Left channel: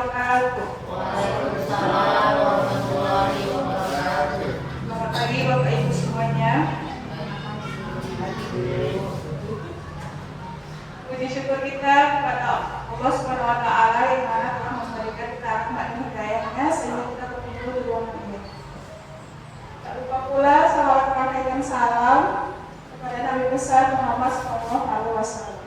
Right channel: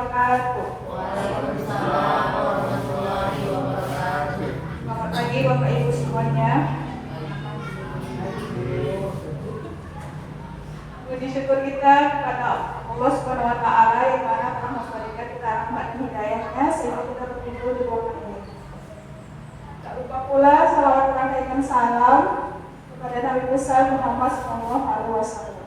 wabarakatuh. Waalaikumsalam warahmatullahi wabarakatuh. Selamat pagi Bapak Ibu semuanya. Puji syukur kita kepada Allah Subhanahu wa taala yang mana telah memberikan kita rahmat dan hidayahnya sehingga kita berkumpul di ruangan ini. Tak lupa pula salawat dan salam kepada Nabi besar Muhammad SAW.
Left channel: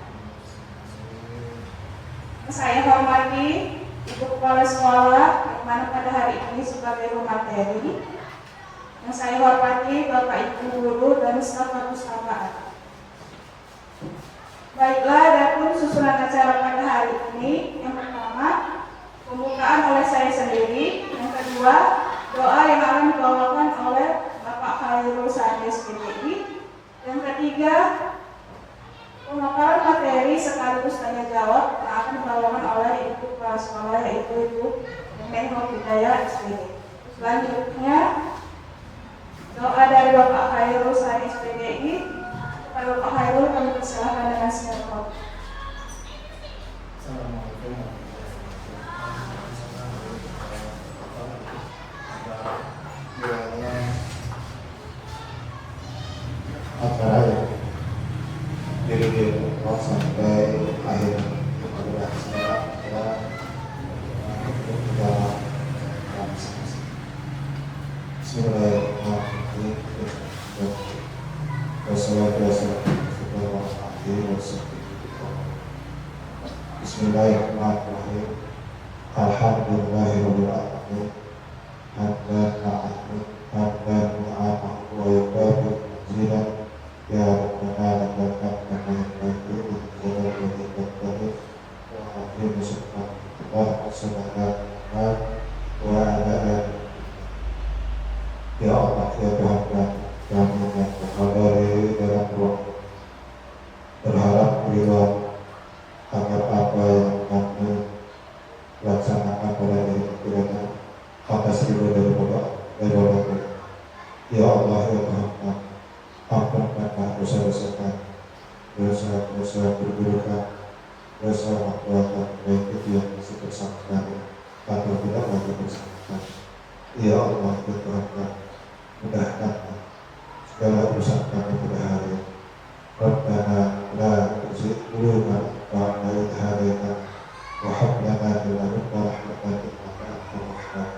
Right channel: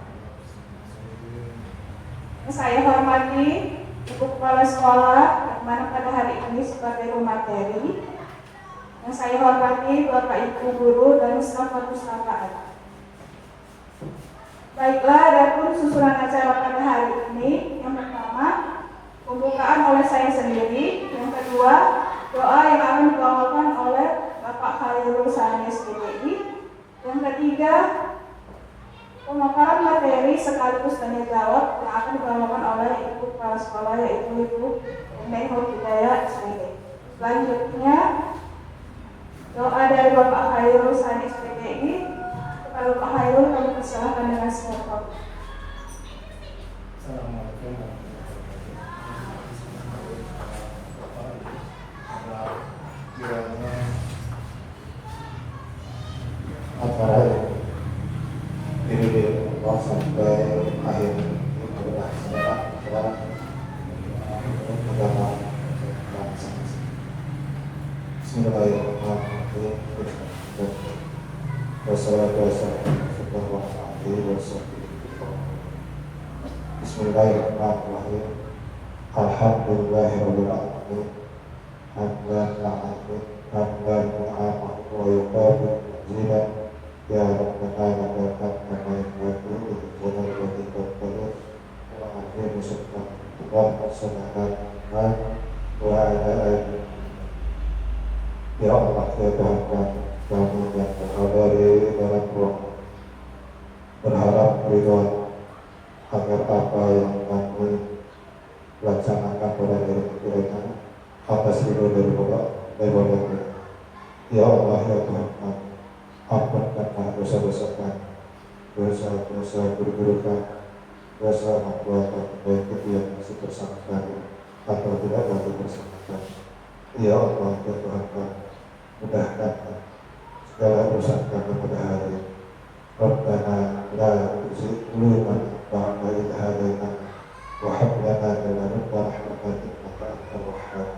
Saya hormati Ibu Kepala Sekolah yang mana pada hari ini sebagai materi. Yang saya hormati Bapak Ibu Guru dan staf perpustakaan. Baiklah, adapun susunan acara pada hari ini, yang pertama pembukaan oleh saya sendiri, yang kedua doa yang akan dibawakan oleh Bapak Khairul Sani SPDI, yang ketiga pemaparan materi sekaligus tanya jawab yang akan dibawakan oleh Ibu Kepala Sekolah yaitu Ibu Menhub Hidayah SPD. Selanjutnya doa dari Bapak Khairul Sani SPDI. Kalau Pak Khairul kami persilahkan dengan siapa? Assalamualaikum warahmatullahi wabarakatuh. Kiranya acara ini dari awal sampai akhir adalah semangat adalah perjalanan masing-masing. Bismillahirrahmanirrahim. Bismillahirrahmanirrahim. Alhamdulillahirabbil alamin. Hamdan ma'amin, hamdan ma'amin wa yuqabi zidan ya rabbana lakal hamdu wa yuqabi zidan wa akhir subhanallah wa sallallahu wa ala ya Allah ya Tuhan kami yang berhadir dalam ruang berharap ridho agar apa yang kami laksanakan pada hari kiranya atas ridho dari Allah. Ya Allah ya Tuhan kami, ampunkanlah dosa-dosa kami, dosa-dosa perburukan, dosa perbuatan baik itu yang masih bersama kami atau tidak lagi bersama kami. Ya Allah ya Tuhan kami, mudahkan segala urusan kami pada hari ini. Rabbana la tuzigh qulubana ba'da idh hadaytana wa hab lana min ladunka rahmatan innaka antal wahhab.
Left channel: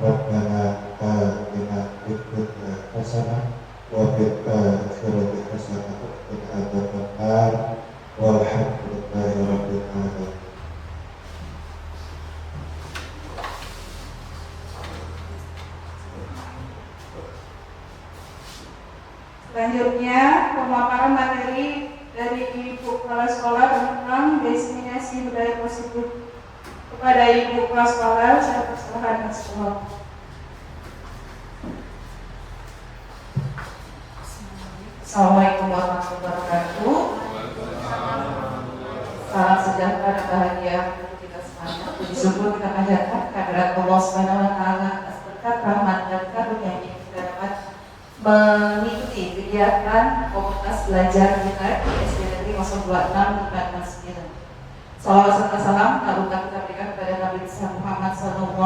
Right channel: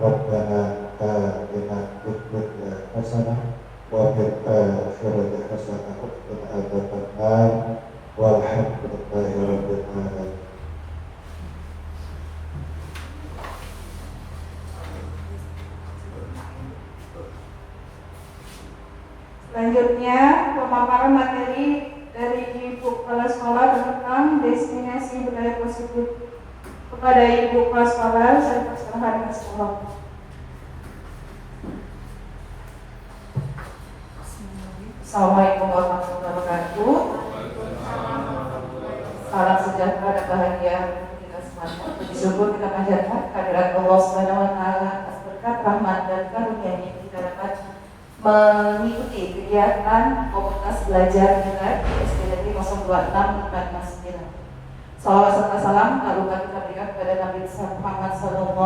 Rabbana atina fid dunya hasanah wa fil akhirati hasanah wa qina adzabannar walhamdulillahi rabbil alamin. Selanjutnya pemaparan materi dari Ibu Kepala Sekolah tentang diseminasi budaya positif. Kepada Ibu Kepala Sekolah saya persilahkan dengan sekolah. Assalamualaikum warahmatullahi wabarakatuh. Salam sejahtera dan bahagia untuk kita semuanya. Puji syukur kita panjatkan kehadirat Allah Subhanahu wa taala atas berkat rahmat dan karunia yang kita dapat mengikuti kegiatan komunitas belajar kita di SPDI 026 469. Salawat serta salam tak lupa kita berikan kepada Nabi besar Muhammad SAW.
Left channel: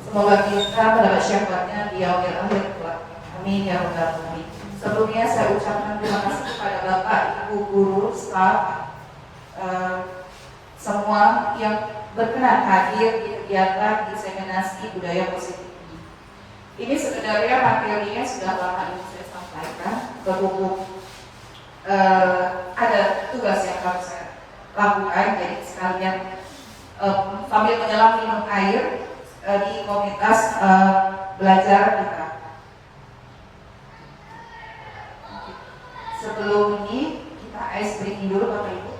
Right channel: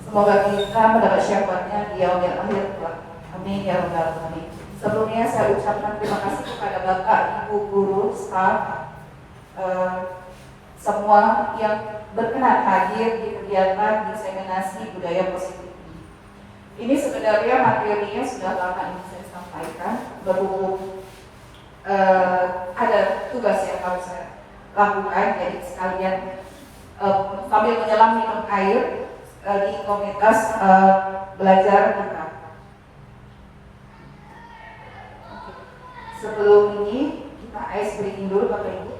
Semoga kita mendapat syafaatnya di yaumil akhir kelak. Amin ya rabbal alamin. Sebelumnya saya ucapkan terima kasih kepada Bapak, Ibu guru, staf, semua yang berkenan hadir di kegiatan diseminasi budaya positif. Ini sebenarnya materinya sudah lama ini saya sampaikan, berhubung ada tugas yang harus saya lakukan, jadi sekalian sambil menyelam minum air di komunitas belajar kita. Sebelum ini kita ice breaking dulu Bapak Ibu.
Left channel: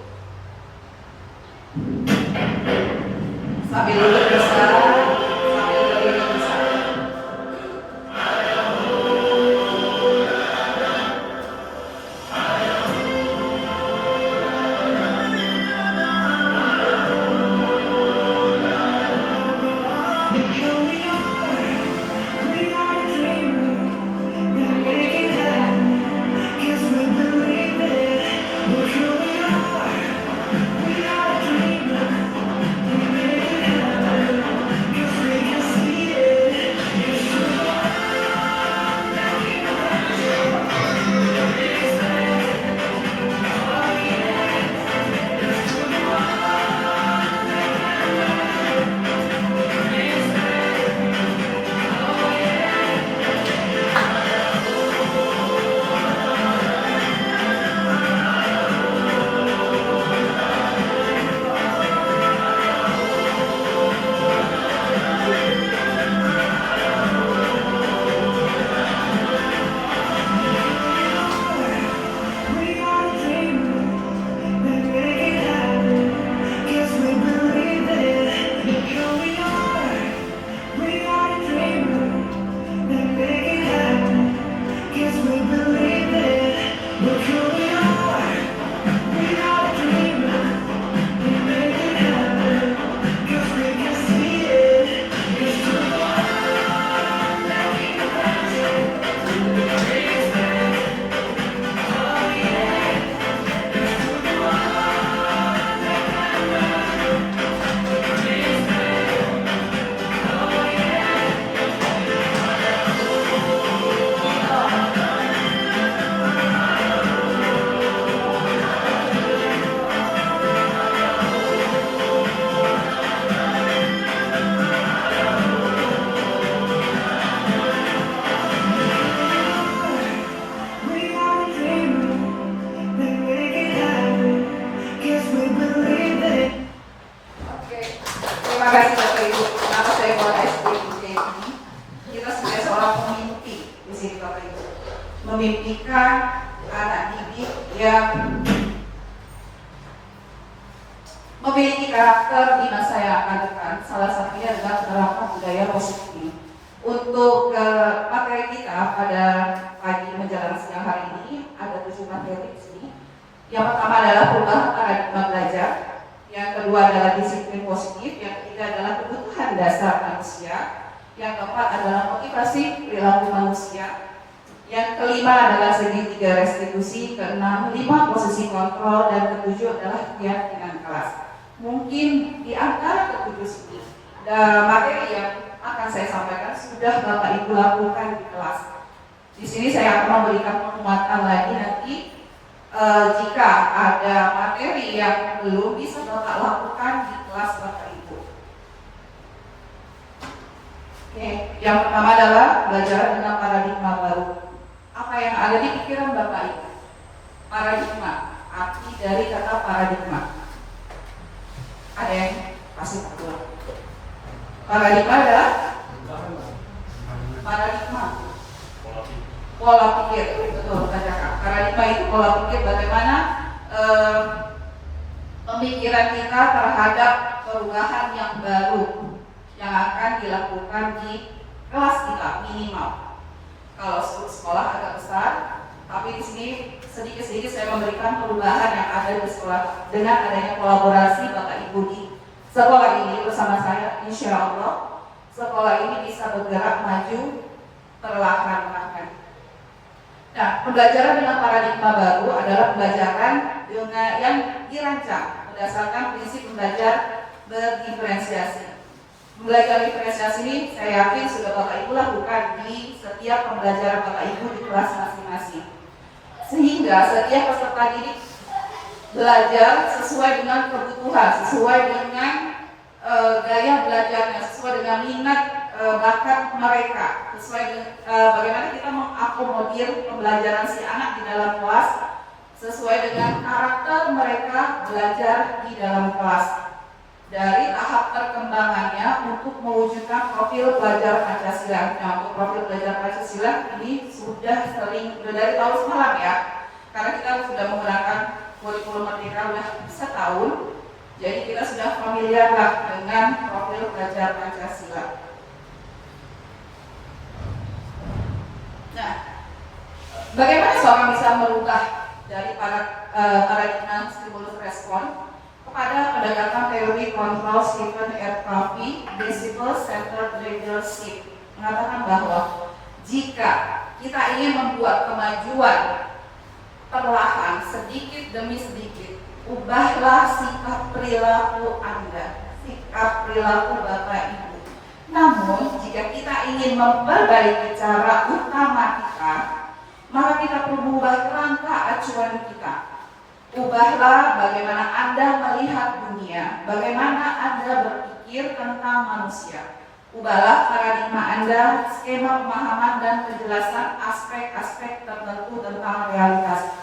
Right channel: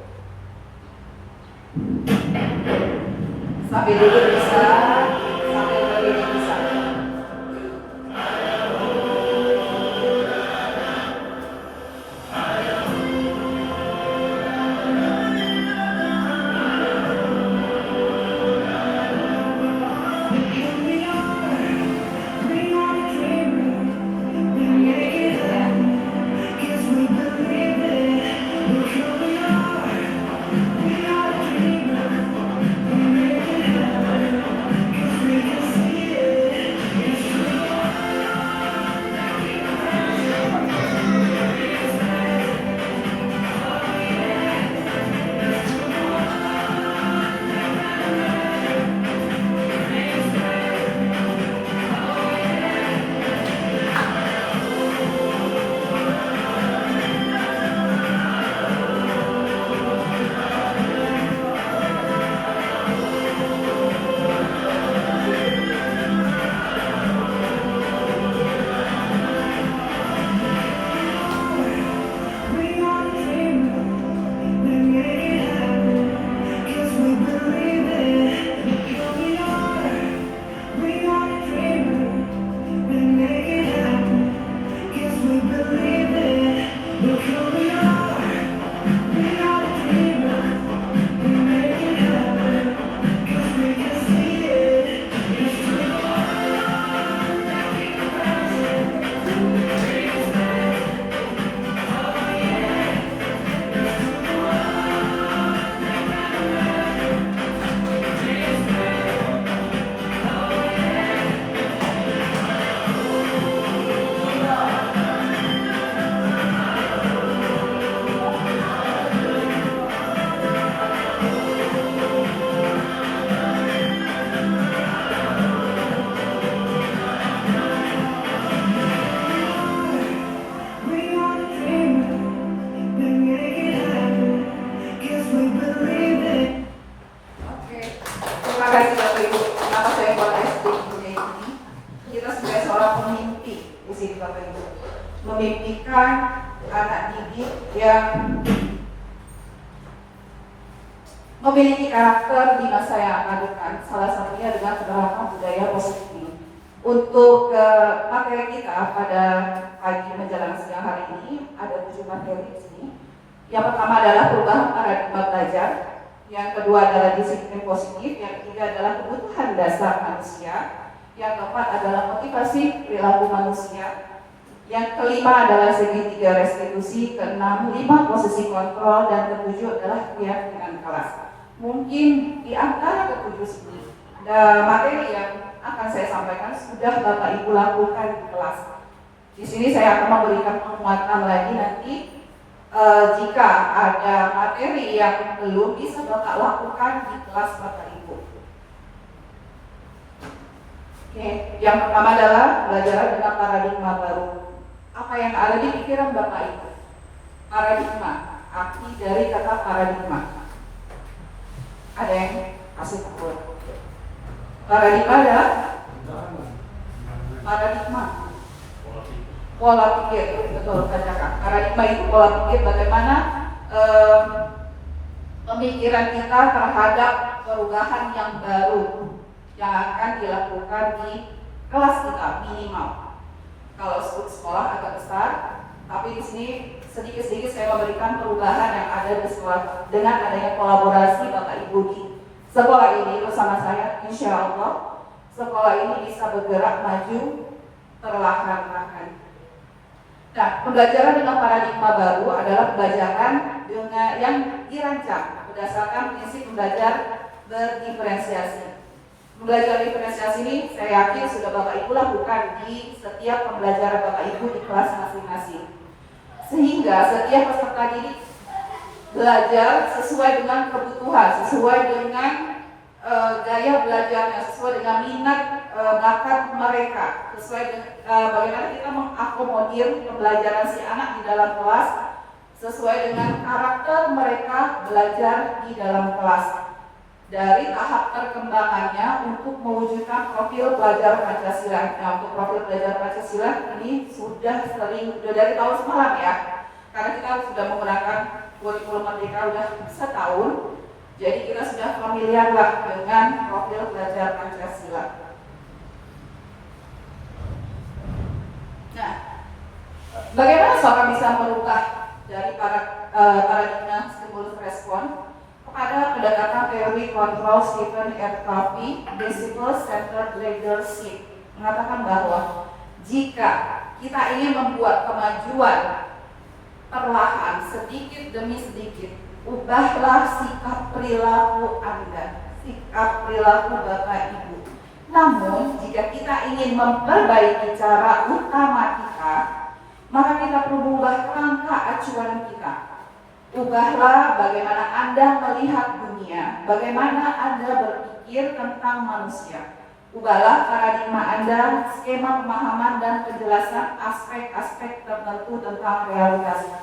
Sambil duduk bisa, sambil berdiri bisa. kasih Bapak Ibu. Kenapa saya buat SD ini? Kita sebagai seorang pemimpi di sini Bapak Ibu, memimpikan anak didik yang memiliki karakter di masa yang akan datang. Salah satunya adalah penerapan budaya positif. Untuk materi kita pada pagi menjelang siang hari ini ada 7 materi di sini. Yang pertama adalah perubahan paradigma belajar, yang kedua adalah disiplin positif, yang ketiga adalah kebutuhan dasar manusia, yang keempat adalah motivasi perilaku manusia, yang kelima adalah segitiga restitusi, keenam 5 posisi kontrol, dan ketujuh adalah keyakinan kelas. Mungkin di antara ketujuh ini materi yang akan saya sampaikan sudah Bapak Ibu lakukan di kelas. Di sini saya akan memberikan penguatan lagi nanti jika ada materi yang belum bisa Bapak lakukan di kelas Bapak Ibu. Oke, yang pertama adalah belajar dengan paradigma baru. Apa yang ada di pikiran Bapak Ibu? Paradigma, arti dari kata paradigma. Ada yang kasih tahu? Paradigma adalah paradigma pola pikir, betul Kak. Paradigma itu pola pikir bagaimana pemikiran kita terhadap perubahan yang baru yang akan dilakukan di kelas kita minimal. Kalau sekolah agak besar, tapi di sini sedikit-sedikit saya memberikan perubahan yang ada di sekolah dengan adanya kolaborasi Bapak Ibu di sekolah ini bersama saya. Insya Allah sekolah ini bisa bergerak maju perlahan-lahan. Nah, pembelajaran dengan paradigma baru adalah pembelajaran dengan yang dirancang berdasarkan prinsip belajar berdiferensiasi. Belajar diferensiasi ini saya yakin sudah Bapak Ibu lakukan di setiap pembelajaran Bapak Ibu di kelas masing-masing. Sehingga setiap peserta didik belajar sesuai dengan kebutuhan, sesuai dengan gaya belajarnya, sesuai dengan minat bakat mereka, sesuai dengan bagaimana kita mengakomodir pembelajaran si anak di dalam kelas, sesuai dengan karakter mereka belajar di dalam kelas. Dari tahap perkembangannya untuk mewujudkan profil pelajar Pancasila. Nah, untuk profil pelajar Pancasila ini sudah dari tahun semalam ya, karena kita sudah menggunakan kurikulum Merdeka sudah setahun, jadi kita sudah familiar lah dengan profil pelajar Pancasila. Nah, bagaimana seorang bisa merubah dari paradigma stimulus respon pada pendekatan teori kontrol Stephen R. Covey, Principle Centered Leadership, mengatakan bahwa jika kita ingin membuat kemajuan perlahan, sedikit demi sedikit, ubahlah sikap perilaku Anda, sikap perilaku Bapak Ibu. Namun, jika kita ingin memperbaiki cara utama kita, maka kita perlu mengubah kerangka acuan kita. Ubahlah bagaimana Anda melihat dunia, bagaimana Anda berpikir tentang manusia. Ubahlah paradigma Anda, skema pemahaman dan penjelasan aspek-aspek tertentu tentang realitas.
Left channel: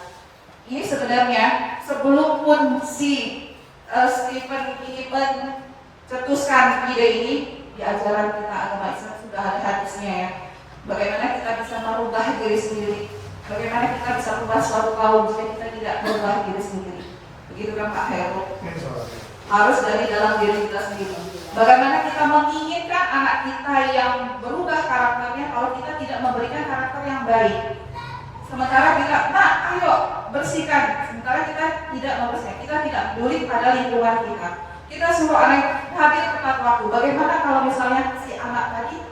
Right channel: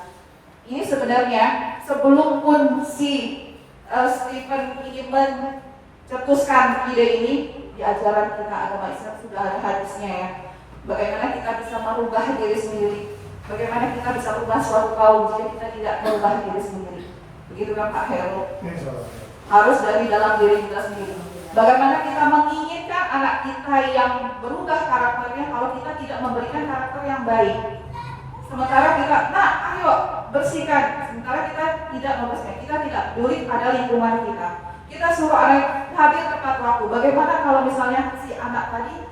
Ini sebenarnya sebelum pun si Stephen ini mencetuskan ide ini, di ajaran kita agama Islam sudah ada hadisnya ya. Bagaimana kita bisa merubah diri sendiri. Bagaimana kita bisa berubah suatu kaum jika kita tidak merubah diri sendiri. Begitu kan Pak Heru? Harus dari dalam diri kita sendiri. Bagaimana kita menginginkan anak kita yang berubah karakternya kalau kita tidak memberikan karakter yang baik. Sementara kita, ayo bersihkan. Sementara kita tidak membersihkan, kita tidak peduli pada lingkungan kita. Kita suruh anak hadir tepat waktu. Bagaimana kalau misalnya si anak tadi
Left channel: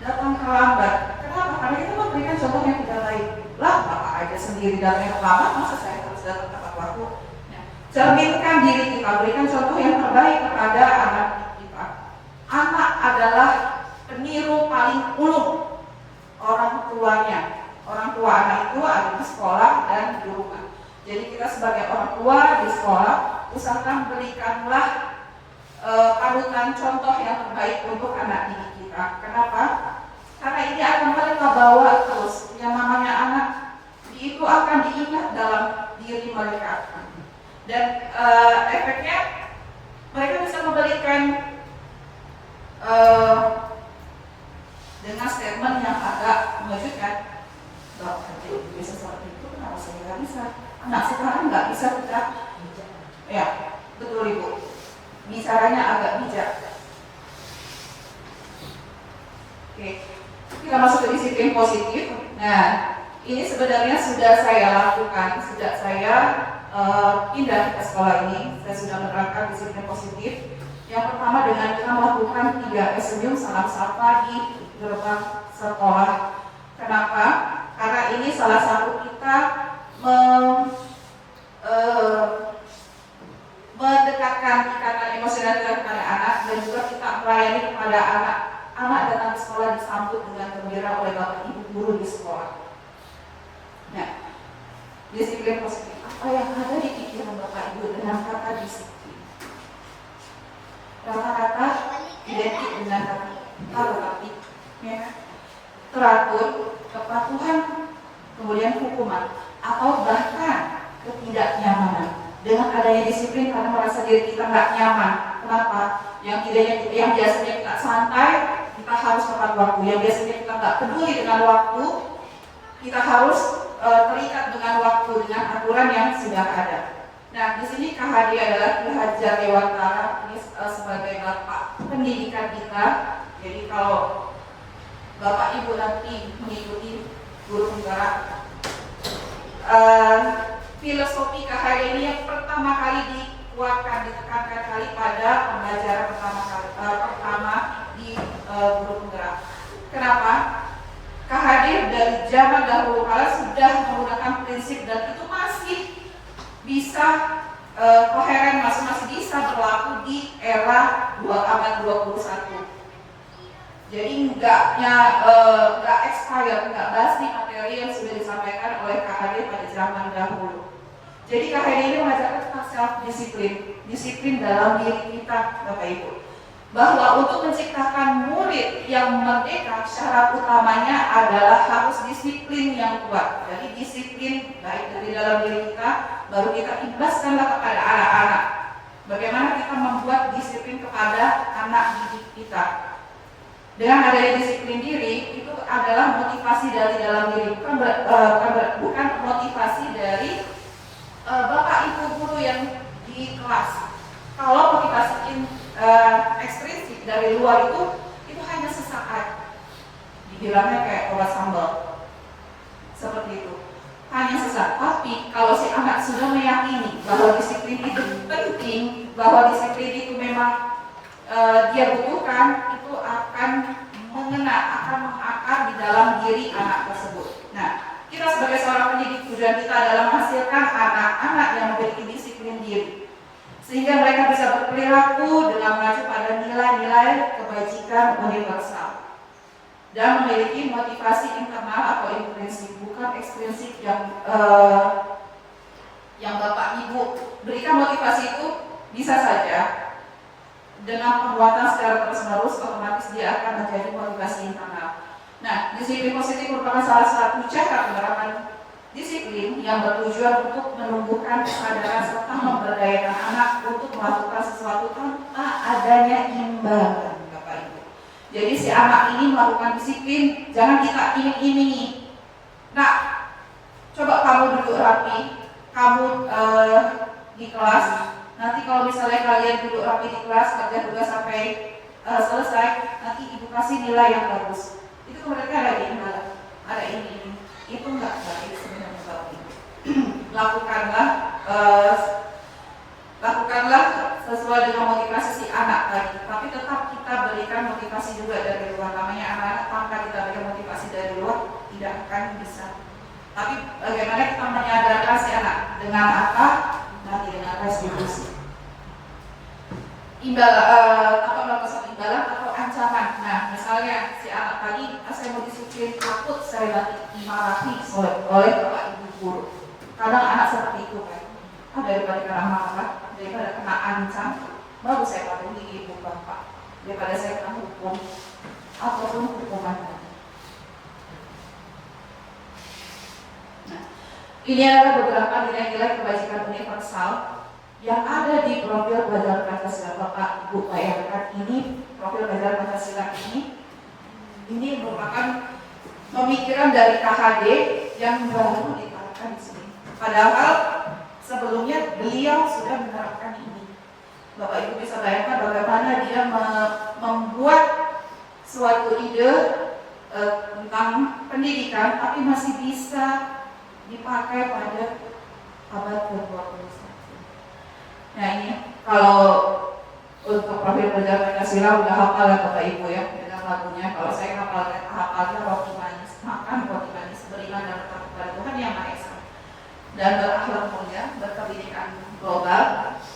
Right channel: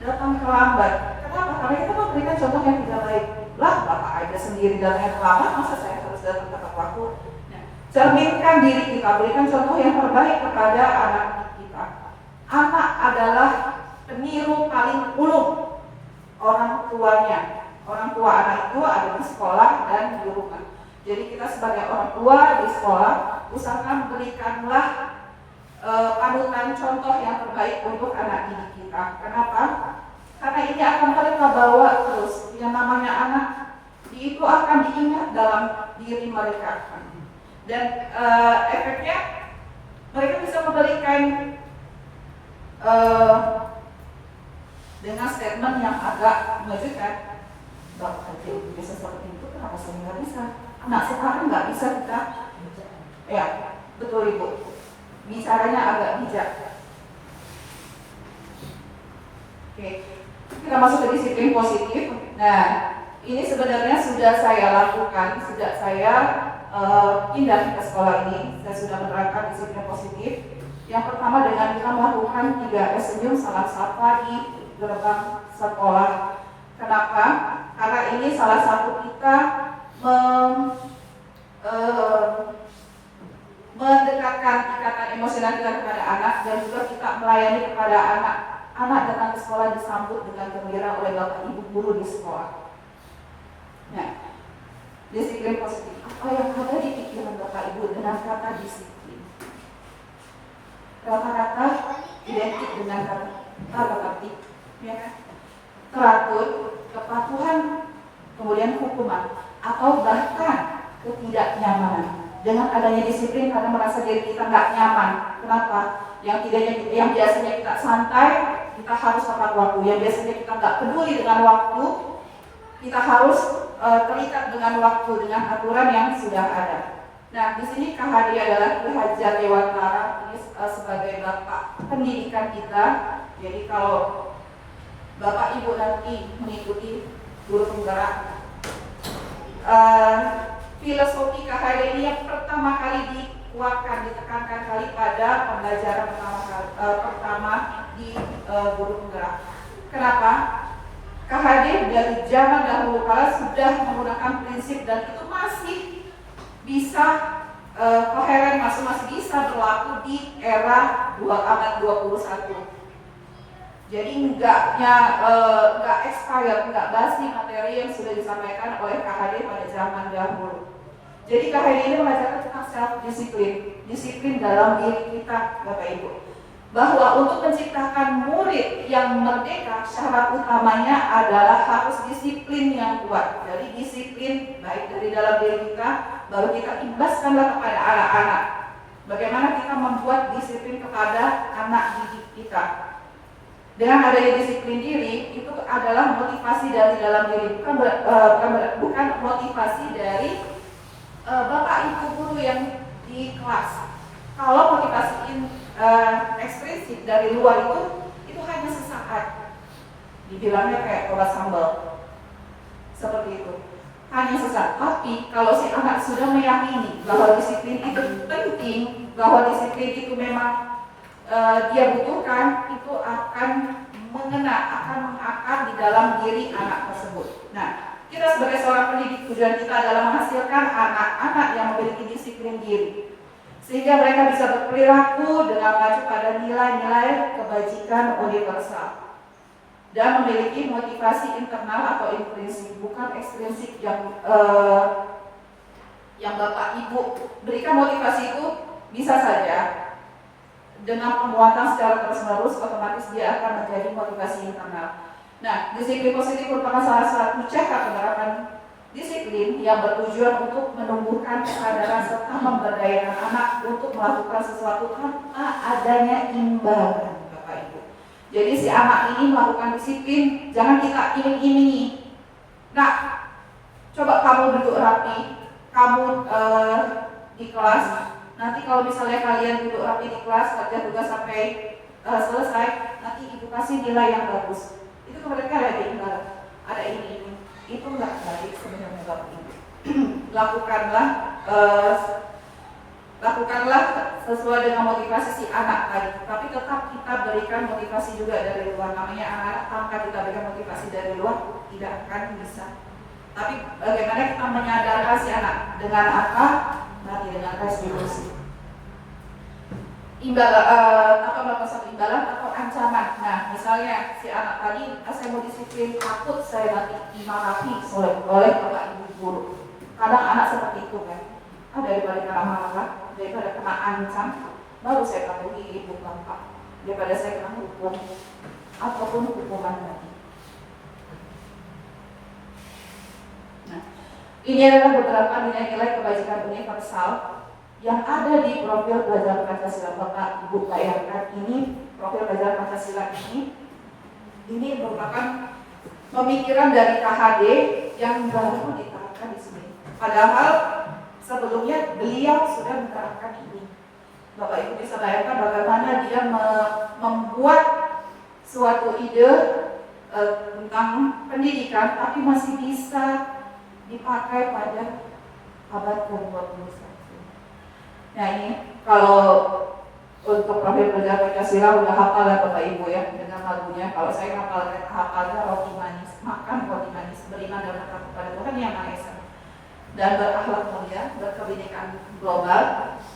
datang terlambat? Kenapa? Karena kita memberikan contoh yang tidak baik. Lah, Bapak aja sendiri datangnya terlambat, masa saya harus datang tepat waktu? Nah, cerminkan diri kita, berikan contoh yang terbaik kepada anak kita. Anak adalah peniru paling ulung orang tuanya. Orang tua anak itu ada di sekolah dan di rumah. Jadi kita sebagai orang tua di sekolah, usahakan berikanlah panutan contoh yang terbaik untuk anak didik kita. Kenapa? Karena ini akan mereka bawa terus. Yang namanya anak itu akan diingat dalam diri mereka. Dan efeknya mereka bisa memberikan dengan statement yang agak mengejutkan. Bapak aja bisa seperti itu, kenapa saya nggak bisa? Anak sekarang nggak bisa kita. Ya, betul Ibu. Bicaranya agak bijak. Oke, kita masuk ke disiplin positif. Nah, ini sebenarnya sudah saya lakukan sejak saya pindah ke sekolah ini. Saya sudah menerapkan disiplin positif. Yang pertama dengan kita melakukan 3S senyum salam sapa di gerbang sekolah. Kenapa? Karena ini salah satu kita mendekatkan ikatan emosional kita kepada anak, dan juga kita melayani kepada anak. Anak datang ke sekolah disambut dengan gembira oleh bapak ibu guru di sekolah. Nah, disiplin positif. Apa yang ada di pikiran bapak ibu dengan kata disiplin? Rata-rata identik dengan kata tertib, ya, teratur, kepatuhan, kemudian hukuman, atau bahkan ketidaknyamanan. Dengan adanya disiplin karena merasa diri kita nggak nyaman. Kenapa? Yang biasanya kita santai, kita harus tepat waktu. Yang biasanya kita nggak peduli dengan waktu, kita harus terikat dengan waktu, dengan aturan yang sudah ada. Nah, di sini KHD adalah Ki Hajar Dewantara, ini sebagai bapak pendidikan kita. Jadi kalau bapak ibu nanti mengikuti guru penggerak, filosofi KHD ini yang pertama kali dikuatkan, ditekankan kali pada pembelajaran pertama di guru penggerak. Kenapa? KHD dari zaman dahulu kala sudah menggunakan prinsip, dan itu masih bisa koheren, masih bisa berlaku di era abad 21. Jadi nggak expired, nggak basi materi yang sudah disampaikan oleh KHD pada zaman dahulu. Jadi KHD ini mengajarkan tentang self disiplin dalam diri kita, Bapak Ibu. Bahwa untuk menciptakan murid yang merdeka, syarat utamanya adalah harus disiplin yang kuat. Jadi disiplin baik dari dalam diri kita, baru kita ibaskanlah kepada anak-anak. Bagaimana kita membuat disiplin kepada anak didik kita. Dengan adanya disiplin diri, itu adalah motivasi dari dalam diri, bukan motivasi dari bapak ibu guru yang di kelas. Kalau motivasi ekstrinsik dari luar itu hanya sesaat, dibilangnya kayak obat sambal, seperti itu, hanya sesaat. Tapi kalau si anak sudah meyakini bahwa disiplin itu penting, bahwa disiplin itu memang dia butuhkan, itu akan mengakar di dalam diri anak tersebut. Nah, kita sebagai seorang pendidik, tujuan kita adalah menghasilkan anak-anak yang memiliki disiplin diri, sehingga mereka bisa berperilaku dengan mengacu pada nilai-nilai kebajikan universal dan memiliki motivasi internal atau intrinsik, bukan ekstrinsik yang bapak ibu berikan. Motivasi itu bisa saja dengan penguatan secara terus-menerus, otomatis dia akan menjadi motivasi internal. Nah, disiplin positif merupakan salah satu cara penerapan disiplin yang bertujuan untuk menumbuhkan kesadaran serta memberdayakan anak untuk melakukan sesuatu tanpa adanya imbalan, Bapak Ibu. Jadi si anak ini melakukan disiplin, jangan kita iming-imingi. Nah, coba kamu duduk rapi, kamu di kelas. Nanti kalau misalnya kalian duduk rapi di kelas, kerja tugas sampai selesai, nanti ibu kasih nilai yang bagus. Itu mereka ada imbalan, ada ini. Itu enggak baik sebenarnya Bapak Ibu. Lakukanlah sesuai dengan motivasi si anak tadi. Tapi tetap kita berikan motivasi juga dari luar. Namanya anak-anak tanpa kita berikan motivasi dari luar tidak akan bisa. Tapi bagaimana kita menyadarkan si anak dengan apa? Nanti dengan restitusi. Tanpa melakukan imbalan atau ancaman. Nah, misalnya si anak tadi, saya mau disiplin, takut saya nanti dimarahi oleh bapak ibu guru. Kadang anak seperti itu kan. Daripada kena marah, daripada kena ancam, baru saya patuhi ibu bapak. Daripada saya kena hukum ataupun hukuman tadi. Nah, ini adalah beberapa nilai-nilai kebajikan universal yang ada di profil belajar Pancasila. Bapak Ibu bayangkan ini profil belajar Pancasila ini merupakan pemikiran dari KHD yang baru diterapkan di sini. Padahal sebelumnya beliau sudah menerapkan ini. Bapak Ibu bisa bayangkan bagaimana dia membuat suatu ide tentang pendidikan, tapi masih bisa dipakai pada abad ke-21. Nah ini kalau untuk profil belajar Pancasila udah hafal ya Bapak Ibu ya dengan lagunya. Kalau saya hafalnya roti manis, makan roti manis, beriman dan bertakwa kepada Tuhan Yang Maha Esa, dan berakhlak mulia, berkebinekaan global,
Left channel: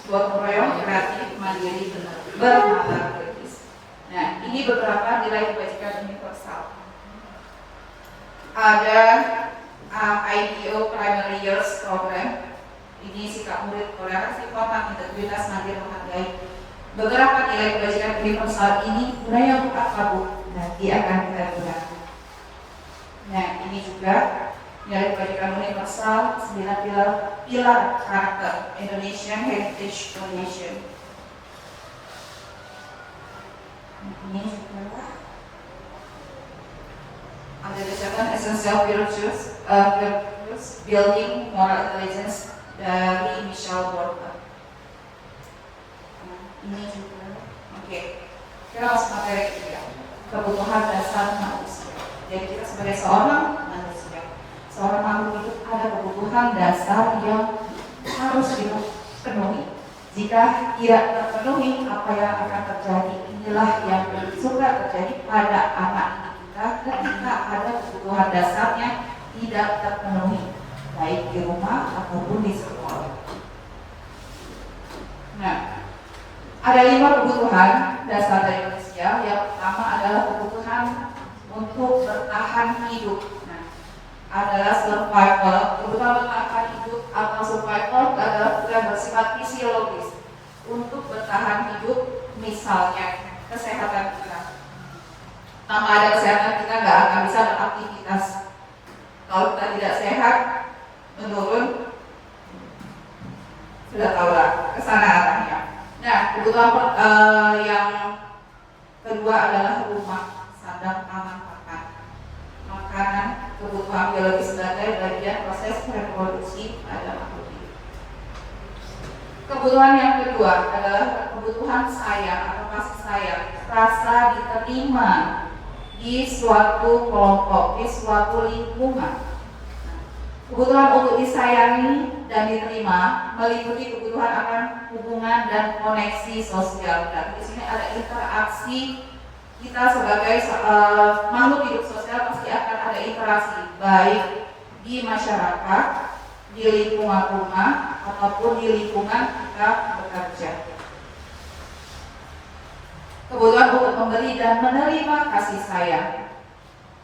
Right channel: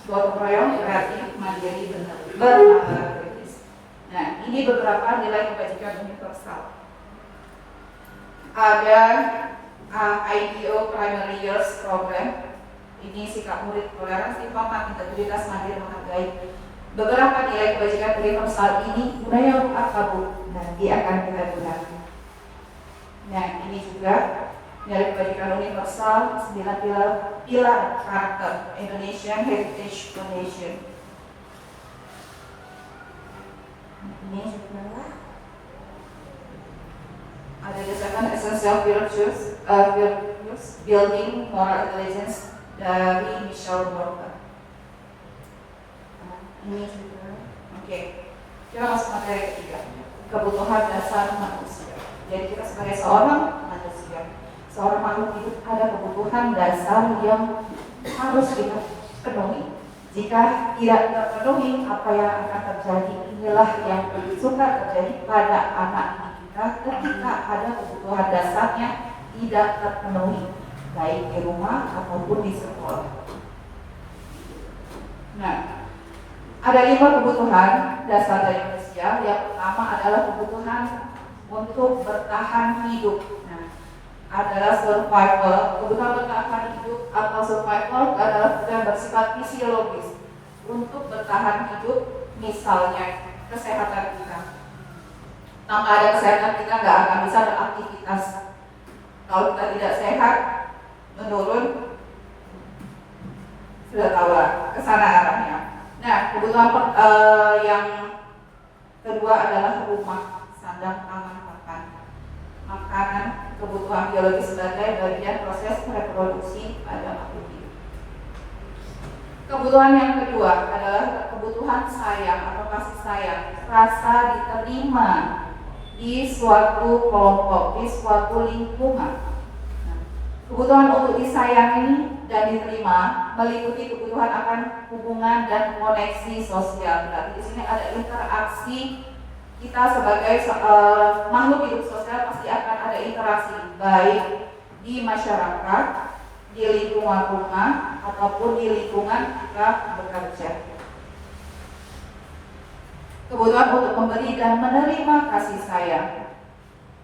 gotong royong, kreatif, mandiri, bernalar kritis. Nah ini beberapa nilai kebajikan universal. Ada IDO Primary Years Program. Ini sikap murid, toleransi, hormat, integritas, mandiri, menghargai. Beberapa nilai kebajikan universal ini budaya akabu nanti akan kita gunakan. Nah ini juga nilai kebajikan universal 9 pilar karakter Indonesian Heritage Foundation. Ini juga ada the 7 essential virtues building moral intelligence dari Michelle Borba. Ini juga, oke. Kita langsung materi ketiga, kebutuhan dasar manusia. Jadi kita sebagai seorang manusia, seorang makhluk hidup, ada kebutuhan dasar yang harus dipenuhi. Jika tidak terpenuhi, apa yang akan terjadi? Inilah yang suka terjadi pada anak didik kita ketika ada kebutuhan dasarnya tidak terpenuhi, baik di rumah ataupun di sekolah. Nah, ada 5 kebutuhan dasar dari manusia. Yang pertama adalah kebutuhan untuk bertahan hidup. Nah, adalah survival. Kebutuhan bertahan hidup atau survival adalah kebutuhan bersifat fisiologis untuk bertahan hidup. Misalnya kesehatan kita. Tanpa ada kesehatan kita nggak akan bisa beraktivitas. Kalau kita tidak sehat, menurun, sudah tahu lah kesana arahnya. Nah, kebutuhan yang kedua adalah rumah, sandang, pangan, pakan, makanan, kebutuhan biologis sebagai bagian proses reproduksi pada makhluk hidup. Kebutuhan yang kedua adalah kebutuhan sayang atau kasih sayang, rasa diterima di suatu kelompok, di suatu lingkungan. Nah, kebutuhan untuk disayangi dan diterima meliputi kebutuhan akan hubungan dan koneksi sosial. Berarti di sini ada interaksi kita sebagai makhluk hidup sosial, pasti akan ada interaksi baik di masyarakat, di lingkungan rumah ataupun di lingkungan kita bekerja. Kebutuhan untuk memberi dan menerima kasih sayang,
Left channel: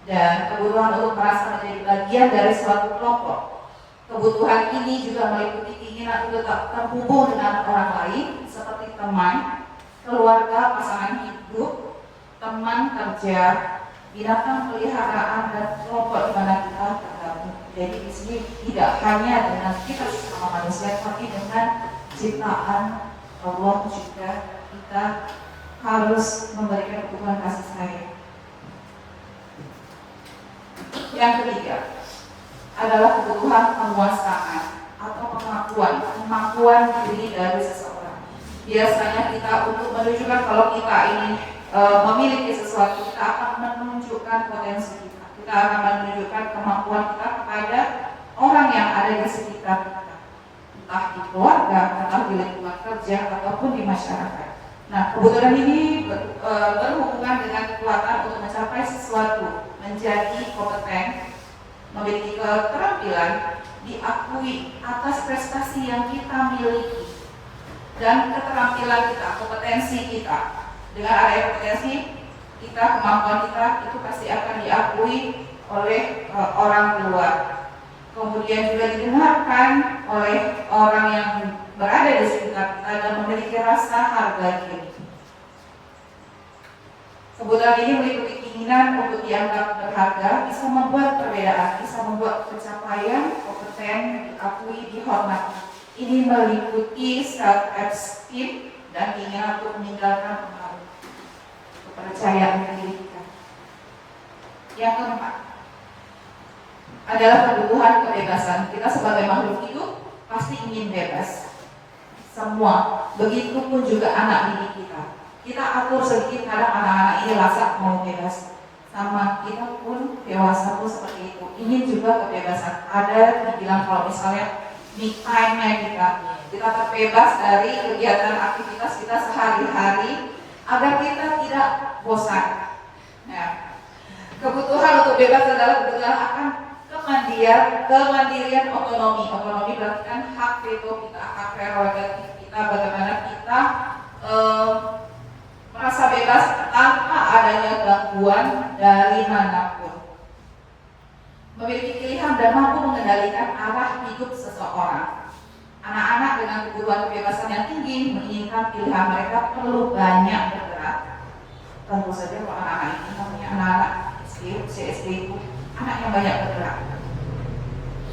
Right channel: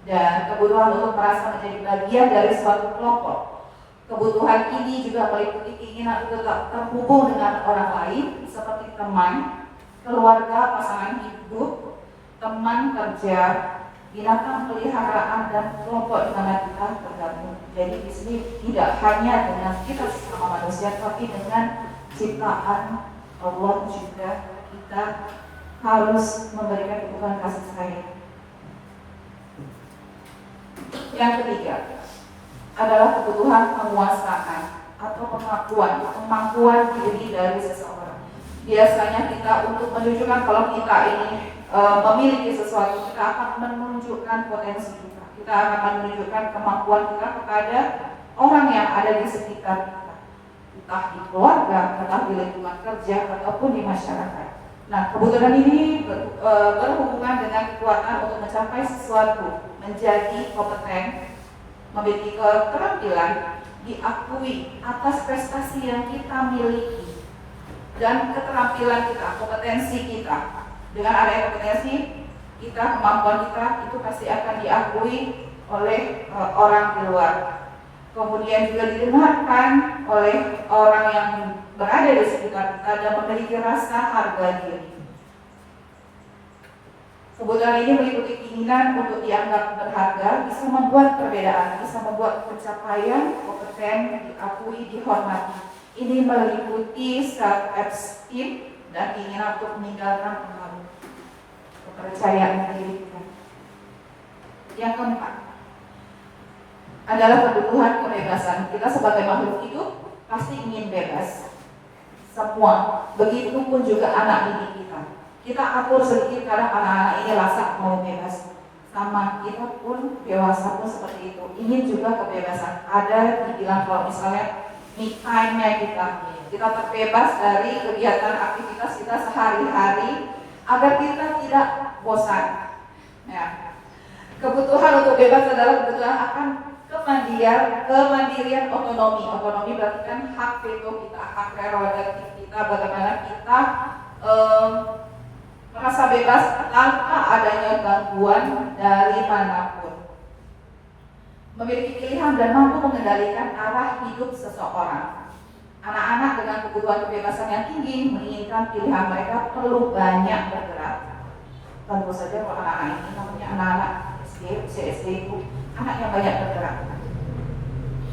dan kebutuhan untuk merasa menjadi bagian dari suatu kelompok. Kebutuhan ini juga meliputi keinginan untuk tetap terhubung dengan orang lain seperti teman, keluarga, pasangan hidup, teman kerja, binatang peliharaan, dan kelompok di mana kita tergabung. Jadi di sini tidak hanya dengan kita sama manusia, tapi dengan ciptaan Allah juga kita harus memberikan kebutuhan kasih sayang. Yang ketiga adalah kebutuhan penguasaan atau kemampuan diri dari seseorang. Biasanya kita untuk menunjukkan kalau kita ini memiliki sesuatu, kita akan menunjukkan potensi kita. Kita akan menunjukkan kemampuan kita kepada orang yang ada di sekitar kita, entah di keluarga, entah di lingkungan kerja ataupun di masyarakat. Nah, kebutuhan ini berhubungan dengan kekuatan untuk mencapai sesuatu, menjadi kompeten, memiliki keterampilan, diakui atas prestasi yang kita miliki, dan keterampilan kita, kompetensi kita. Dengan adanya kompetensi kita, kemampuan kita itu pasti akan diakui oleh orang luar. Kemudian juga didengarkan oleh orang yang berada di sekitar kita dan memiliki rasa harga diri. Kebutuhan ini meliputi keinginan untuk dianggap berharga, bisa membuat perbedaan, bisa membuat pencapaian, kompeten, diakui, dihormati. Ini meliputi self-esteem dan keinginan untuk meninggalkan pengaruh kepercayaan diri kita. Yang keempat adalah kebutuhan kebebasan. Kita sebagai makhluk hidup pasti ingin bebas. Semua, begitupun juga anak didik kita. Kita atur sedikit kadang anak-anak ini rasa mau bebas. Sama kita pun dewasa pun seperti itu. Ingin juga kebebasan. Ada dibilang kalau misalnya me time-nya kita terbebas dari kegiatan aktivitas kita sehari-hari agar kita tidak bosan. Ya. Kebutuhan untuk bebas adalah kebutuhan akan kemandirian otonomi. Otonomi berarti kan hak veto kita, hak prerogatif kita, bagaimana kita merasa bebas tanpa adanya gangguan dari manapun. Memiliki pilihan dan mampu mengendalikan arah hidup seseorang. Anak-anak dengan kebutuhan kebebasan yang tinggi menginginkan pilihan mereka perlu banyak bergerak. Tentu saja kalau anak-anak ini namanya anak-anak SD itu anak yang banyak bergerak,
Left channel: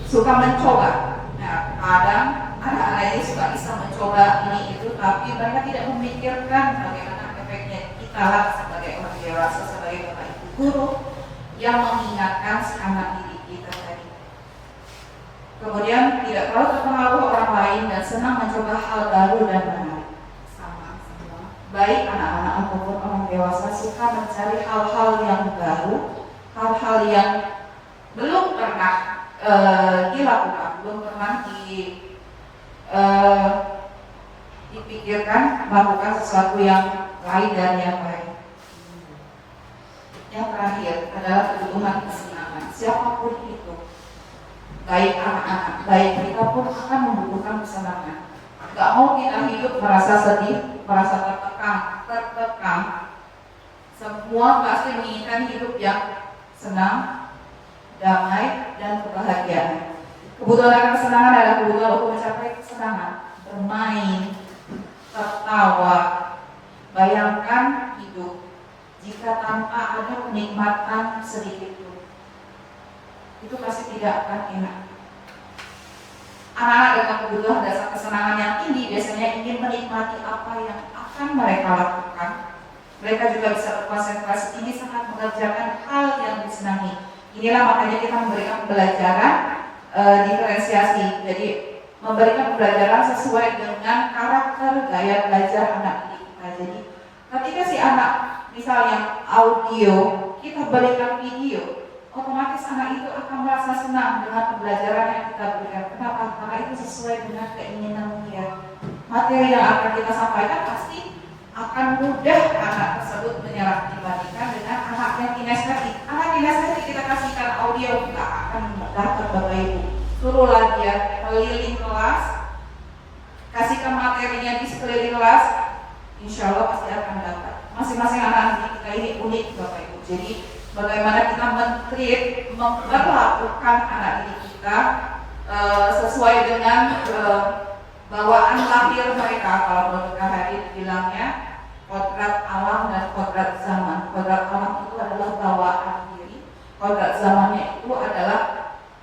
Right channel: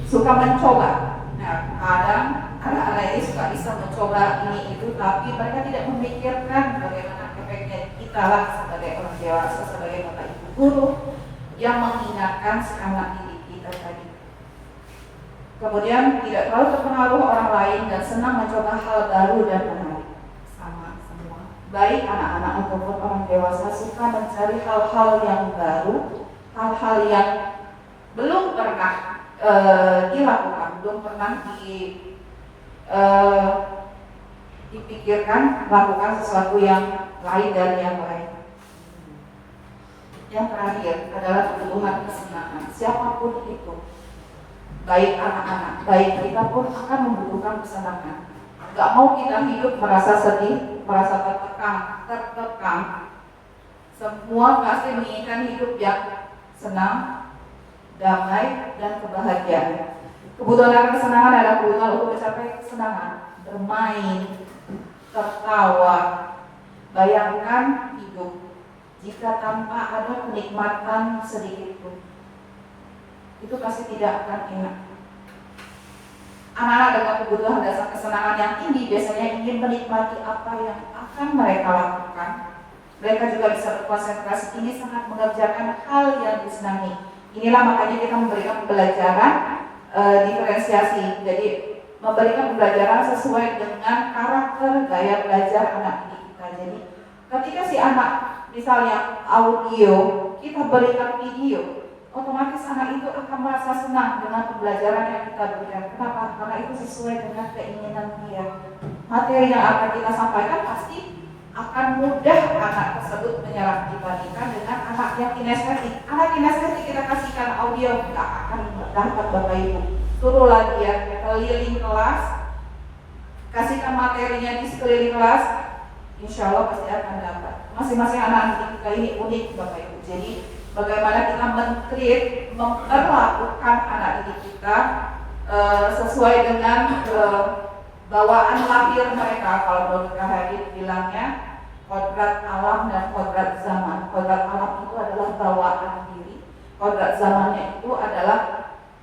suka mencoba. Nah, kadang anak-anak ini suka bisa mencoba ini itu, tapi mereka tidak memikirkan bagaimana efeknya kita lah sebagai orang dewasa, sebagai bapak ibu guru yang mengingatkan si anak didik kita tadi. Kemudian tidak terlalu terpengaruh orang lain dan senang mencoba hal baru dan menarik. Sama semua, baik anak-anak ataupun orang dewasa suka mencari hal-hal yang baru, hal-hal yang belum pernah dilakukan, belum pernah dipikirkan, melakukan sesuatu yang lain dan yang lain. Yang terakhir adalah kebutuhan kesenangan. Siapapun itu, baik anak-anak, baik kita pun akan membutuhkan kesenangan. Gak mau kita hidup merasa sedih, merasa tertekan. Semua pasti menginginkan hidup yang senang, damai, dan kebahagiaan. Kebutuhan kesenangan adalah kebutuhan untuk mencapai kesenangan, bermain, tertawa. Bayangkan hidup jika tanpa ada kenikmatan sedikit pun, itu pasti tidak akan enak. Anak-anak dengan kebutuhan dasar kesenangan yang tinggi biasanya ingin menikmati apa yang akan mereka lakukan. Mereka juga bisa berkonsentrasi tinggi saat mengerjakan hal yang disenangi. Inilah makanya kita memberikan pembelajaran diferensiasi. Jadi memberikan pembelajaran sesuai dengan karakter gaya belajar anak didik kita. Jadi ketika si anak misalnya audio, kita berikan video, otomatis anak itu akan merasa senang dengan pembelajaran yang kita berikan. Kenapa? Karena itu sesuai dengan keinginan dia. Materi yang akan kita sampaikan pasti akan mudah anak tersebut menyerap dibandingkan dengan anak yang kinestetik. Anak kinestetik kita kasihkan audio, tidak akan dapat Bapak Ibu. Suruhlah dia keliling kelas, kasihkan materinya di sekeliling kelas, insya Allah pasti akan dapat. Masing-masing anak kita ini unik Bapak Ibu. Jadi bagaimana kita memperlakukan anak didik kita sesuai dengan bawaan lahir mereka. Kalau Dr. Hari bilangnya kodrat alam dan kodrat zaman. Kodrat alam itu adalah bawaan diri, kodrat zamannya itu adalah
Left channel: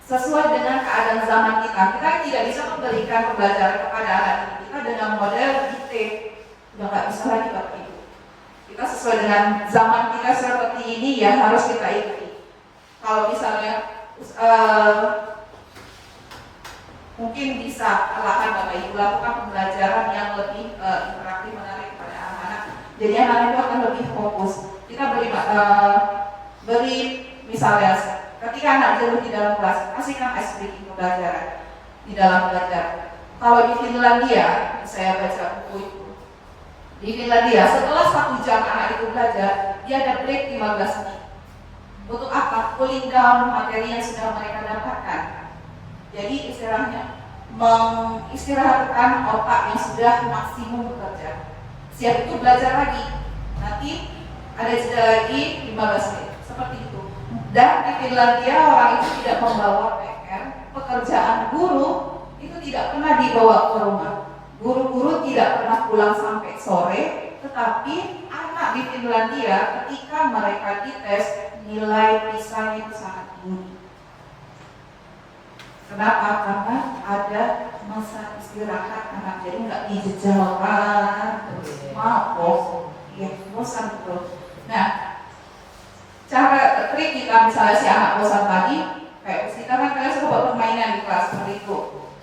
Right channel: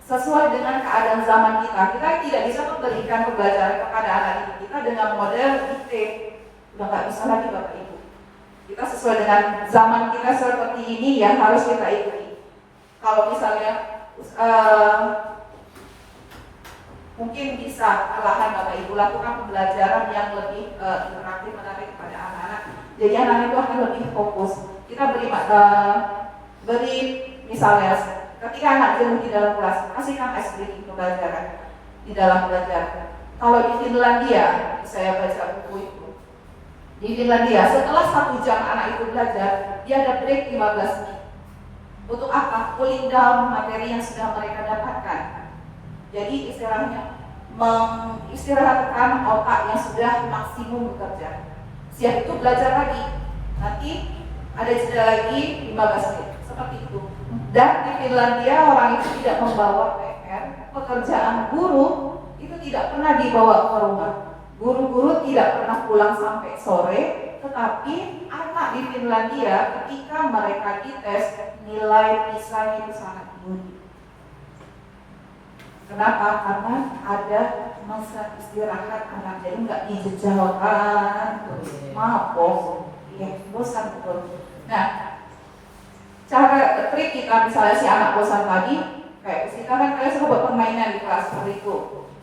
sesuai dengan keadaan zaman kita. Kita tidak bisa memberikan pembelajaran kepada anak didik kita dengan model IT. Sudah nggak bisa lagi Bapak Ibu. Kita sesuai dengan zaman kita seperti ini ya harus kita ikuti. Kalau misalnya mungkin bisa perlahan Bapak Ibu lakukan pembelajaran yang lebih interaktif, menarik kepada anak-anak. Jadi anak-anak itu akan lebih fokus. Kita beri misalnya ketika anak jenuh di dalam kelas, kasihkan ice breaking pembelajaran di dalam belajar. Kalau di Finlandia, saya baca buku itu. Di Finlandia, setelah 1 jam anak itu belajar, dia ada break 15 menit. Untuk apa? Cooling down materi yang sudah mereka dapatkan. Jadi istilahnya mengistirahatkan otak yang sudah maksimum bekerja. Siap itu belajar lagi. Nanti ada jeda lagi 15 menit. Seperti itu. Dan di Finlandia orang itu tidak membawa PR. Pekerjaan guru itu tidak pernah dibawa ke rumah. Guru-guru tidak pernah pulang sampai sore. Tetapi anak di Finlandia ketika mereka dites, nilai PISA itu sangat tinggi. Kenapa? Karena ada masa istirahat anak, jadi nggak dijejalkan terus mabok, ya bosan betul. Nah, cara trik kita misalnya si anak bosan tadi, kayak sekarang kalian suruh buat permainan di kelas seperti itu,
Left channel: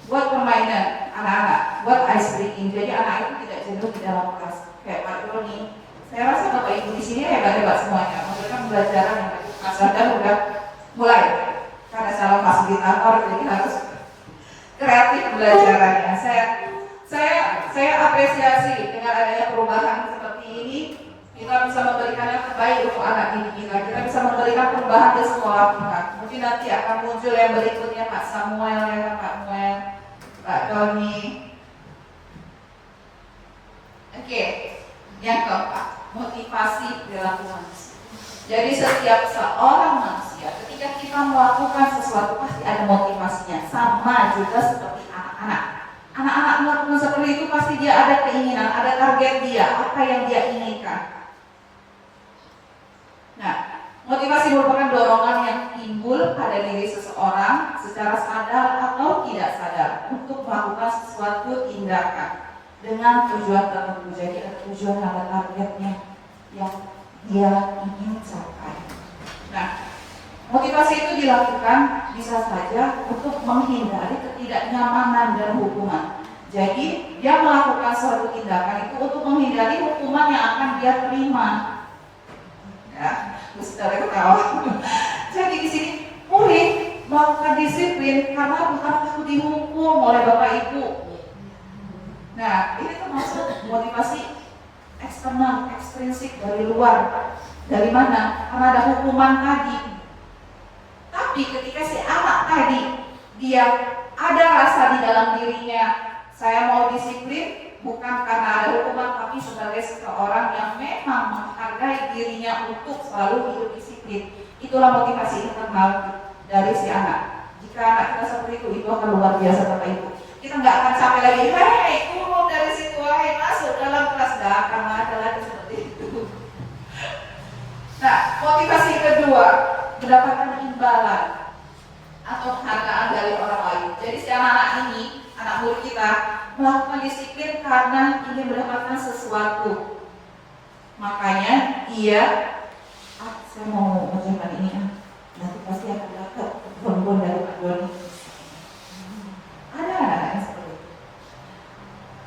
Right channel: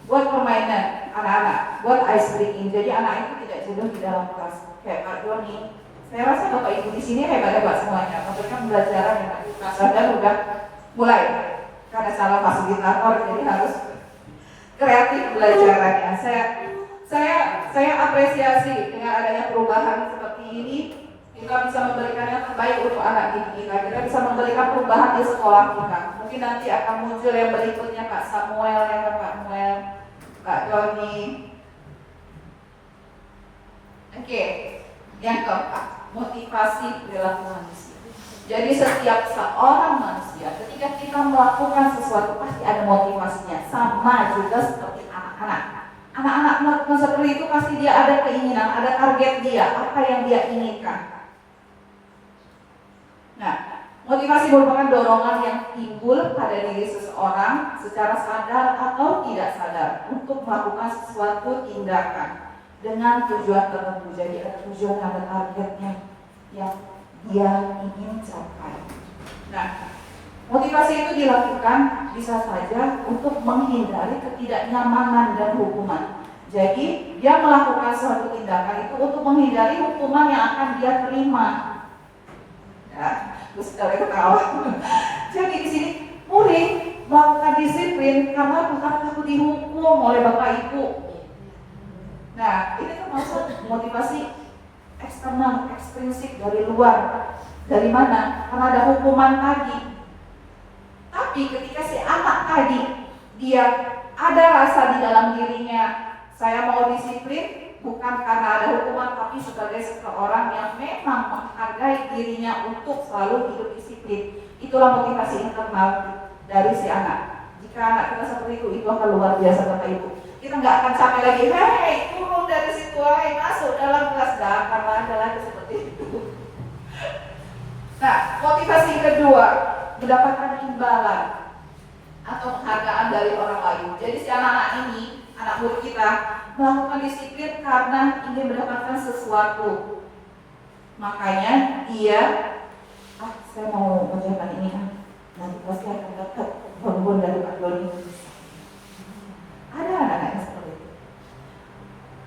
buat permainan anak-anak, buat ice breaking, jadi anak itu tidak jenuh di dalam kelas. Kayak Pak Doni, saya rasa Bapak Ibu di sini hebat-hebat semuanya, memberikan pembelajaran dan udah mulai karena salah fasilitator, jadi harus kreatif belajarannya. Saya apresiasi dengan adanya perubahan seperti ini. Kita bisa memberikan yang terbaik untuk anak didik kita bisa memberikan perubahan di sekolah kita. Mungkin nanti akan muncul yang berikutnya Pak Samuel, ya Pak Samuel, Pak Doni. Oke, yang keempat, motivasi perilaku manusia. Jadi setiap seorang manusia ketika kita melakukan sesuatu pasti ada motivasinya, sama juga seperti anak-anak. Anak-anak melakukan seperti itu pasti dia ada keinginan, ada target dia, apa yang dia inginkan. Nah, motivasi merupakan dorongan yang timbul pada diri seseorang secara sadar atau tidak sadar untuk melakukan sesuatu tindakan dengan tujuan tertentu. Jadi ada tujuan, ada targetnya yang dia ingin capai. Nah, motivasi itu dilakukan bisa saja untuk menghindari ketidaknyamanan dan hukuman. Jadi dia melakukan suatu tindakan itu untuk menghindari hukuman yang akan dia terima. Ya, terus kita ketawa. Jadi di sini murid melakukan disiplin karena bukan takut dihukum oleh Bapak Ibu. Nah, ini termasuk motivasi eksternal, ekstrinsik dari luar. Dari mana? Karena ada hukuman tadi. Tapi ketika si anak tadi dia ada rasa di dalam dirinya, saya mau disiplin bukan karena ada hukuman, tapi sebagai seseorang yang memang menghargai dirinya untuk selalu hidup disiplin. Itulah motivasi internal dari si anak. Jika anak kita seperti itu akan luar biasa Bapak Ibu. Kita nggak akan sampai lagi, hei turun dari situ, hei masuk dalam kelas, nggak akan ada lagi seperti itu. Nah, motivasi kedua, mendapatkan imbalan atau penghargaan dari orang lain. Jadi si anak-anak ini, anak murid kita, melakukan disiplin karena ingin mendapatkan sesuatu. Makanya dia, saya mau menunjukkan ini kan, nanti pasti akan dapat bonbon dari Pak Doni. Ada anak-anak seperti itu.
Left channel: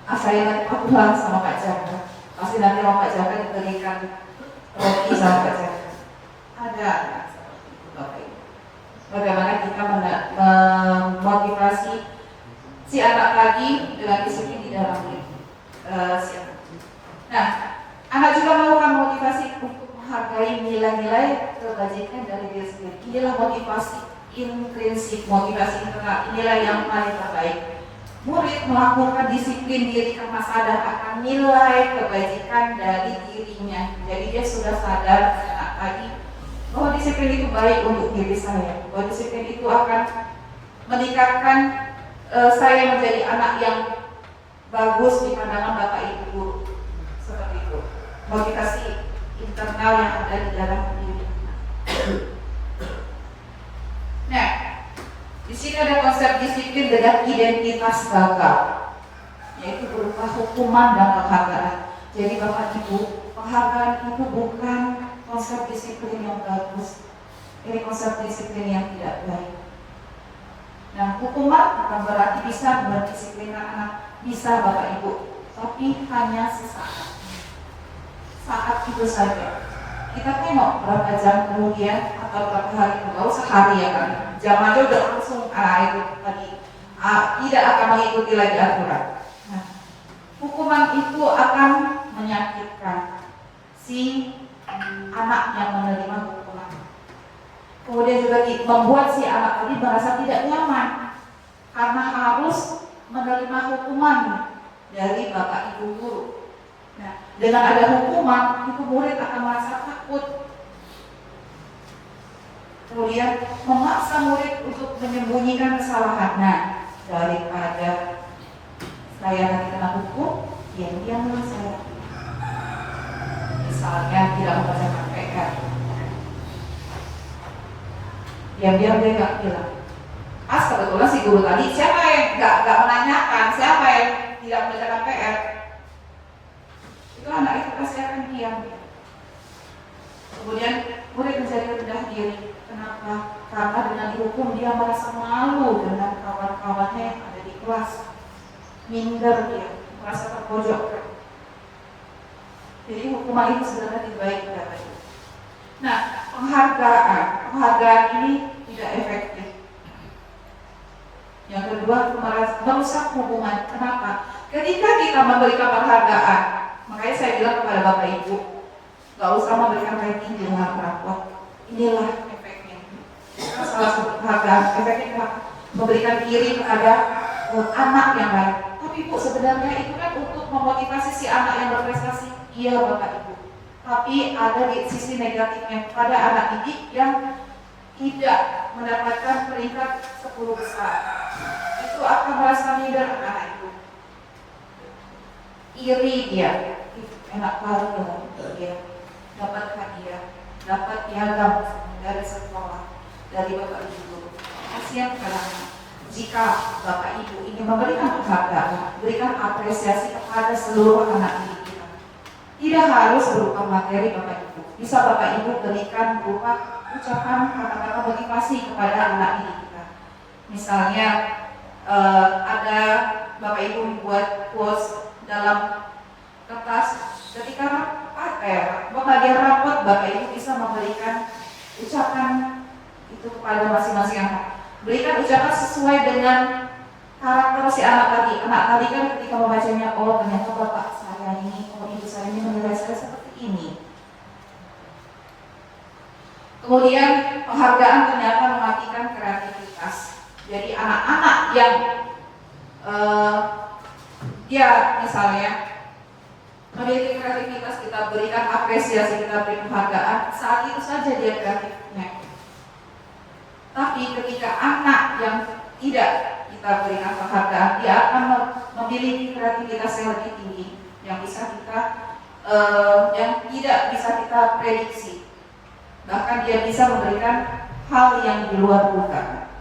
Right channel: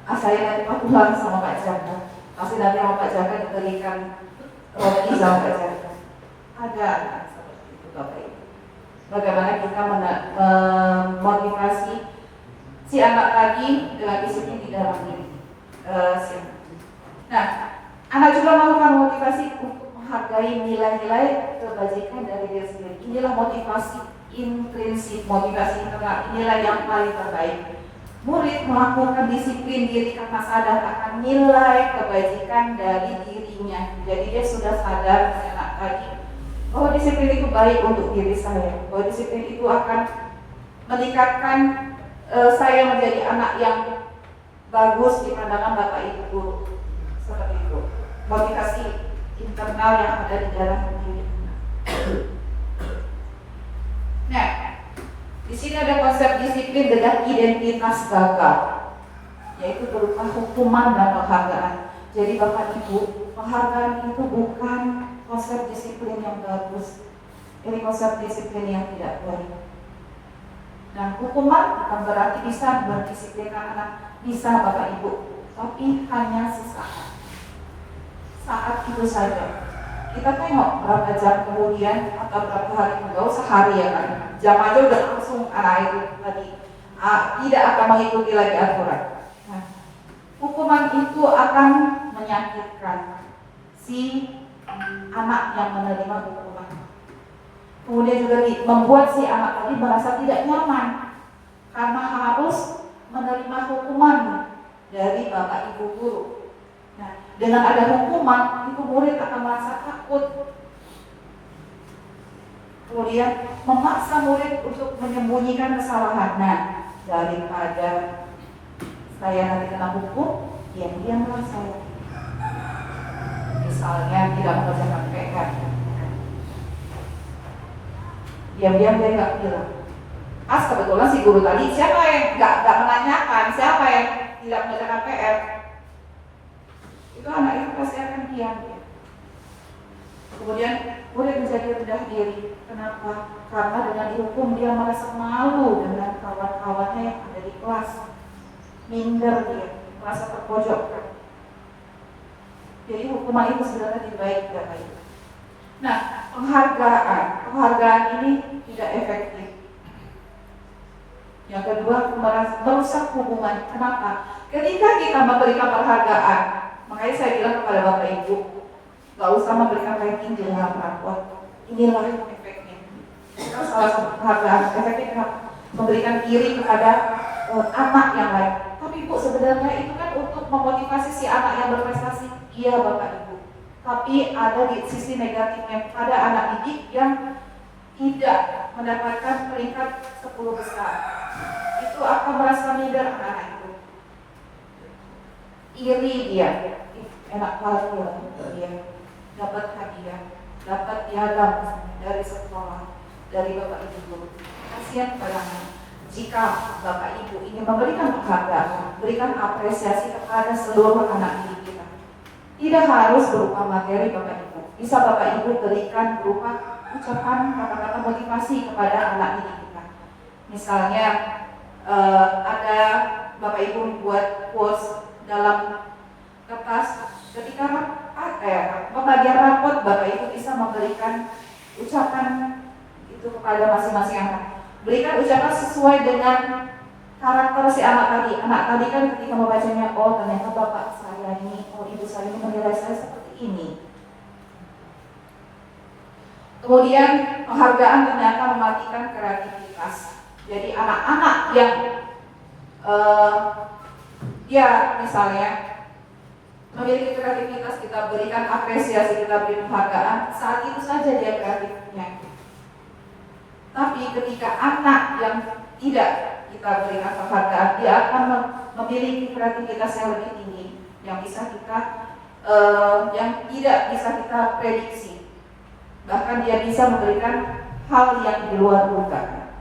Saya nanti patuhan sama Pak Jaka, pasti nanti sama Pak Jaka diberikan roti sama Pak Jaka. Ada anak seperti itu Bapak Ibu. Bagaimana kita memotivasi si anak tadi dengan disiplin di dalam diri. Nah, anak juga melakukan motivasi untuk menghargai nilai-nilai kebajikan dari diri sendiri. Inilah motivasi intrinsik, motivasi internal. Inilah yang paling terbaik. Murid melakukan disiplin diri karena sadar akan nilai kebajikan dari dirinya. Jadi dia sudah sadar anak tadi bahwa disiplin itu baik untuk diri saya, bahwa disiplin itu akan meningkatkan saya menjadi anak yang bagus di pandangan Bapak Ibu. Seperti itu. Motivasi internal yang ada di dalam diri anak. Nah, di sini ada konsep disiplin dengan identitas gagal, yaitu berupa hukuman dan penghargaan. Jadi Bapak Ibu, penghargaan itu bukan konsep disiplin yang bagus. Ini konsep disiplin yang tidak baik. Nah, hukuman bukan berarti bisa mendisiplinkan anak, bisa Bapak Ibu, tapi hanya sesaat. Saat itu saja. Kita tengok berapa jam kemudian atau berapa hari kemudian, sehari ya kan. Jam aja udah langsung itu tadi tidak akan mengikuti lagi aturan. Nah, hukuman itu akan menyakitkan si anak yang menerima hukuman. Kemudian juga membuat si anak tadi merasa tidak nyaman karena harus menerima hukuman dari Bapak Ibu guru. Nah, dengan ada hukuman itu murid akan merasa takut. Kemudian memaksa murid untuk menyembunyikan kesalahan. Nah, daripada saya nanti kena hukum, diam-diamlah saya. Misalnya tidak mengerjakan PR, diam-diam dia nggak bilang. kebetulan si guru tadi, siapa yang nggak menanyakan, siapa yang tidak mengerjakan PR, itu anak itu pasti akan diam. Kemudian murid menjadi rendah diri. Kenapa? Karena dengan dihukum dia merasa malu dengan kawan-kawannya yang ada di kelas, minder dia, merasa terpojokkan. Jadi hukuman itu sebenarnya tidak baik. Nah, penghargaan ini tidak efektif. Yang kedua, merusak hubungan. Kenapa? Ketika kita memberikan penghargaan, makanya saya bilang kepada Bapak Ibu, gak usah memberikan ranking di luar rapor. Inilah efeknya. Karena salah satu penghargaan efeknya memberikan kiri kepada anak yang lain. Tapi Bu, sebenarnya itu kan untuk memotivasi si anak yang berprestasi. Iya Bapak Ibu. Tapi ada di sisi negatifnya pada anak didik yang tidak mendapatkan peringkat 10 besar. Itu akan merasa minder anak itu. Iri dia. Enak kali dia dapat hadiah, dapat piagam dari sekolah, dari Bapak Ibu guru. Kasihan pada anak. Jika Bapak Ibu ingin memberikan penghargaan, berikan apresiasi kepada seluruh anak didik kita. Tidak harus berupa materi Bapak Ibu. Bisa Bapak Ibu berikan berupa ucapan kata-kata motivasi kepada anak didik kita. Misalnya ada Bapak Ibu membuat quotes dalam kertas ketika pembagian rapot, Bapak Ibu bisa memberikan ucapan itu kepada masing-masing anak. Berikan ucapan sesuai dengan karakter si anak tadi. Anak tadi kan ketika membacanya, oh ternyata bapak saya ini, oh ibu saya ini menilai saya seperti ini. Kemudian penghargaan ternyata mematikan kreativitas. Jadi anak-anak yang dia misalnya memiliki kreativitas, kita berikan apresiasi, kita beri penghargaan, saat itu saja dia kreatifnya. Tapi ketika anak yang tidak kita berikan penghargaan, dia akan memiliki kreativitas yang lebih tinggi, yang bisa kita, yang tidak bisa kita prediksi. Bahkan dia bisa memberikan hal yang di luar dugaan.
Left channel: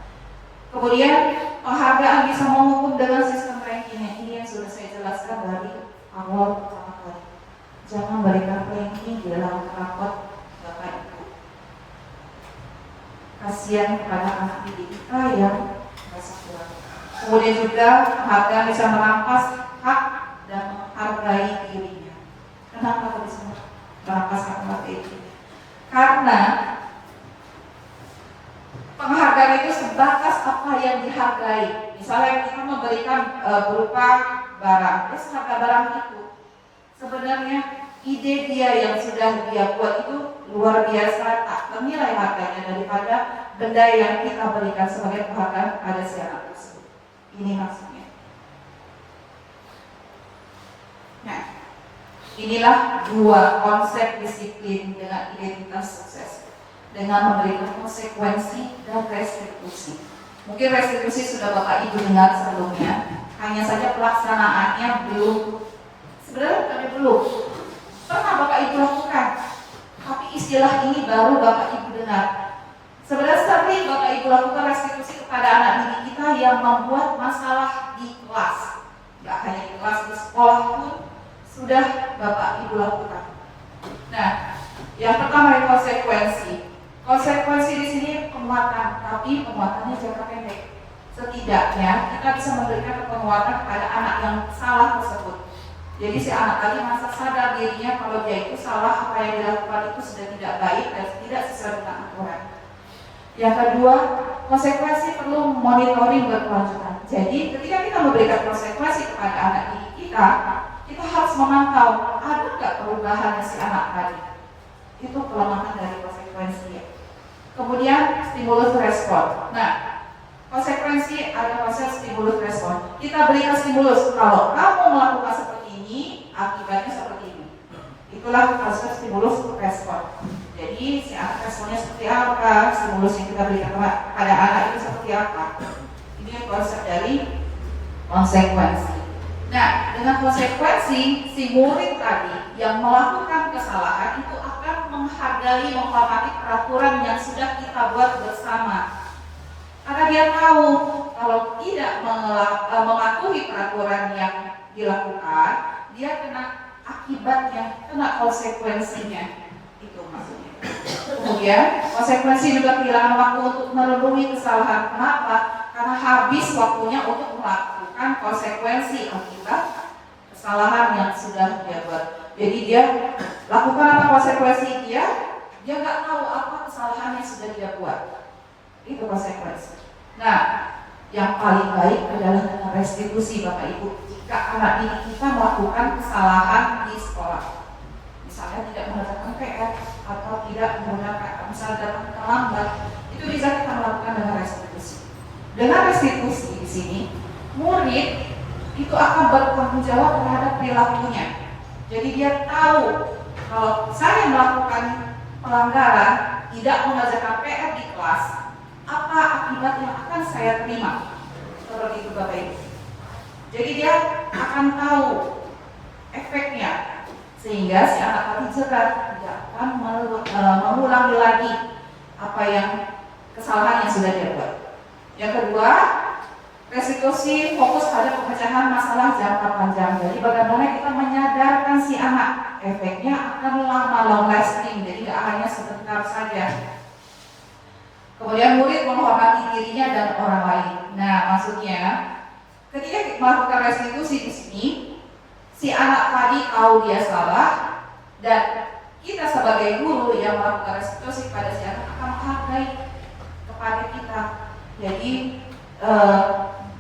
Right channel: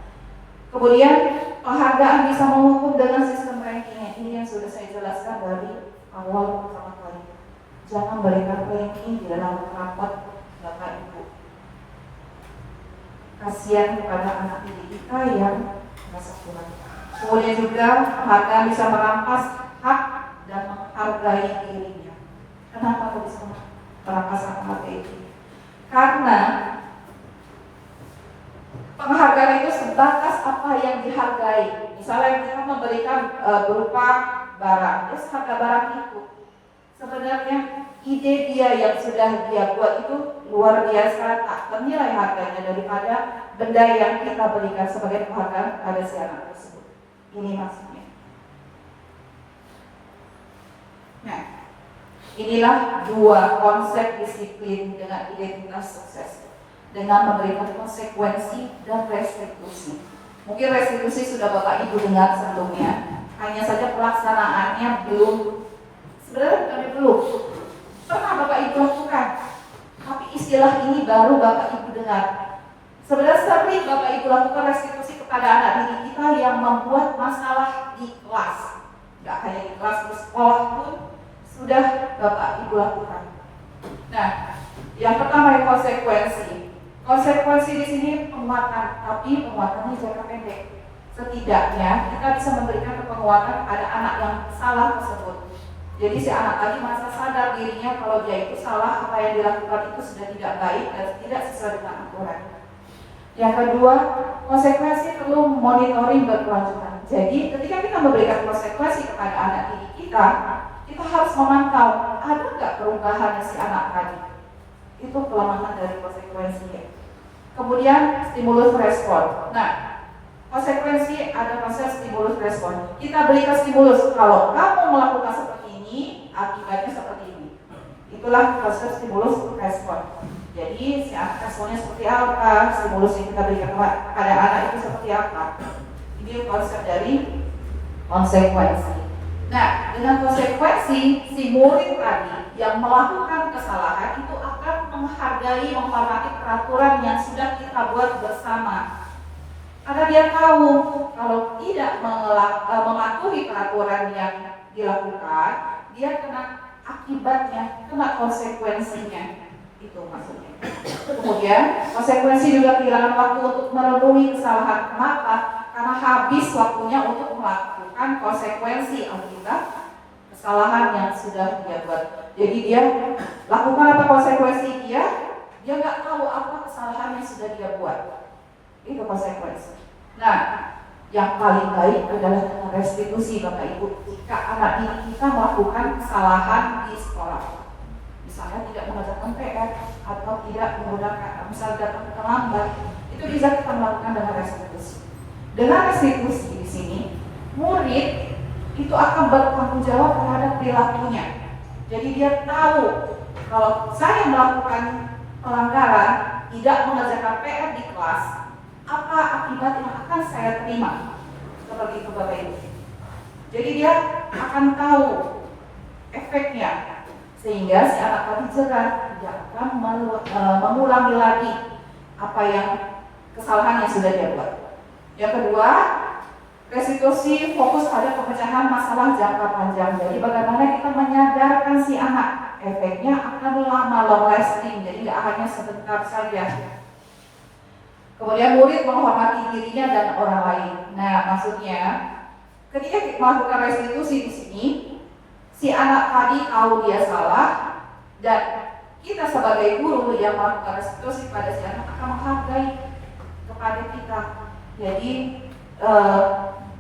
Kemudian penghargaan bisa menghukum dengan sistem ranking. Ini yang sudah saya jelaskan dari awal pertama kali. Jangan berikan ranking di dalam rapot Bapak Ibu. Kasihan kepada anak didik kita yang merasa kurang. Kemudian juga penghargaan bisa merampas hak dan menghargai dirinya. Kenapa kok bisa merampas hak menghargai dirinya? Karena penghargaan itu sebatas apa yang dihargai. Misalnya kita memberikan berupa barang, terus harga barang itu sebenarnya ide dia yang sudah dia buat itu luar biasa, tak ternilai harganya daripada benda yang kita berikan sebagai penghargaan kepada si anak tersebut. Ini maksudnya. Nah, inilah dua konsep disiplin dengan identitas sukses, dengan memberikan konsekuensi dan restitusi. Mungkin restitusi sudah Bapak Ibu dengar sebelumnya, hanya saja pelaksanaannya belum, sebenarnya belum pernah Bapak Ibu lakukan, tapi istilah ini baru Bapak Ibu dengar. Sebenarnya sering Bapak Ibu lakukan restitusi kepada anak didik kita yang membuat masalah di kelas, tidak hanya di kelas, di sekolah pun sudah Bapak Ibu lakukan. Nah, yang pertama yang konsekuensi. Konsekuensi di sini penguatan, tapi penguatannya jangka pendek. Setidaknya kita bisa memberikan penguatan kepada anak yang salah tersebut. Jadi si anak tadi merasa sadar dirinya kalau dia itu salah, apa yang dilakukan itu sudah tidak baik dan tidak sesuai dengan aturan. Yang kedua, konsekuensi perlu monitoring berkelanjutan. Jadi ketika kita memberikan konsekuensi kepada anak didik kita harus memantau ada nggak perubahan si anak tadi. Itu pelemahan dari konsekuensinya. Kemudian stimulus respon. Nah, konsekuensi ada konsep stimulus respon. Kita berikan stimulus, kalau kamu melakukan seperti ini, akibatnya seperti ini. Itulah konsep stimulus respon. Jadi si anak responnya seperti apa, stimulus yang kita berikan pada anak itu seperti apa. Ini konsep dari konsekuensi. Nah, dengan konsekuensi, si murid tadi yang melakukan kesalahan itu akan menghargai, menghormati peraturan yang sudah kita buat bersama. Karena dia tahu kalau tidak mematuhi peraturan yang dilakukan, dia kena akibatnya, kena konsekuensinya. Itu maksudnya. Kemudian konsekuensi juga kehilangan waktu untuk merenungi kesalahan. Kenapa? Karena habis waktunya untuk melakukan konsekuensi akibat kesalahan yang sudah dia buat. Jadi dia lakukan apa konsekuensi dia nggak tahu apa kesalahan yang sudah dia buat. Itu konsekuensi. Nah, yang paling baik adalah dengan restitusi Bapak Ibu. Jika anak didik kita melakukan kesalahan di sekolah, misalnya tidak mengerjakan PR atau tidak menggunakan, misalnya datang terlambat, itu bisa kita melakukan dengan restitusi. Dengan restitusi di sini, murid itu akan bertanggung jawab terhadap perilakunya. Jadi dia tahu kalau saya melakukan pelanggaran, tidak mengerjakan PR di kelas, apa akibat yang akan saya terima. Seperti itu Bapak Ibu. Jadi dia akan tahu efeknya, sehingga si anak tadi jerat, tidak akan mengulangi lagi apa yang kesalahan yang sudah dia buat. Yang kedua, restitusi fokus pada pemecahan masalah jangka panjang. Jadi bagaimana kita menyadarkan si anak, efeknya akan lama, long lasting, jadi tidak hanya sebentar saja. Kemudian murid menghormati dirinya dan orang lain. Nah, maksudnya ketika melakukan restitusi di sini, si anak tadi tahu dia salah, dan kita sebagai guru yang melakukan restitusi pada si anak akan menghargai kepada kita. Jadi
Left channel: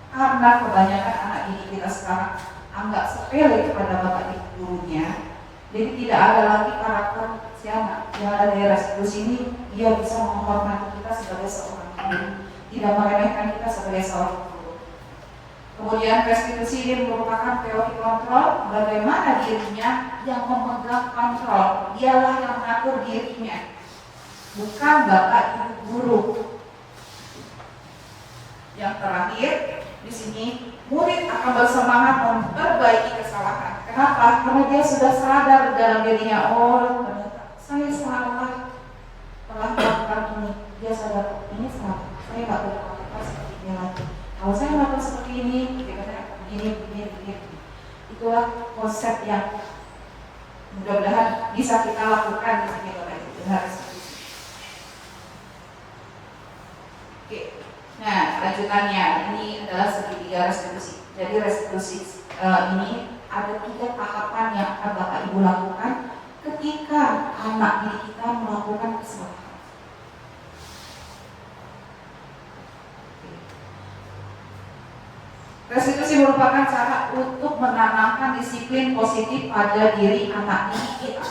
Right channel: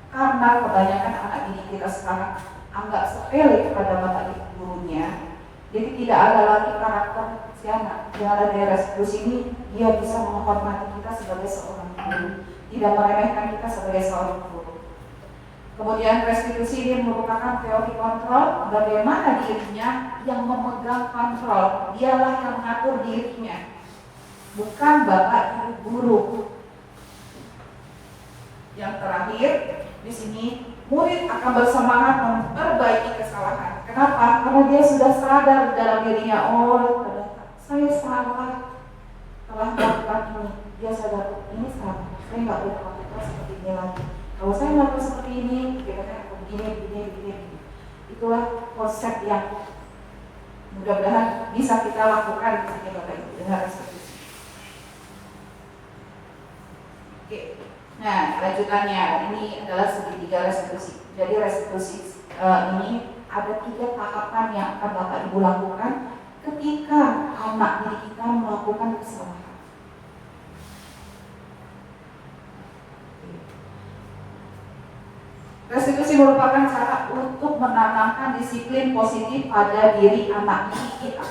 karena kebanyakan anak didik kita sekarang anggap sepele kepada bapak ibu gurunya, jadi tidak ada lagi karakter si anak. Yang ada dari restitusi ini, dia bisa menghormati kita sebagai seorang guru, tidak meremehkan kita sebagai seorang guru. Kemudian restitusi ini merupakan teori kontrol, bagaimana dirinya yang memegang kontrol, dialah yang mengatur dirinya, bukan bapak ibu guru. Yang terakhir di sini, murid akan bersemangat memperbaiki kesalahan. Kenapa? Karena dia sudah sadar dalam dirinya, oh ternyata saya salah telah melakukan ini. Dia sadar ini salah, saya nggak boleh melakukan seperti ini lagi. Kalau saya melakukan seperti ini, bagaimana begini. Itulah konsep yang mudah-mudahan bisa kita lakukan di sini Bapak Ibu dengan restitusi. Oke. Nah, lanjutannya ini adalah segitiga restitusi. Jadi restitusi ini ada 3 tahapan yang akan Bapak Ibu lakukan ketika anak didik kita melakukan kesalahan. Restitusi merupakan cara untuk menanamkan disiplin positif pada diri anak didik kita.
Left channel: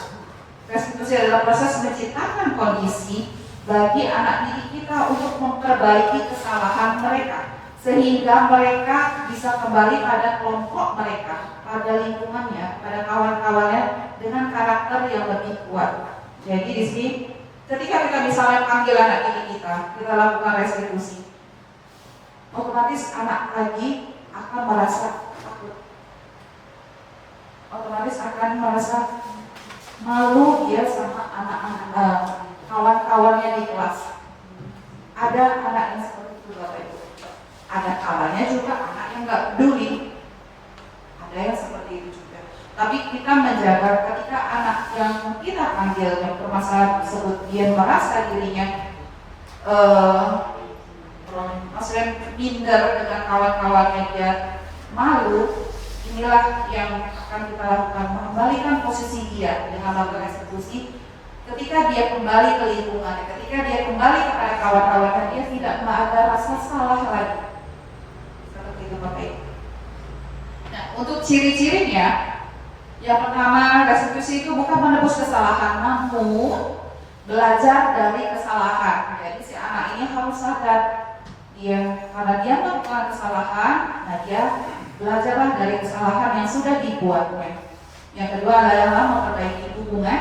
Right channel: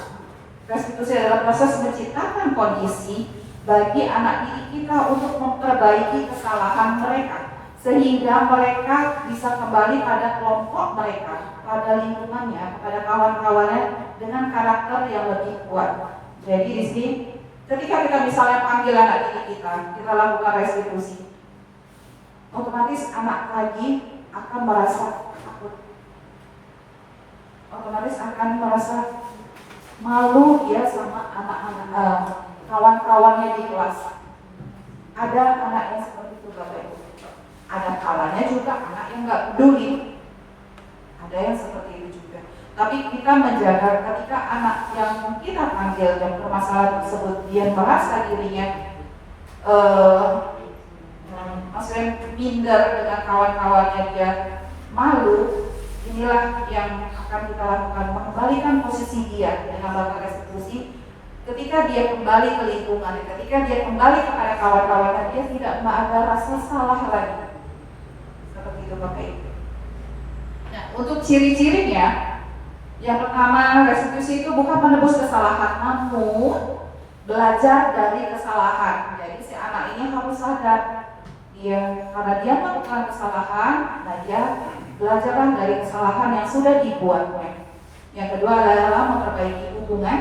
Restitusi adalah proses menciptakan kondisi bagi anak didik kita untuk memperbaiki kesalahan mereka, sehingga mereka bisa kembali pada kelompok mereka, pada lingkungannya, pada kawan-kawannya dengan karakter yang lebih kuat. Jadi di sini, ketika kita misalnya panggil anak didik kita lakukan restitusi, otomatis anak lagi akan merasa takut, otomatis akan merasa malu dia sama anak-anak kawan-kawannya di kelas. Ada anak yang seperti itu Bapak Ibu. Ada kawannya juga anak yang nggak peduli. Ada yang seperti itu juga. Tapi kita menjaga ketika anak yang kita panggil yang permasalahan tersebut dia merasa dirinya maksudnya minder dengan kawan-kawannya, dia malu. Inilah yang akan kita lakukan, mengembalikan posisi dia dengan melakukan restitusi. Ketika dia kembali ke lingkungan, ketika dia kembali kepada kawan-kawannya, dia tidak ada rasa salah lagi. Seperti itu Bapak Ibu. Nah, untuk ciri-cirinya, yang pertama, restitusi itu bukan menebus kesalahan, namun belajar dari kesalahan. Jadi si anak ini harus sadar, karena dia melakukan kesalahan, nah dia belajarlah dari kesalahan yang sudah dibuatnya. Yang kedua adalah memperbaiki hubungan.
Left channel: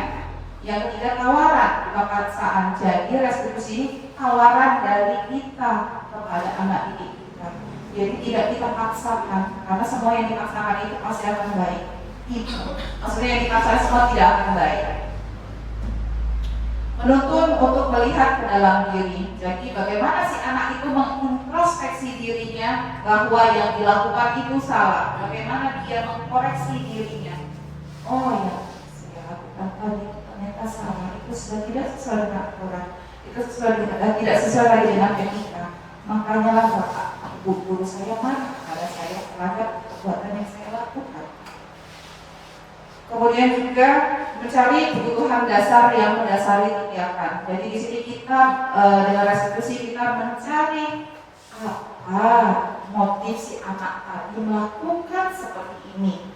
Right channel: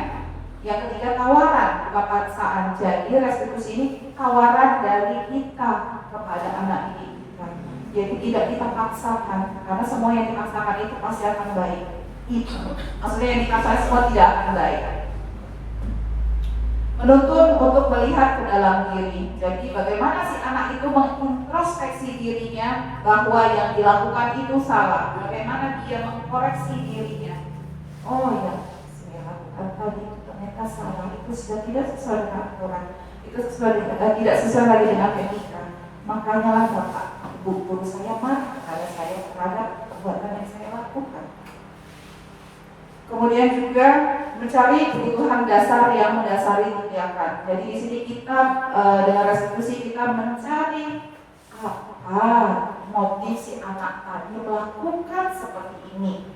Yang ketiga, tawaran kemapaksaan. Jadi restitusi ini tawaran dari kita kepada anak didik kita. Jadi tidak kita paksakan, karena semua yang dipaksakan itu pasti akan baik. Maksudnya yang dipaksakan semua tidak akan baik. Menuntun untuk melihat ke dalam diri. Jadi bagaimana si anak itu mengintrospeksi dirinya bahwa yang dilakukan itu salah. Bagaimana dia mengkoreksi dirinya. Oh ya, saya lakukan tadi itu ternyata salah. Itu sudah tidak sesuai dengan aturan. Itu tidak sesuai lagi dengan etika. Makanya lah bapak guru saya marah kepada saya terhadap perbuatan yang saya lakukan. Kemudian juga mencari kebutuhan dasar yang mendasari tindakan. Jadi di sini kita dengan restitusi kita mencari apa motif si anak tadi melakukan seperti ini.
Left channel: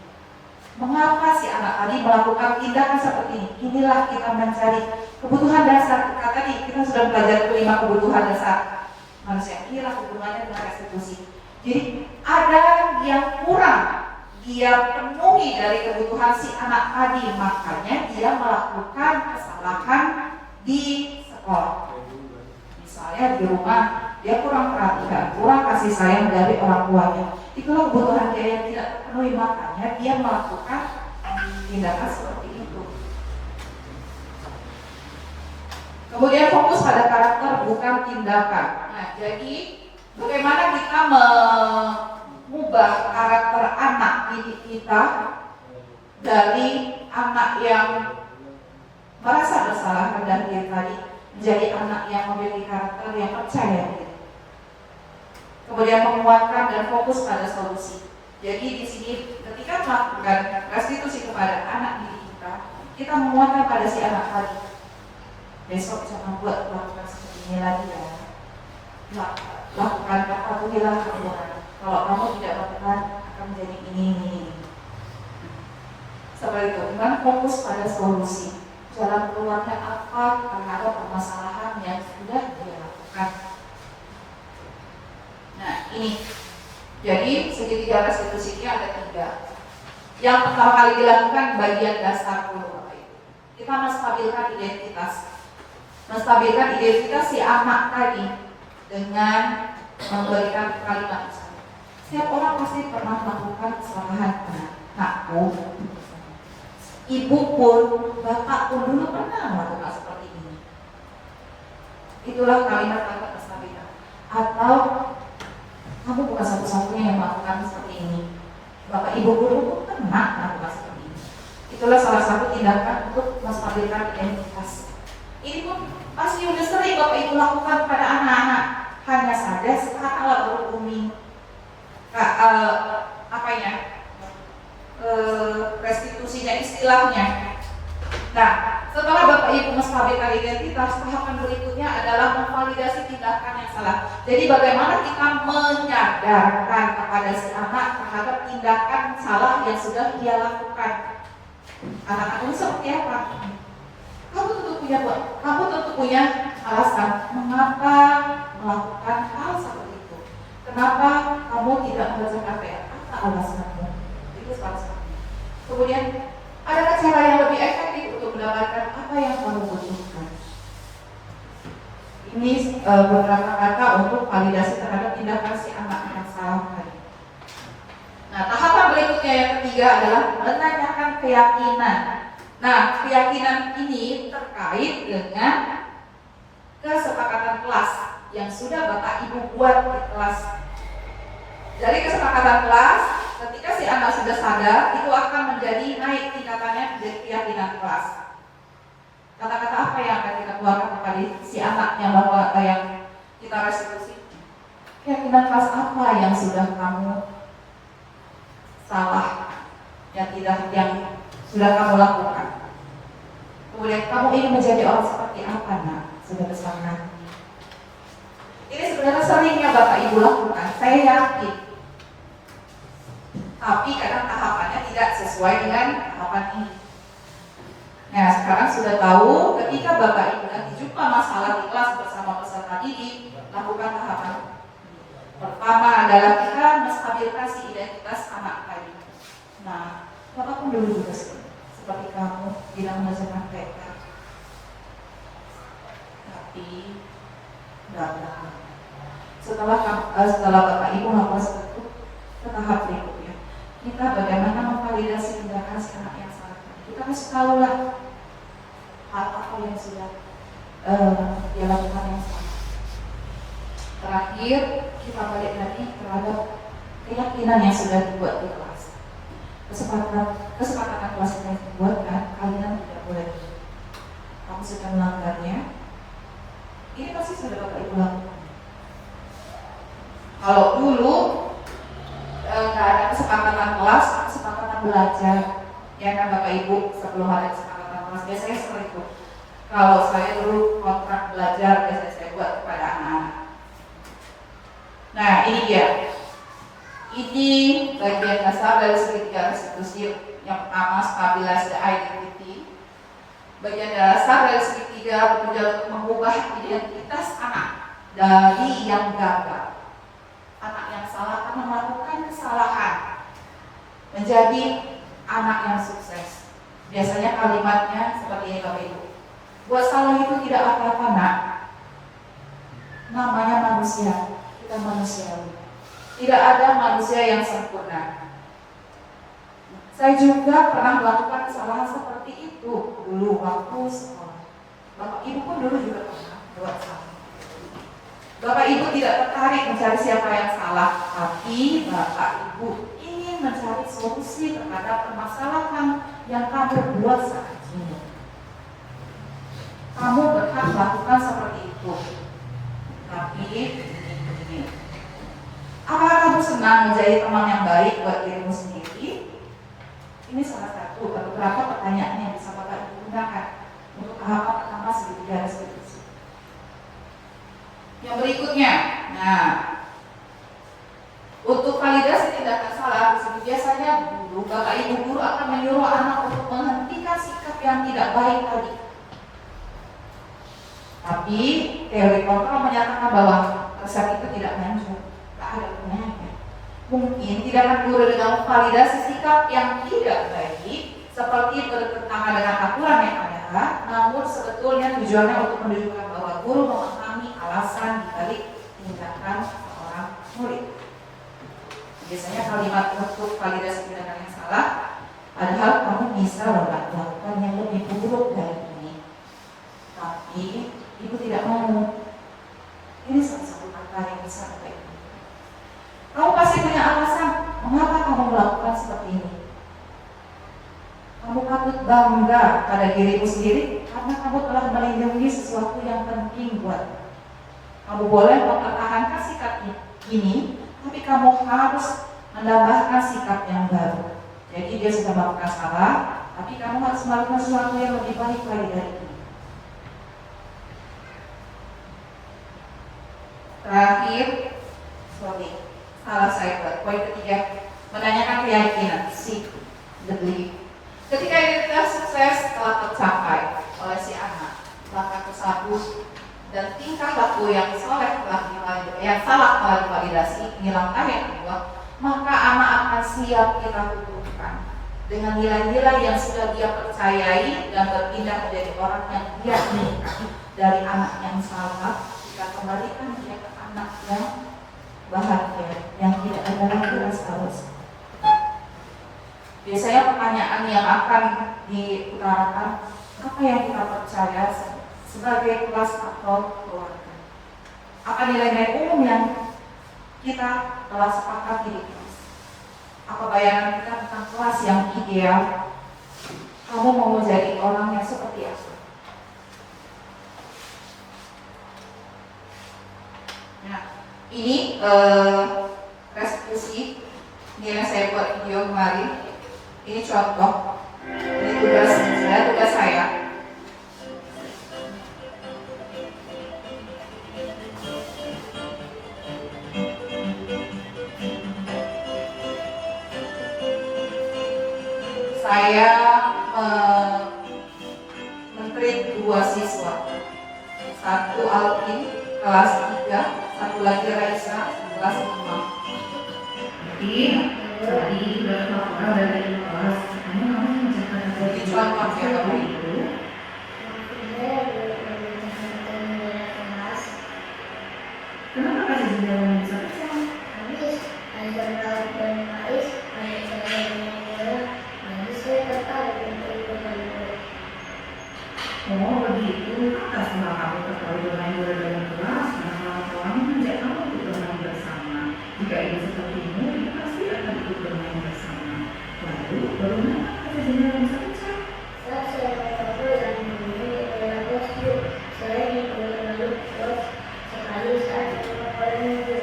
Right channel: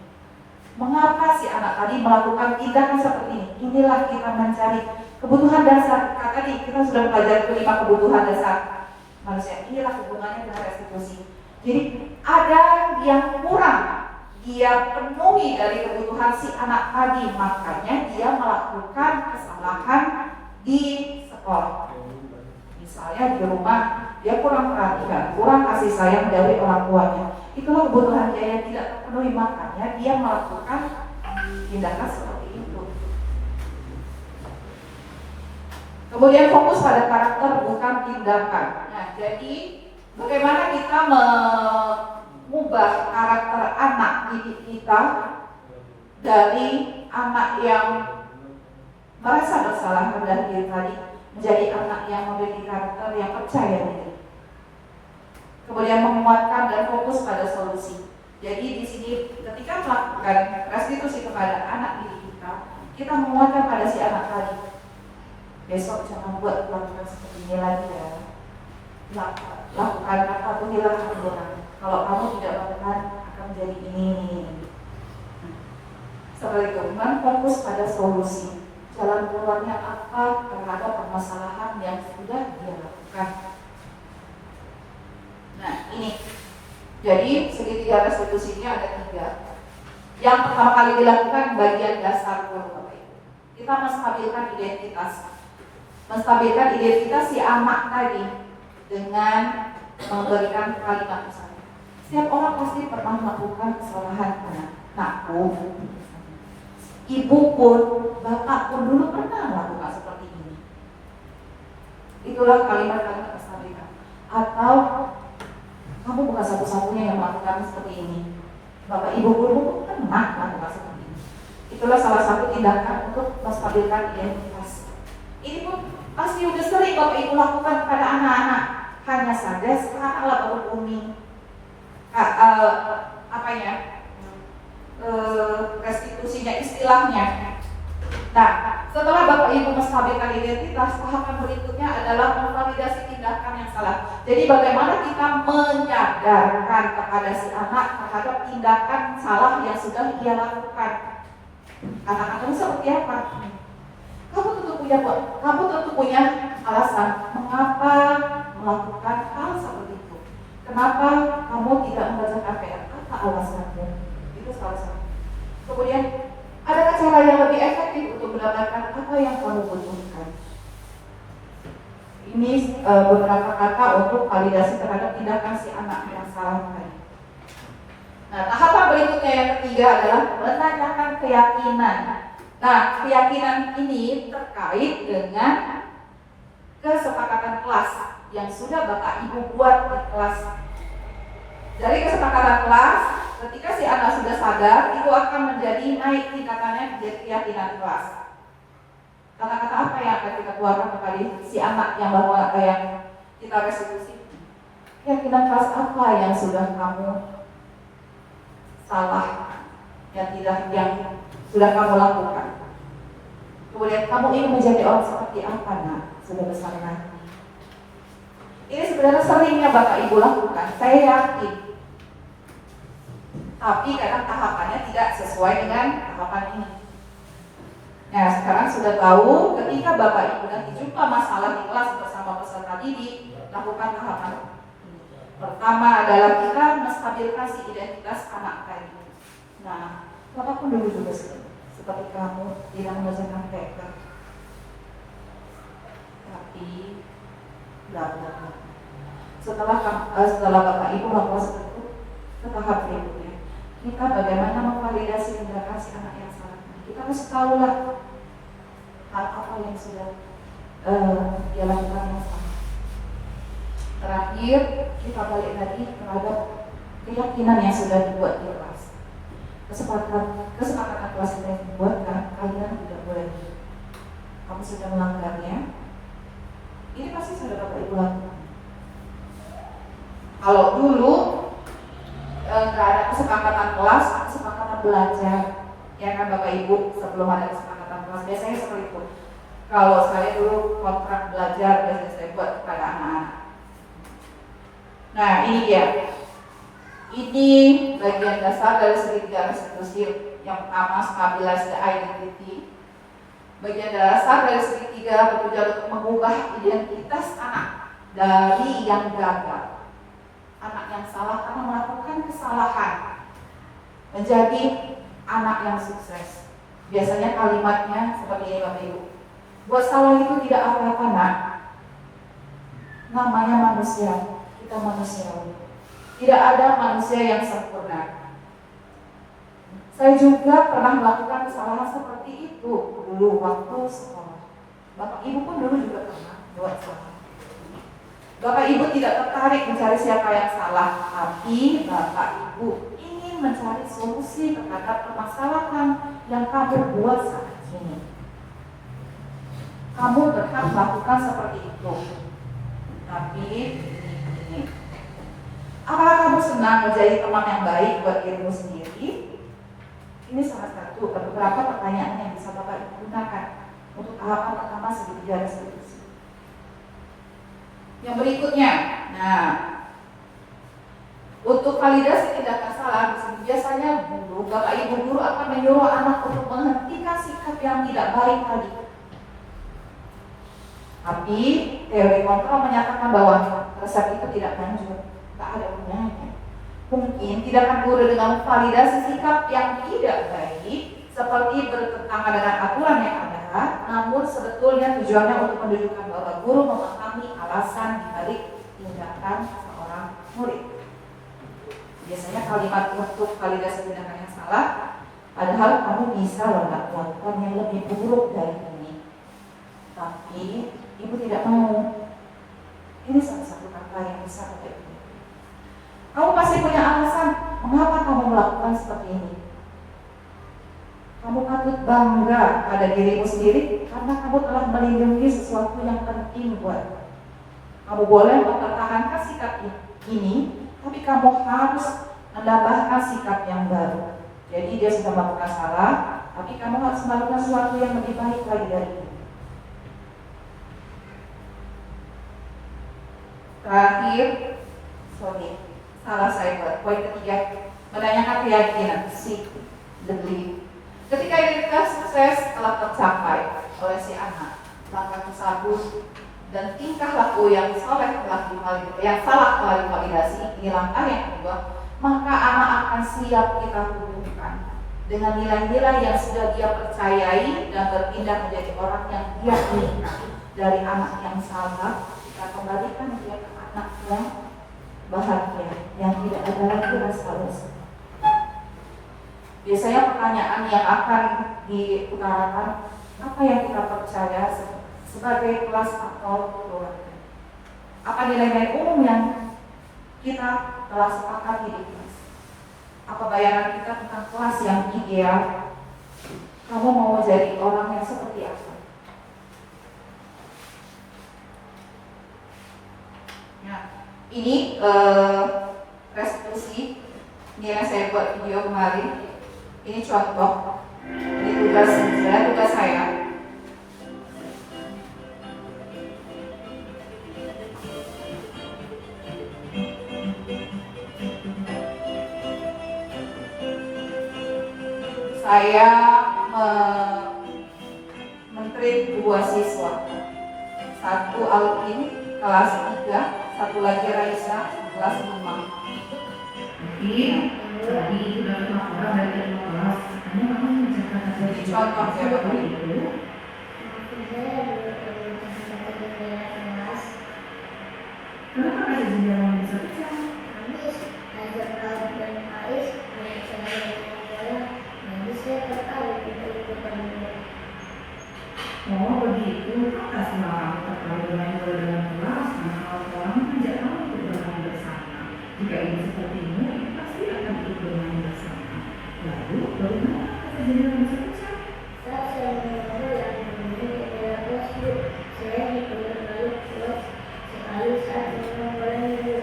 Mengapa si anak tadi melakukan tindakan seperti ini? Inilah kita mencari kebutuhan dasar. Tadi kita sudah belajar kelima kebutuhan dasar manusia. Inilah hubungannya dengan restitusi. Jadi ada yang kurang dia penuhi dari kebutuhan si anak tadi, makanya dia melakukan kesalahan di sekolah. Misalnya di rumah dia kurang perhatian, kurang kasih sayang dari orang tuanya. Itulah kebutuhan dia yang tidak terpenuhi, makanya dia melakukan tindakan seperti itu. Kemudian fokus pada karakter bukan tindakan. Nah, jadi bagaimana kita mengubah karakter anak didik kita dari anak yang merasa bersalah rendah diri tadi menjadi anak yang memiliki karakter yang percaya diri. Kemudian menguatkan dan fokus pada solusi. Jadi di sini ketika melakukan restitusi kepada anak didik kita menguatkan pada si anak tadi. Besok jangan buat melakukan seperti ini lagi ya. Lakukan patuhilah aturan. Kalau kamu tidak melakukan akan menjadi ini. Seperti itu, iman fokus pada solusi. Jalan keluarnya apa terhadap permasalahan yang sudah dia lakukan. Nah ini, jadi segitiga restitusinya ada 3. Yang pertama kali dilakukan bagian dasar dulu, kita menstabilkan identitas. Menstabilkan identitas si anak tadi dengan memberikan kalimat pesan. Setiap orang pasti pernah melakukan kesalahan. Anakku, ibu pun, bapak pun dulu pernah melakukan seperti ini. Itulah kalimat-kalimat menstabilkan. Atau kamu bukan satu-satunya yang melakukan seperti ini. Bapak ibu dulu pernah melakukan seperti ini. Itulah salah satu tindakan untuk menstabilkan identitas. Ini pun pasti udah sering bapak ibu lakukan pada anak-anak. Hanya saja sekarang baru booming. Restitusinya istilahnya. Nah, setelah bapak ibu menstabilkan identitas, tahapan berikutnya adalah memvalidasi tindakan yang salah. Jadi bagaimana kita menyadarkan kepada si anak terhadap tindakan salah yang sudah dia lakukan. Anak-anak seperti apa? Kamu tentu punya alasan mengapa melakukan hal seperti itu. Kenapa kamu tidak membaca KPR? Apa alasanmu? Itu salah satu. Kemudian ada cara yang lebih efektif untuk mendapatkan apa yang kamu butuhkan. Ini beberapa kata untuk validasi terhadap tindakan si anak yang salah tadi. Nah, tahapan berikutnya yang ketiga adalah menanyakan keyakinan. Nah, keyakinan ini terkait dengan kesepakatan kelas yang sudah bapak ibu buat di kelas. Dari kesepakatan kelas, ketika si anak sudah sadar, itu akan menjadi naik tingkatannya menjadi keyakinan kelas. Kata-kata apa yang akan kita keluarkan kepada si anak yang baru yang kita restitusi? Keyakinan kelas apa yang sudah kamu salah, yang sudah kamu lakukan? Kemudian kamu ingin menjadi orang seperti apa, nak? Sudah besar nanti. Ini sebenarnya seringnya bapak ibu lakukan, saya yakin. Tapi kadang tahapannya tidak sesuai dengan tahapan ini. Nah, sekarang sudah tahu ketika bapak ibu nanti jumpa masalah di kelas bersama peserta didik, lakukan tahapan. Pertama adalah kita menstabilkan si identitas anak tadi. Nah, bapak pun dulu juga seperti kamu tidak mengajarkan mereka. Tapi setelah bapak ibu melakukan seperti itu, ke tahap berikutnya kita bagaimana memvalidasi tindakan si anak yang salah. Kita harus tahu lah hal apa yang sudah dia lakukan yang sama. Terakhir, kita balik lagi terhadap keyakinan yang sudah dibuat di kelas. Kesepakatan kelas yang dibuatkan, kalian tidak boleh. Kamu sudah melanggarnya. Ini pasti sudah Bapak Ibu lakukan. Kalau dulu nggak ada kesepakatan kelas, kesepakatan belajar, ya kan Bapak Ibu, sebelum ada kesepakatan kelas biasanya seperti itu. Kalau saya dulu kontrak belajar biasanya saya buat kepada anak-anak. Nah ini dia. Ini bagian dasar dari segitiga restitusi. Yang pertama, stabilize the identity. Bagian dasar dari segitiga bekerja untuk mengubah identitas anak dari yang gagal, anak yang salah karena melakukan kesalahan, menjadi anak yang sukses. Biasanya kalimatnya seperti ini Bapak Ibu. Buat salah itu tidak apa-apa nak. Namanya manusia, kita manusiawi. Tidak ada manusia yang sempurna. Saya juga pernah melakukan kesalahan seperti itu dulu waktu sekolah. Bapak Ibu pun dulu juga pernah buat salah. Bapak Ibu tidak tertarik mencari siapa yang salah, tapi Bapak Ibu ingin mencari solusi terhadap permasalahan yang kamu buat saat ini. Kamu berhak melakukan seperti itu. Tapi ini, apakah kamu senang menjadi teman yang baik buat dirimu sendiri? Ini salah satu beberapa pertanyaan yang bisa Bapak Ibu gunakan untuk tahapan pertama segitiga restitusi. Yang berikutnya, nah, untuk validasi tindakan salah, biasanya guru, Bapak Ibu guru akan menyuruh anak untuk menghentikan sikap yang tidak baik tadi. Tapi teori kontrol menyatakan bahwa resep itu tidak manjur, tidak ada gunanya. Mungkin tindakan guru dengan validasi sikap yang tidak baik seperti bertentangan dengan aturan yang ada, namun sebetulnya tujuannya untuk menunjukkan bahwa guru memahami alasan dibalik tindakan seorang murid. Biasanya kalimat untuk validasi tindakan yang salah, padahal kamu bisa melakukan yang lebih buruk dari ini. Tapi ibu tidak mau. Ini salah satu kata yang besar. Kamu pasti punya alasan mengapa kamu melakukan seperti ini. Kamu patut bangga pada dirimu sendiri karena kamu telah melindungi sesuatu yang penting buat. Kamu boleh mempertahankan sikap ini, tapi kamu harus menambahkan sikap yang baru. Jadi dia sudah melakukan salah, tapi kamu harus melakukan sesuatu yang lebih baik lagi dari itu. Terakhir, salah saya buat poin ketiga, menanyakan keyakinan, seek the belief. Ketika identitas sukses telah tercapai oleh si anak, langkah tersebut dan tingkah laku yang salah telah divalidasi, ini langkah yang kedua, maka anak akan siap kita tumbuhkan dengan nilai-nilai yang sudah dia percayai dan berpindah menjadi orang yang dia inginkan. Dari anak yang salah, kita kembalikan dia ke anak yang bahagia, yang tidak ada lagi rasa bersalah. Biasanya pertanyaan yang akan diutarakan, apa yang kita percaya sebagai kelas atau keluarga? Apa nilai-nilai umum yang kita telah sepakati di kelas? Apa bayangan kita tentang kelas yang ideal? Kamu mau menjadi orang yang seperti apa? Nah, ini restitusi nilai saya buat video kemarin. Ini contoh. Ini tugas saya. Saya men-treat 2 siswa. Satu Alvin kelas 3, satu lagi Raisa kelas 5. Jadi tadi sudah laporan dari kelas, kamu mengerjakan Jadi contoh ya Bapak itu. Kenapa ada jendela yang bisa pecah? Oh begitu, kasihlah kamu terlalu bermain bola dengan kelas, karena kawan-kawan mengajak kamu untuk bermain bersama. Jika ingin sepertimu, itu pasti akan ikut bermain bersama. Lalu, bagaimana kata jendela bisa pecah? Saat saya mencoba yang memiliki dalam kelas Bu, saya dipanggil lalu kelas sekali saat memulai Bu.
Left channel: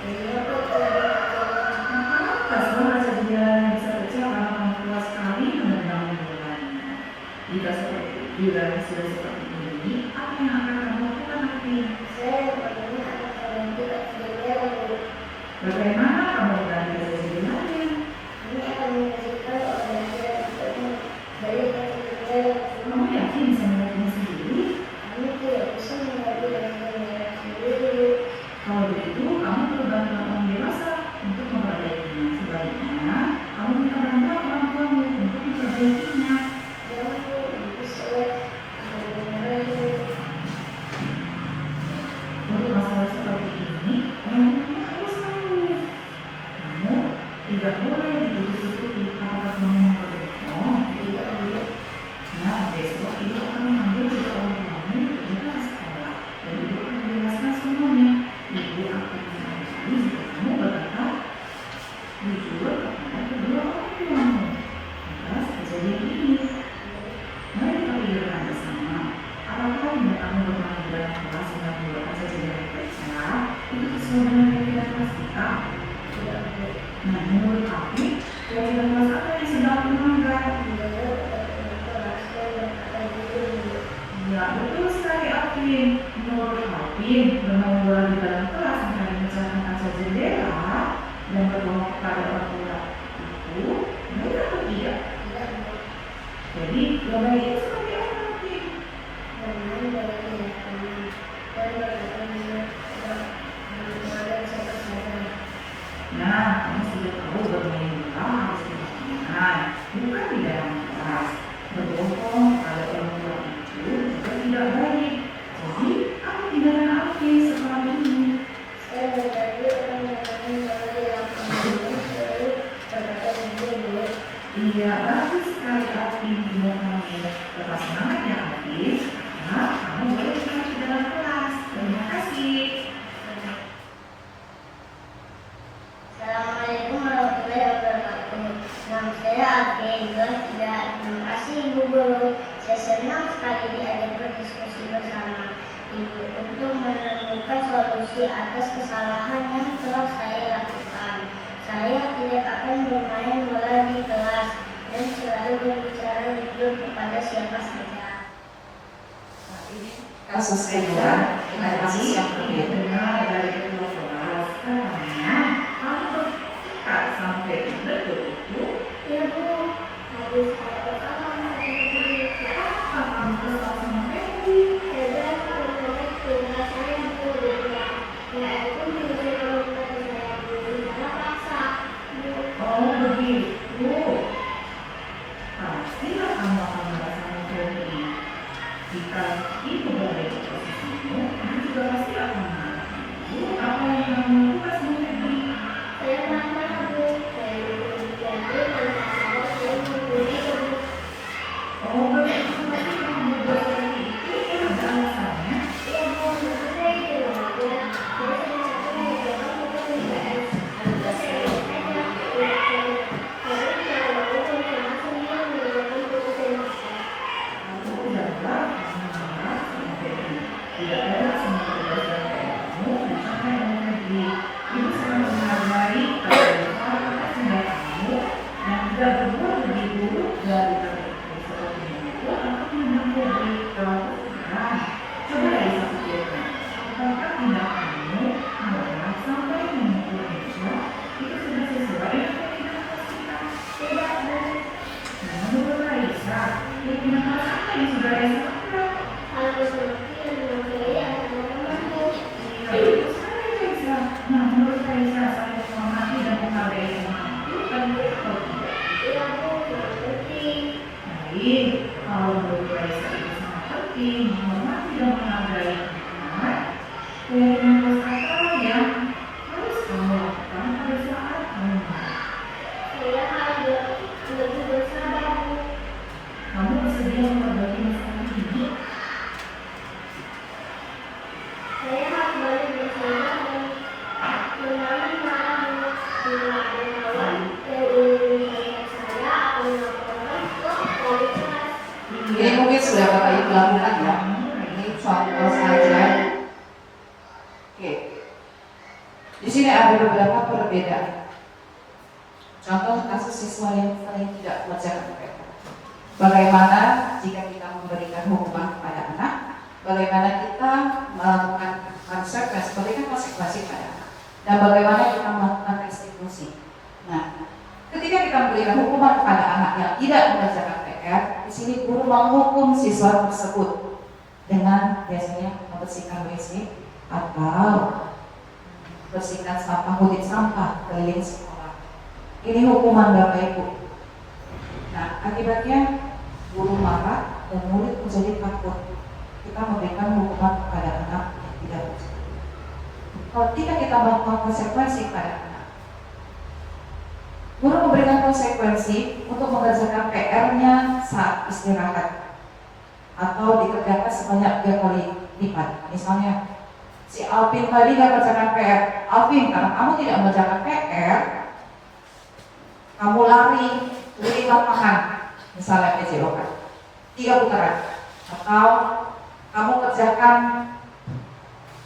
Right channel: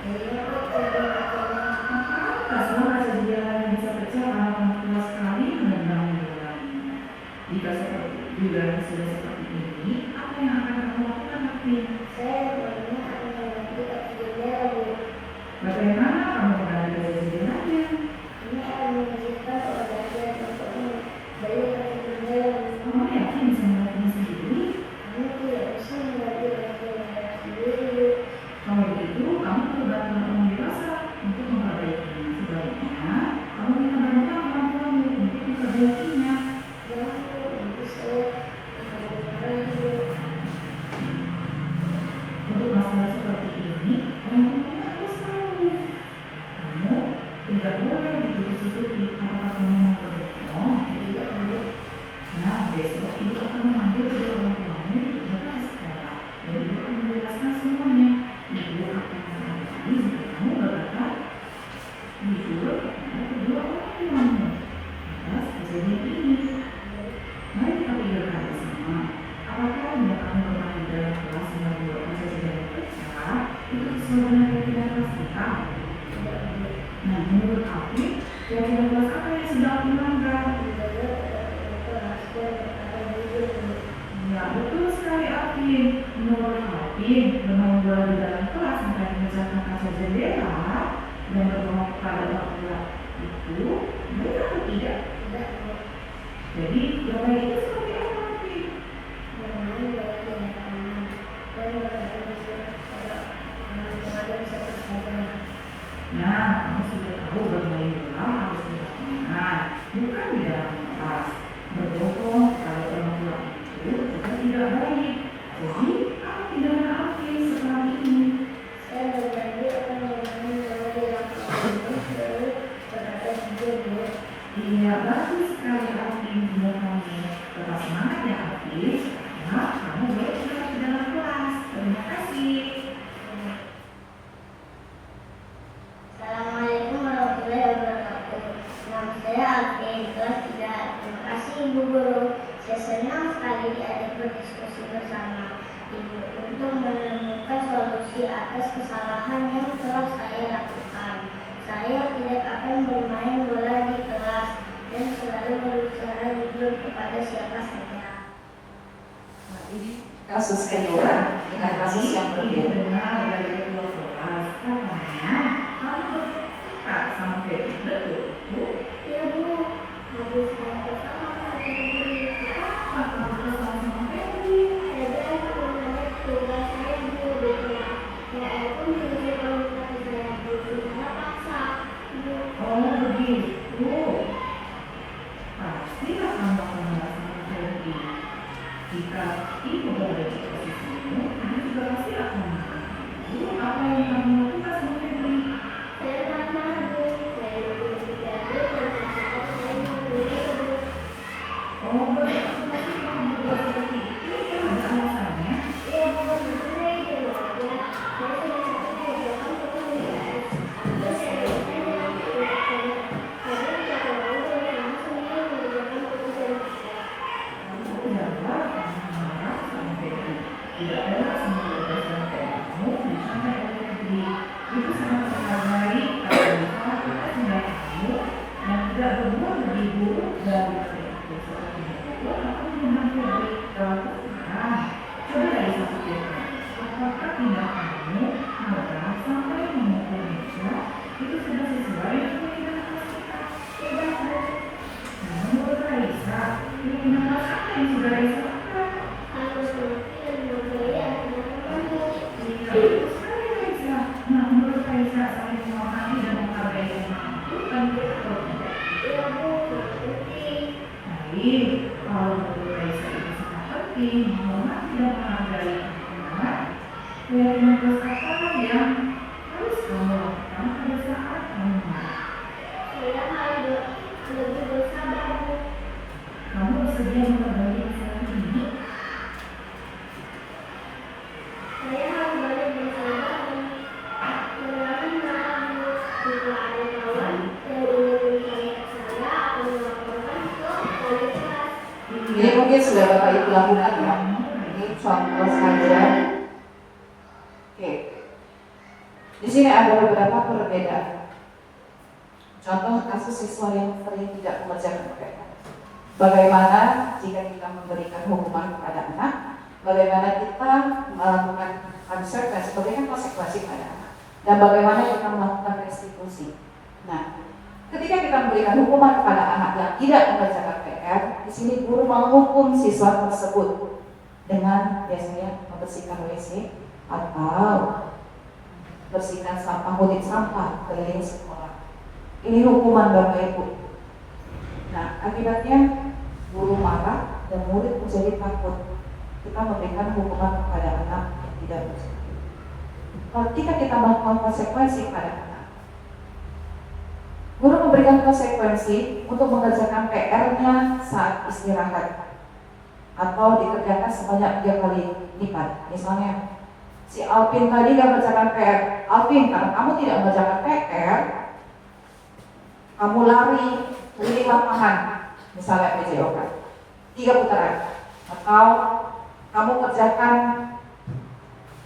Jadinya kok Kasihlah kaca jendela yang bisa pecah karena kamu kelas sekali menendang bolanya. Jika seperti jika sudah seperti ini, apa yang akan kamu lakukan nanti? saya bagaimana akan terganti ke jendela Bu. Bagaimana kamu mengganti kaca jendelanya? Ini akan menghasilkan organisasi untuk membeli ke jendela Bu. Kamu yakin bisa melakukannya sendiri? Kami tidak bisa mengganti jendela sendiri Bu. Kalau begitu, kamu perlu bantuan orang dewasa untuk memperbaikinya. Sebaliknya, kamu minta bantuan orang tuamu untuk memperbaikinya. Yang Bu, ibu saya akan memulai Bu. Untuk masalah seperti ini, orang tua harus tahu. Kamu tidak boleh ditutup-tutupi apakah kamu mau berbohong. Tidak Bu. Nah, besok ibu akan memanggil kedua orang tuamu ke kelas sekolah. Dan ibu akan menjelaskan semuanya. Ibu akan mengajari jika kamu berkata jujur kepada kedua orang tuamu atas kejadian ini. Mari kita pikirkan bersama, apakah yang kamu bermain di dalam kelas dengan dua kaca jendela pecah itu sesuai dengan pikiran kelas kita? Tidak Bu. Nah, menurut kamu, kira-kira kelas apa yang sedang melanggar? Menjaga kepada kelas dan berkata jujur Bu. Ya, betul sekali Alvin. Menurut Alvin, bermain bola di dalam kelas akan memecahkan kaca jendela dan berbohong kepada orang tua itu benar atau tidak? Tidak Bu. Jadi, bermain itu seperti apa Alvin? Bermain bagi yang kami dan berkata jujur kepada orang tua dan saudara. Nah, kamu sudah tahu bermain bola harus di lapangan, bukan di dalam kelas. Berbohong kepada orang tua itu juga tidak baik. Jadi, apa tindakan Alvin setelah ini? Saya berbagi akan bermain bola di lapangan ini lalu berkata jujur Bu. Iya, bagus sekali Alvin. Kamu tetap semangat ya Alvin. Nah, kamu boleh istirahat di dalam kelas. Terima kasih. Assalamualaikum warahmatullahi wabarakatuh. Nama saya Alvin, kelas 3. Terima kasih Ibu Guru. Saya senang sekali diajak berdiskusi bersama Ibu untuk menemukan solusi atas kesalahan yang telah saya lakukan. Saya tidak akan bermain bola di kelas dan selalu berbicara jujur kepada siapa saja. Nah, ini kasus kedua, ada kasus yang berbeda. Benar dari kedua kelas. Karena kamu berkat sampai betul. Ya Bu, habis ada kesalahan saya sendiri. Apa kamu kesal sama Febri? Saya menolak tinggal saya Bu di kelas. Saya pun jujur kepada saya Bu, tidak paksa Bu. Oh begitu. Pastilah kamu akan merasakan Febri. Jika ibu berada di posisimu, ibu juga pasti akan mengatakan, "Bu, apa yang kamu lakukan sama Febri?" Saya marah Bu, saya jadi karena saya mau beli Bu. Oh begitu. Pasti kamu berbuat seperti itu, ya. dilakukan ya. Ini contoh saja. Oke. Di sini ada beberapa perbedaan. Contoh kasus siswa yang sering tidak mengerjakan PR. Bagaimana jika kita memberikan hukuman kepada anak? Bagaimana kita melakukan konsekuensi, memberikan konsekuensi pada anak? Dan bagaimana kita melakukan restitusi? Nah, ketika kita memberikan hukuman kepada anak yang tidak mengerjakan PR, di sini guru menghukum siswa tersebut dengan biasanya membersihkan WC atau bersihkan sampah, pungut sampah keliling sekolah. Ini hukuman Bapak Ibu. Nah, akibatnya guru marah dan murid menjadi takut. Kita memberikan hukuman kepada anak yang tidak bersalah. Ketika kita melakukan konsekuensi pada anak, guru memberikan konsekuensi untuk mengerjakan PR-nya saat istirahat atau dikerjakan sebanyak 3 kali lipat. Misalnya, si Alvin tadi gak mengerjakan PR. Alvin, kalau kamu tidak mengerjakan PR, kamu lari keliling lapangan, misalnya PJOK 3 putaran, atau kamu kerjakan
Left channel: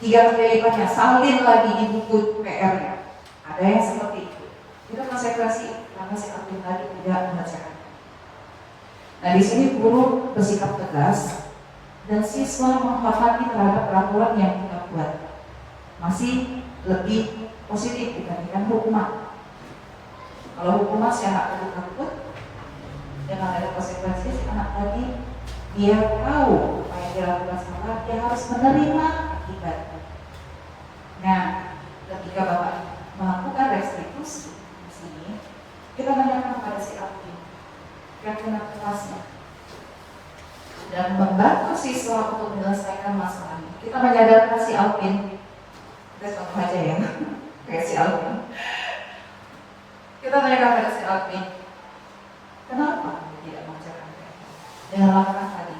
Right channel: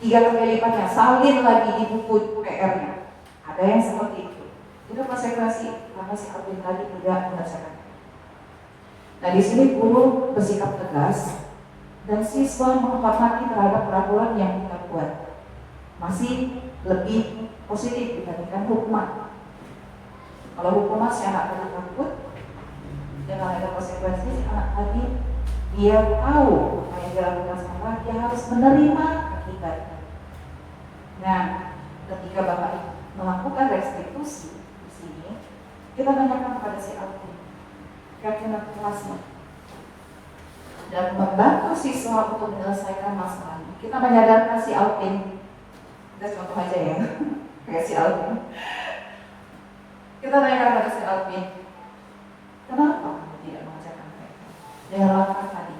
3 kali lipatnya, salin lagi di buku PR-nya. Ada yang seperti itu. Itu konsekuensi karena si Alvin tadi tidak mengerjakan. Nah, di sini guru bersikap tegas dan siswa menghormati terhadap peraturan yang kita buat. Masih lebih positif dibandingkan hukuman. Kalau hukuman si anak tadi takut, dengan ada konsekuensi si anak tadi dia tahu apa yang dilakukan salah, dia harus menerima akibatnya. Nah, ketika Bapak melakukan restitusi di sini, kita tanyakan kepada si Alvin rekan kelasnya dan membantu siswa untuk menyelesaikan masalahnya. Kita menyadarkan si Alvin, kita contoh aja ya, kayak si Alvin. Kita tanyakan pada si Alvin, kenapa kamu tidak mengerjakan PR? Dengan langkah tadi,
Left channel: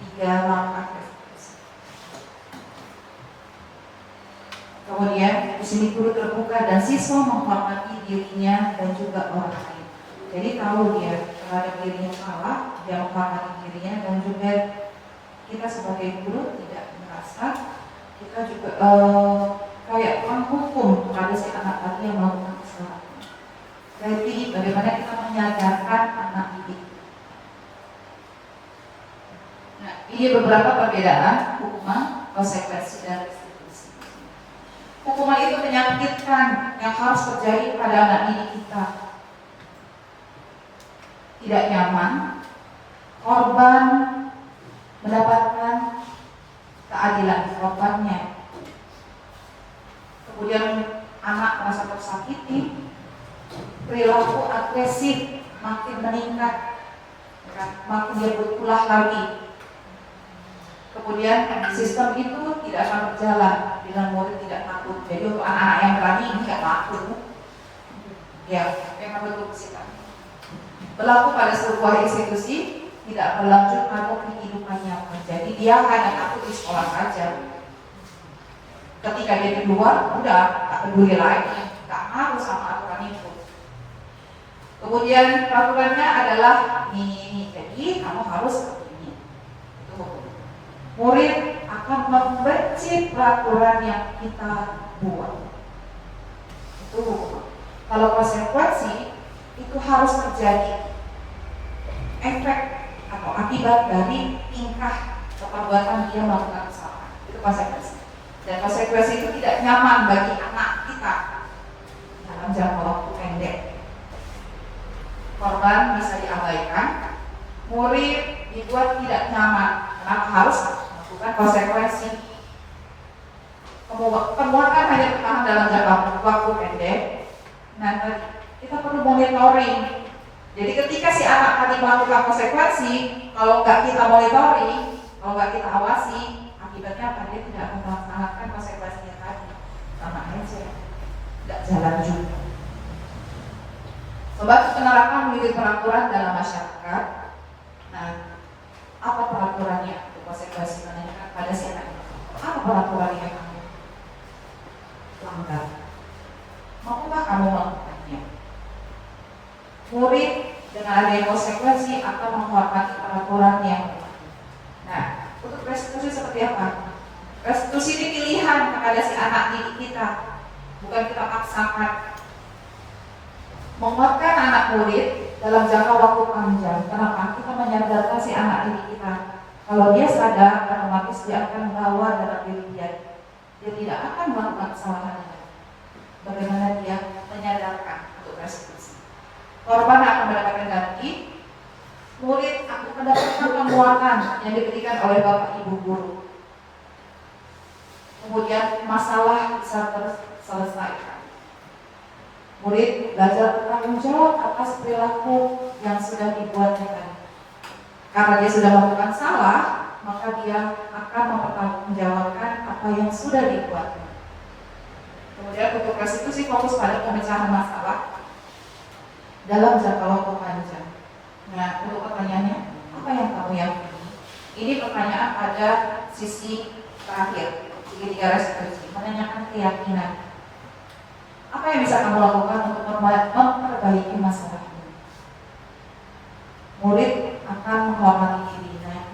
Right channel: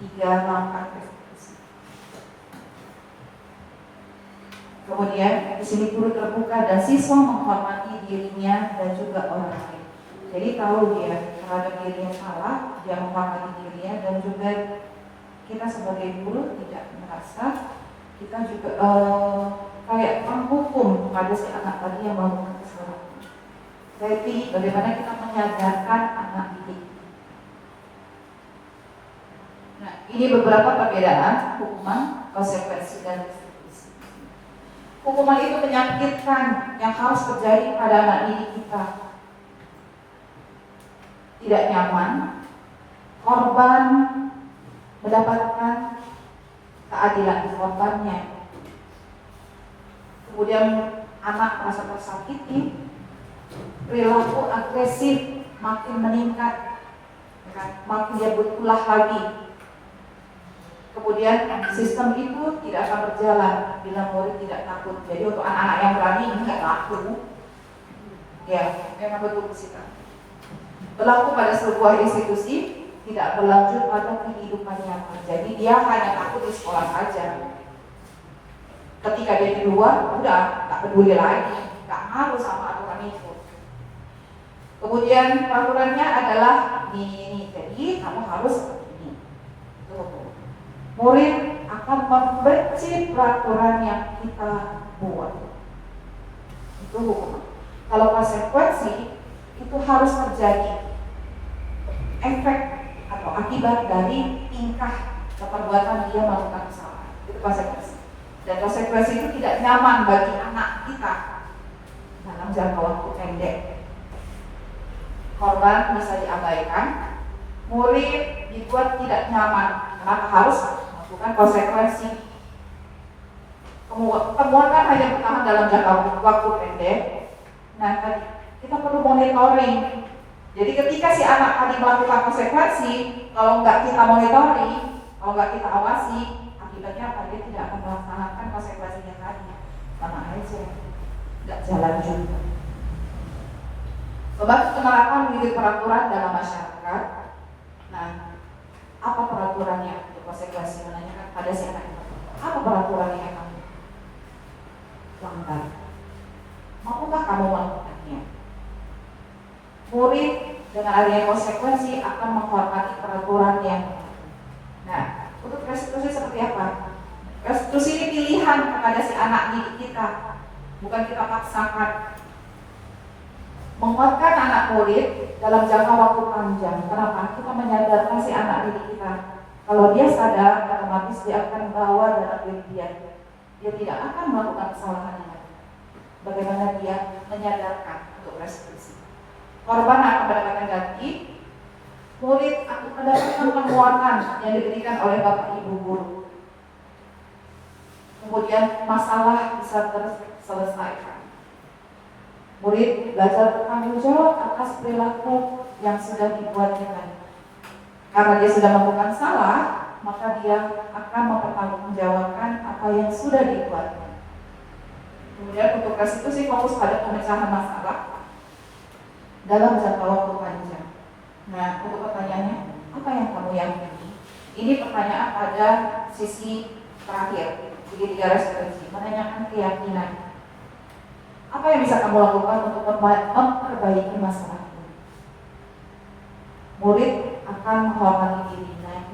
3 langkah restitusi. Kemudian di sini guru terbuka dan siswa menghormati dirinya dan juga orang lain. Jadi tahu dia terhadap dirinya salah, dia menghormati dirinya, dan juga kita sebagai guru tidak merasa kita juga kayak menghukum pada si anak tadi yang melakukan kesalahan. Jadi bagaimana kita menyadarkan anak didik. Nah, ini beberapa perbedaan hukuman, konsekuensi, dan restitusi. Hukuman itu menyakitkan yang harus terjadi pada anak didik kita. Tidak nyaman, korban mendapatkan keadilan di korbannya. Kemudian anak merasa tersakiti, perilaku agresif makin meningkat, makin dia berulah lagi. Kemudian sistem itu tidak akan berjalan bila murid tidak takut. Jadi untuk anak-anak yang berani enggak takut, ya memang betul sikap. Berlaku pada sebuah institusi tidak berlanjut pada kehidupannya. Jadi dia hanya takut di sekolah saja. Ketika dia di luar, udah tak peduli lagi, tak ngaruh sama aturan itu. Kemudian peraturannya adalah ini, jadi kamu harus seperti ini. Itu hukum. Murid akan membenci peraturan yang kita buat. Itu hukum. Kalau konsekuensi itu harus terjadi efek atau akibat dari tingkah atau perbuatan dia melakukan kesalahan. Itu konsekuensi. Dan konsekuensi itu tidak nyaman bagi anak kita dalam jangka waktu pendek. Korban bisa diabaikan, murid dibuat tidak nyaman, maka harus melakukan konsekuensi. Temuan kan hanya bertahan dalam jangka waktu pendek. Nah, kita perlu monitoring. Jadi ketika si anak tadi melakukan konsekuensi, kalau nggak kita monitoring, kalau nggak kita awasi, akibatnya apa? Dia tidak akan melaksanakan konsekuensinya tadi. Sama aja, nggak jalan juga. Sobat, penerapan unit peraturan dalam masyarakat. Nah, apa peraturannya? Konsekuensi menanyakan pada si anak. Apa peraturannya kamu? Langgar. Maukah kamu melakukannya? Murid dengan adanya konsekuensi akan menghormati peraturan yang berlaku. Nah, restitusi seperti apa? Restitusi ini pilihan kepada si anak didik kita, bukan kita paksakan. Menguatkan anak murid dalam jangka waktu panjang. Kenapa? Kita menyadarkan si anak didik kita. Kalau dia sadar, otomatis dia akan bawa dalam diri dia. Dia tidak akan melakukan kesalahan. Bagaimana dia menyadarkan untuk restitusi. Korban akan mendapatkan ganti, murid akan mendapatkan penguatan yang diberikan oleh bapak ibu guru. Kemudian masalah bisa terselesaikan. Murid belajar bertanggung jawab atas perilaku yang sudah dibuatnya. Karena dia sudah melakukan salah, maka dia akan mempertanggungjawabkan apa yang sudah dibuatnya. Kemudian untuk restitusi fokus pada pemecahan masalah dalam jangka waktu panjang. Nah, untuk pertanyaannya, apa yang kamu yakini? Ini pertanyaan pada sisi terakhir, segitiga restitusi, menanyakan keyakinan. Apa yang bisa kamu lakukan untuk memperbaiki masalah ini? Murid akan menghormati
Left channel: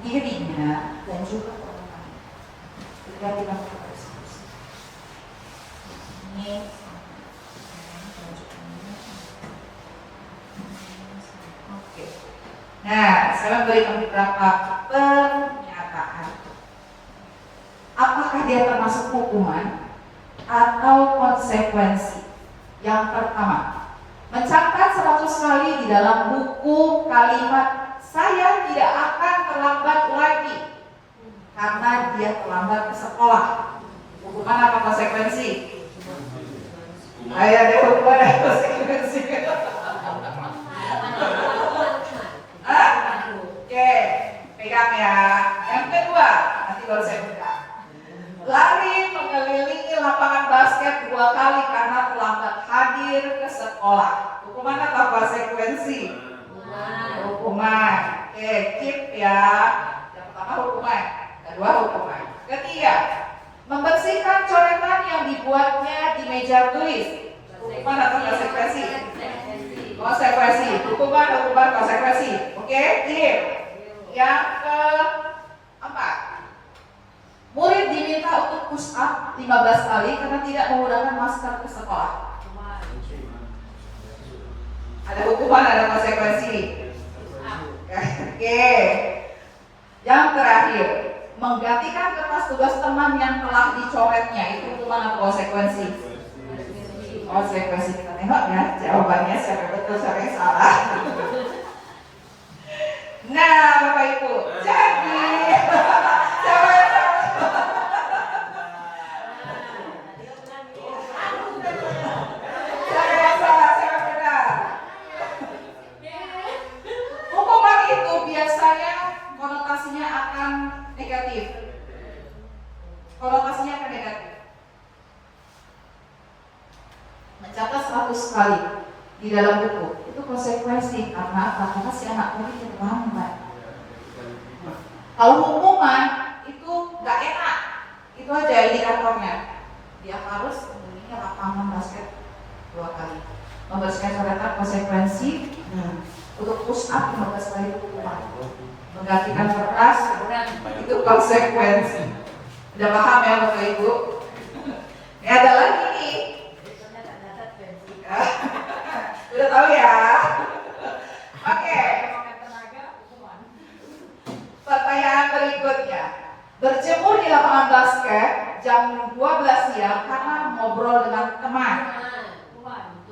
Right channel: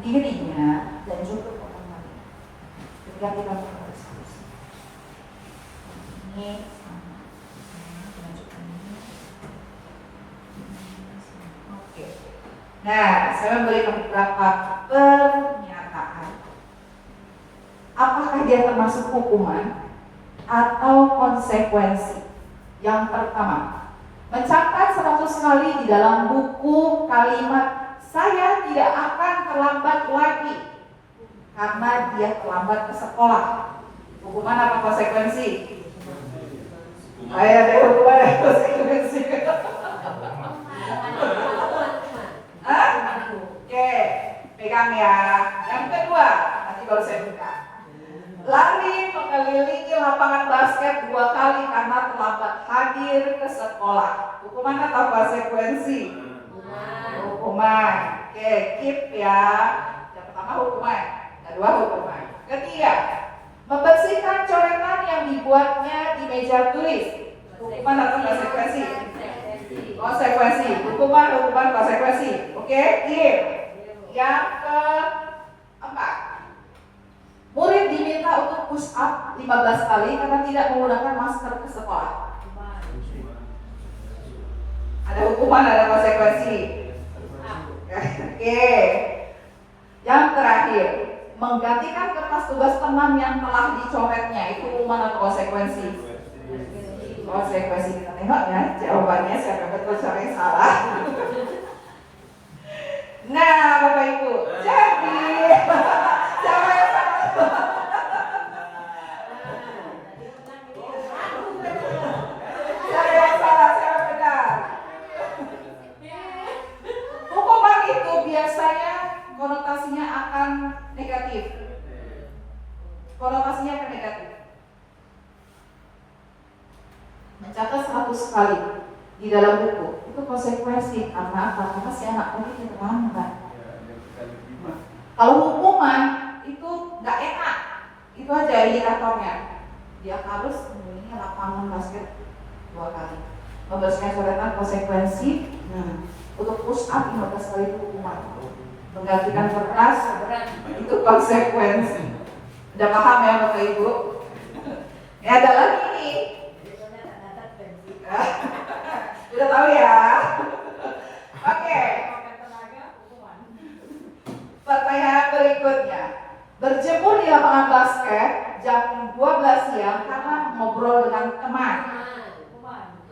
dirinya dan juga orang lain ketika kita melakukan restitusi. Ini oke. Nah, saya memberikan beberapa pernyataan. Apakah dia termasuk hukuman atau konsekuensi? Yang pertama, mencatat 100 kali di dalam buku kalimat "saya tidak akan terlambat lagi" karena dia terlambat ke sekolah. Hukuman apa konsekuensi? Saya ada hukuman dan konsekuensi. Oke, pegang ya. Yang kedua, nanti baru saya buka. Lari mengelilingi lapangan basket 2 kali karena terlambat hadir ke sekolah. Hukuman atau konsekuensi? Hukuman. Oke, keep ya. Yang pertama hukuman, kedua hukuman. Ketiga, membersihkan coretan yang dibuatnya di meja tulis. Hukuman atau konsekuensi? Konsekuensi. Hukuman, konsekuensi. Oke, keep. Yang keempat, murid diminta untuk push up 15 kali karena tidak menggunakan masker ke sekolah. Ada hukuman, ada konsekuensi. Oke. Yang terakhir, menggantikan kertas tugas teman yang telah dicoretnya. Itu hukuman atau konsekuensi? Konsekuensi. Kita tengok ya jawabannya, siapa betul siapa yang salah. Nah, Bapak Ibu, jadi siapa yang salah? Siapa yang salah, siapa yang benar? Hukuman itu biasanya konotasinya akan negatif. Konotasinya akan negatif. Mencatat 100 kali di dalam buku itu konsekuensi karena apa? Karena si anak mungkin terlambat. Kalau hukuman itu nggak enak, itu aja indikatornya. Dia harus mengelilingi lapangan basket 2 kali. Membersihkan coretan konsekuensi. Untuk push up 15 kali hukuman. Menggantikan kertas itu konsekuensi. Udah paham ya Bapak Ibu? Ini ada lagi nih. Udah tahu ya? Oke. Pertanyaan berikutnya. Berjemur di lapangan basket jam 12 siang karena ngobrol dengan teman.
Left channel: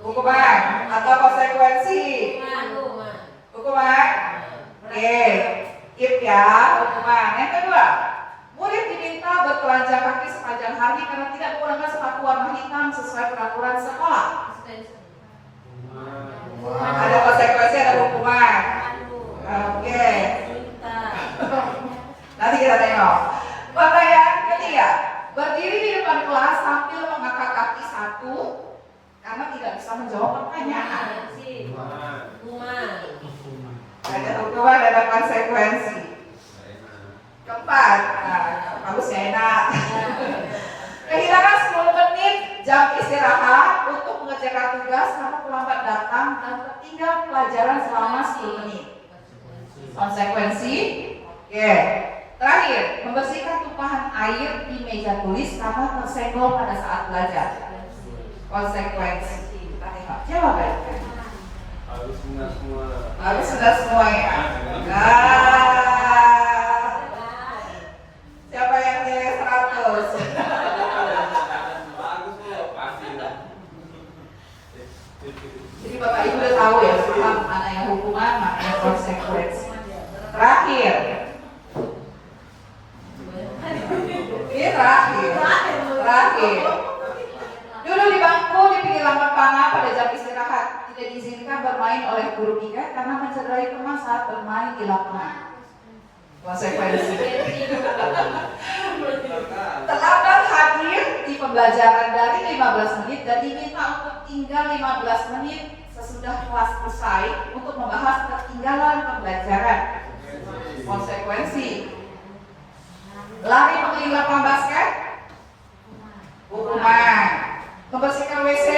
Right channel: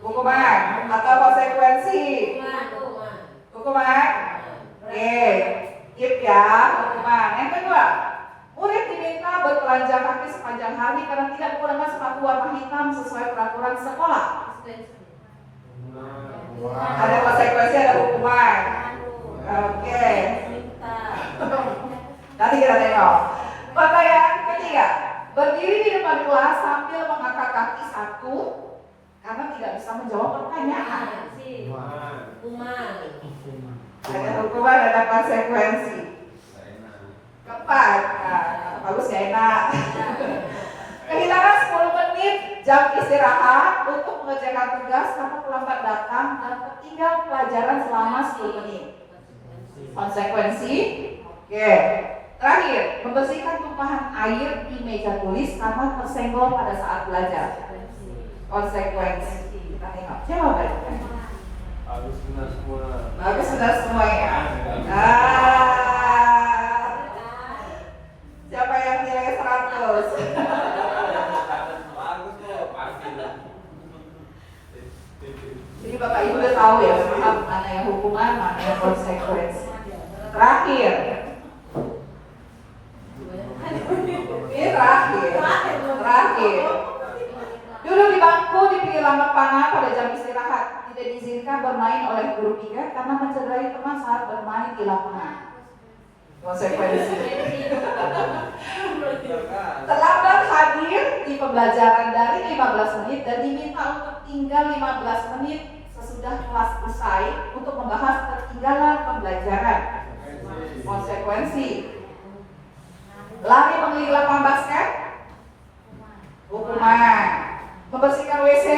Hukuman atau konsekuensi? Hukuman. Oke. Keep ya, hukuman. Yang kedua, murid diminta bertelanjang kaki sepanjang hari karena tidak menggunakan sepatu warna hitam sesuai peraturan sekolah. Ada konsekuensi, ada hukuman. Oke. Nanti kita tengok. Pertanyaan ketiga, berdiri di depan kelas sambil mengangkat kaki satu karena tidak bisa menjawab pertanyaan. Ada hukuman, ada konsekuensi. Keempat, bagus ya, enak. Kehilangan 10 menit jam istirahat untuk mengerjakan tugas karena terlambat datang dan tertinggal pelajaran selama 10 menit. Konsekuensi, oke. Terakhir, membersihkan tumpahan air di meja tulis karena tersenggol pada saat belajar. Konsekuensi. Kita tengok jawabannya. Harus benar semua. Harus benar semua ya. Siapa yang nilai 100? Bagus kok, pasti. Jadi Bapak Ibu udah tahu ya, mana yang hukuman, mana yang konsekuensi. Terakhir. Ini terakhir. Duduk di bangku di pinggir lapangan pada jam istirahat. Tidak diizinkan bermain oleh guru piket karena mencederai teman saat bermain di lapangan. Konsekuensi. Terlambat hadir di pembelajaran dari 15 menit dan diminta untuk tinggal 15 menit sesudah kelas selesai untuk membahas ketinggalan pembelajaran. Konsekuensi. Lari mengelilingi lapangan basket, hukuman. Membersihkan WC,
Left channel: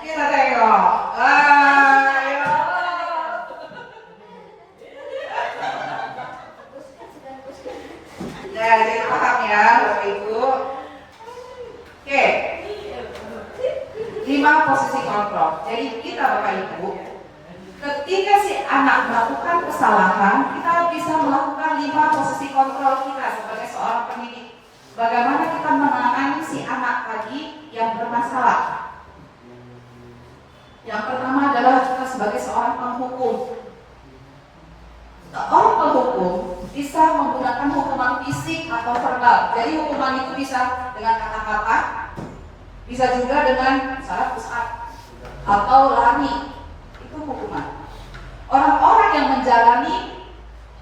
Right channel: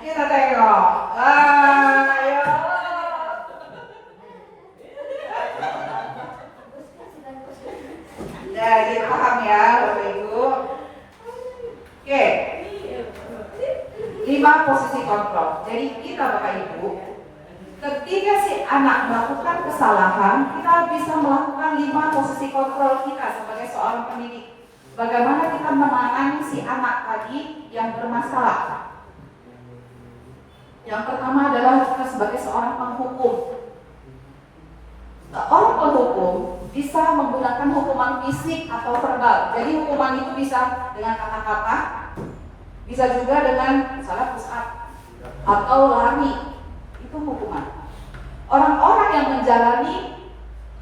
kita tengok. Ayo. Ya, jadi paham ya Bapak Ibu. Oke. 5 posisi kontrol. Jadi kita Bapak Ibu, ketika si anak melakukan kesalahan, kita bisa melakukan 5 posisi kontrol kita sebagai seorang pendidik. Bagaimana kita menangani si anak tadi yang bermasalah? Yang pertama adalah kita sebagai seorang penghukum. Seorang penghukum bisa menggunakan hukuman fisik atau verbal. Jadi hukuman itu bisa dengan kata-kata, bisa juga dengan misalnya push up atau lari. Itu hukuman. Orang-orang yang menjalani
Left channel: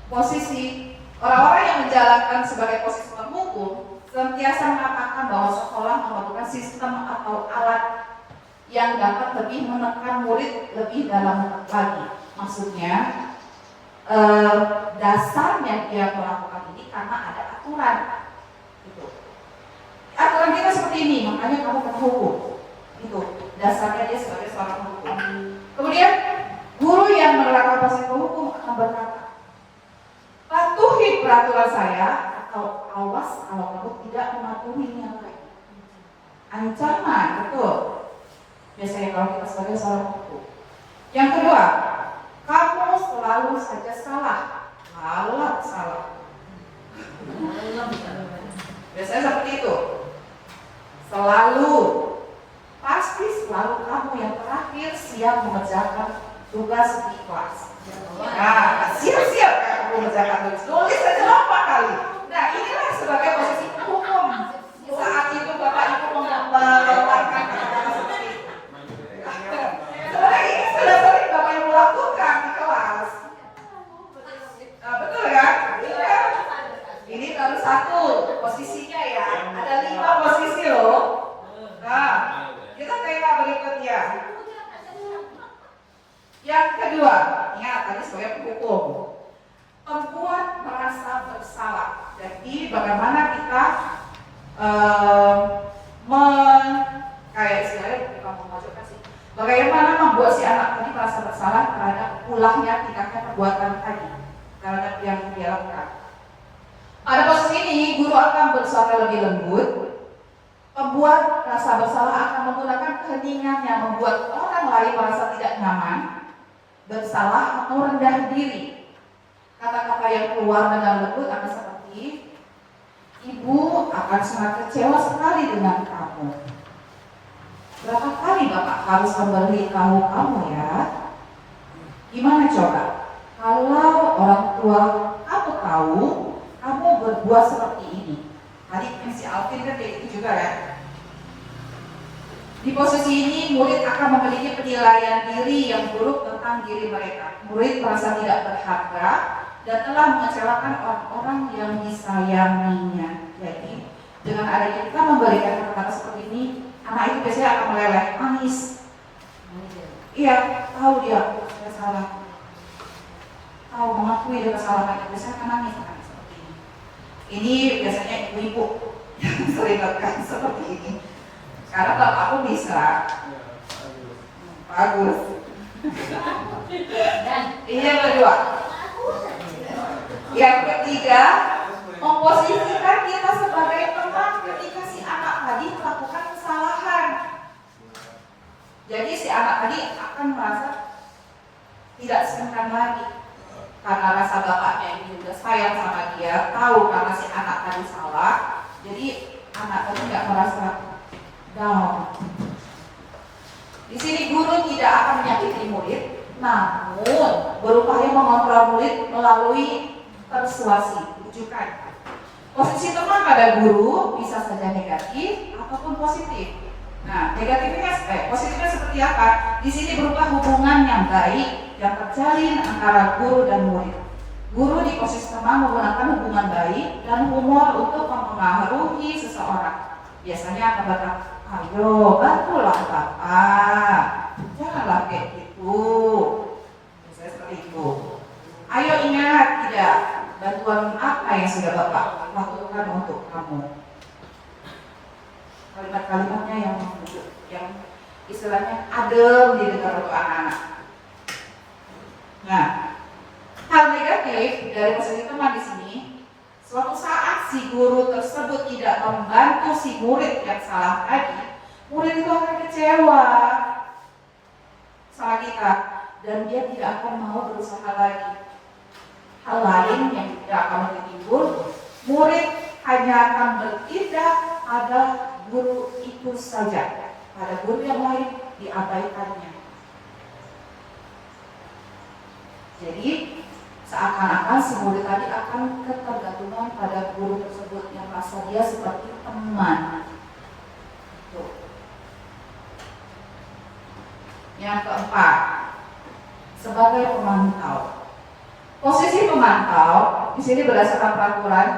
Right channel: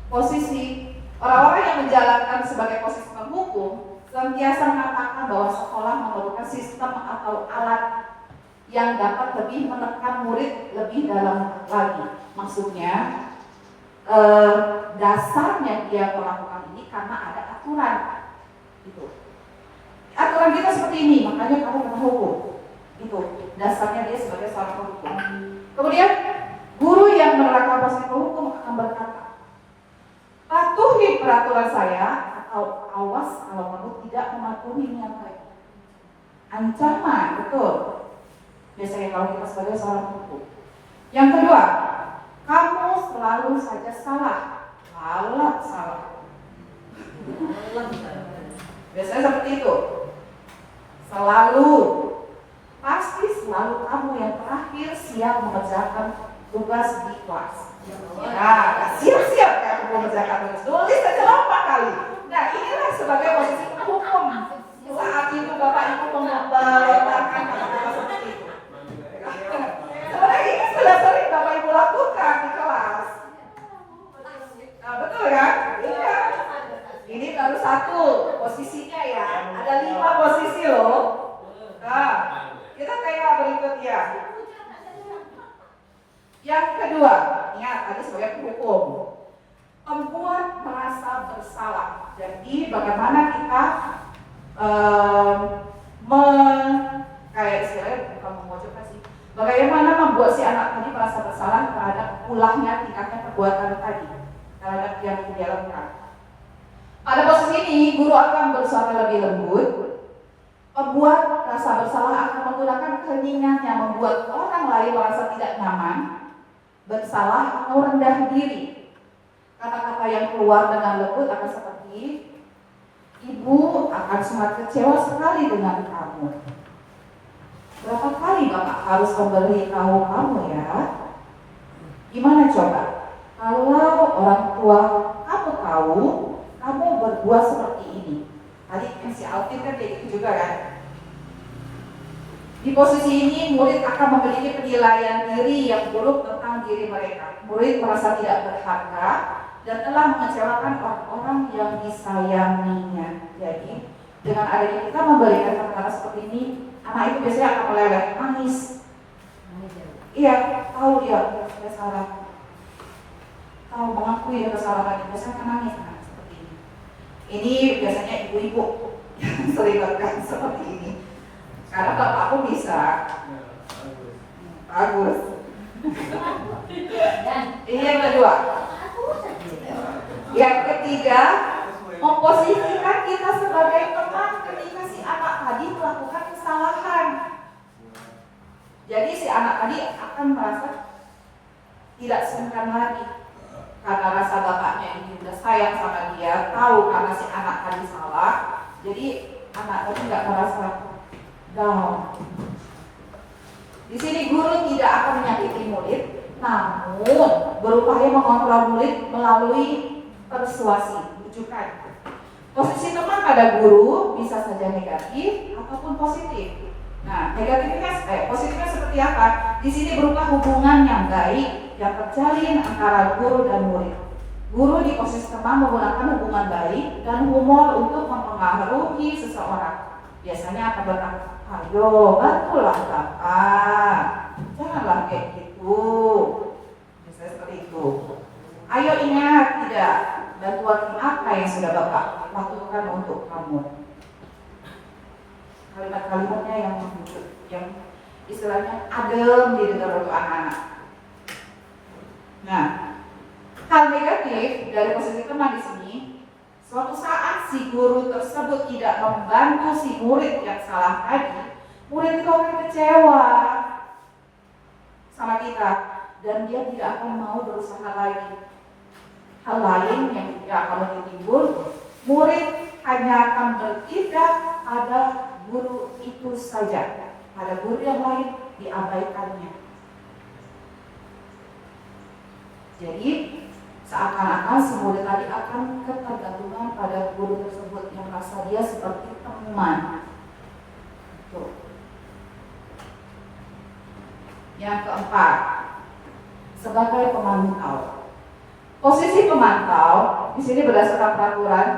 posisi, orang-orang yang menjalankan sebagai posisi penghukum senantiasa mengatakan bahwa sekolah memerlukan sistem atau alat yang dapat lebih menekan murid lebih dalam lagi. Maksudnya dasarnya dia melakukan ini karena ada aturan. Gitu. Aturan kita seperti ini, makanya kamu kena hukum. Itu dasarnya dia sebagai seorang penghukum. Kemudian guru yang menerapkan posisi penghukum akan berkata, patuhi peraturan saya atau awas kalau kamu tidak mematuhinya lagi. Ancaman, betul. Biasanya kalau kita sebagai seorang penghukum. Yang kedua, kamu selalu saja salah. Salah. Biasanya seperti itu. Selalu. Pasti selalu kamu yang terakhir siap mengerjakan tugas di kelas. Nah, siap-siap kamu mengerjakan tugas. Tulis saja berapa kali. Nah, inilah sebagai posisi hukum. Saat itu Bapak Ibu melakukan kata-kata seperti itu. Sebenarnya ini sudah sering Bapak Ibu lakukan di kelas. Nah, betul kan? Iya. Ini baru 1 posisinya ya. Ada 5 posisi loh. Nah, kita tengok berikutnya. Yang kedua, ingat tadi sebagai penghukum, membuat merasa bersalah. Jadi bagaimana kita kayak istilahnya bukan memojokkan sih. Bagaimana membuat si anak tadi merasa bersalah terhadap ulangnya tingkatnya perbuatan tadi terhadap yang dia lakukan. Pada posisi ini, guru akan bersuara lebih lembut. Pembuat rasa bersalah akan menggunakan keheningan yang membuat orang lain merasa tidak nyaman, bersalah atau rendah diri. Kata-kata yang keluar dengan lembut akan seperti, ibu akan sangat kecewa sekali dengan kamu. Berapa kali Bapak harus memberitahu kamu ya? Gimana coba? Kalau orang tua kamu tahu, kamu berbuat seperti ini. Tadi MC Alvin kan kayak gitu juga kan? Di posisi ini, murid akan memiliki penilaian diri yang buruk tentang diri mereka. Murid merasa tidak berharga dan telah mengecewakan orang-orang yang disayanginya. Jadi, dengan adanya kita memberikan kata-kata seperti ini, anak itu biasanya akan meleleh, nangis. Iya, tahu dia salah. Tahu mengakui kesalahannya, biasanya akan nangis seperti ini. Ini biasanya ibu-ibu yang sering lakukan seperti ini. Karena bapakku bisa bagus. Iya berdua. Yang ketiga, memposisikan kita sebagai teman ketika si anak tadi melakukan kesalahan. Jadi si anak tadi akan merasa tidak sungkan lagi karena rasa bapaknya ini udah sayang sama dia, tahu karena si anak tadi salah, jadi anak tadi tidak merasa down. Di sini guru tidak akan menyakiti murid, namun berupaya mengontrol murid melalui persuasi, bujukan. Posisi teman pada guru bisa saja negatif ataupun positif. Nah, positifnya seperti apa? Di sini berupa hubungan yang baik yang terjalin antara guru dan murid. Guru di posisi teman menggunakan hubungan baik dan humor untuk mempengaruhi seseorang. Biasanya akan berkata, ayo bantulah Bapak, janganlah kayak gitu. Biasanya seperti itu. Ayo ingat, tidak bantuan apa yang sudah Bapak lakukan untuk kamu. Kalimat-kalimatnya yang istilahnya adem didengar untuk anak-anak. Nah, hal negatif dari posisi teman di sini, suatu saat si guru tersebut tidak membantu si murid yang salah tadi, murid itu akan kecewa sama kita dan dia tidak akan mau berusaha lagi. Hal lain yang tidak akan timbul, murid hanya akan bertindak pada guru itu saja, pada guru yang lain diabaikannya. Jadi seakan-akan si murid tadi akan ketergantungan pada guru tersebut yang merasa dia seperti teman. Tuh. Yang keempat, sebagai pemantau. Posisi pemantau di sini berdasarkan peraturan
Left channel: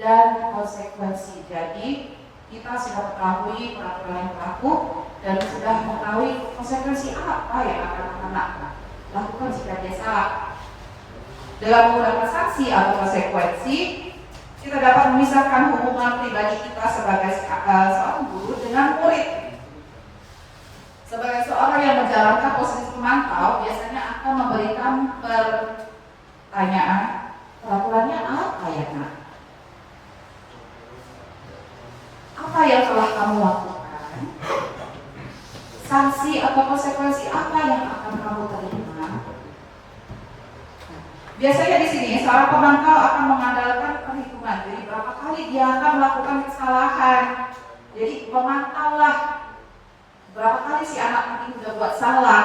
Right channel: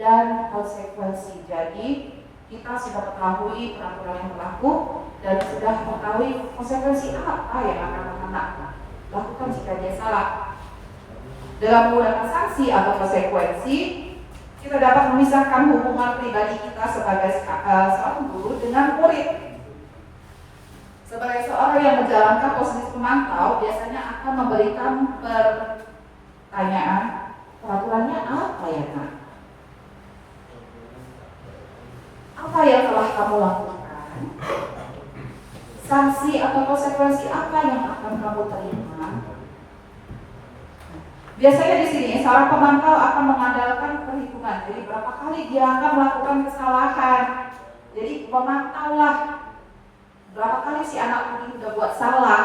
dan konsekuensi. Jadi kita sudah mengetahui peraturan yang berlaku dan sudah mengetahui konsekuensi apa yang akan anak lakukan jika dia salah. Dengan menggunakan sanksi atau konsekuensi, kita dapat memisahkan hubungan pribadi kita sebagai seorang guru dengan murid. Sebagai seorang yang menjalankan posisi pemantau, biasanya akan memberikan pertanyaan, peraturannya apa ya Nak? Apa yang telah kamu lakukan? Sanksi atau konsekuensi apa yang akan kamu terima? Biasanya di sini seorang pemantau akan mengandalkan perhitungan. Jadi berapa kali dia akan melakukan kesalahan. Jadi pemantaulah berapa kali si anak ini sudah buat salah.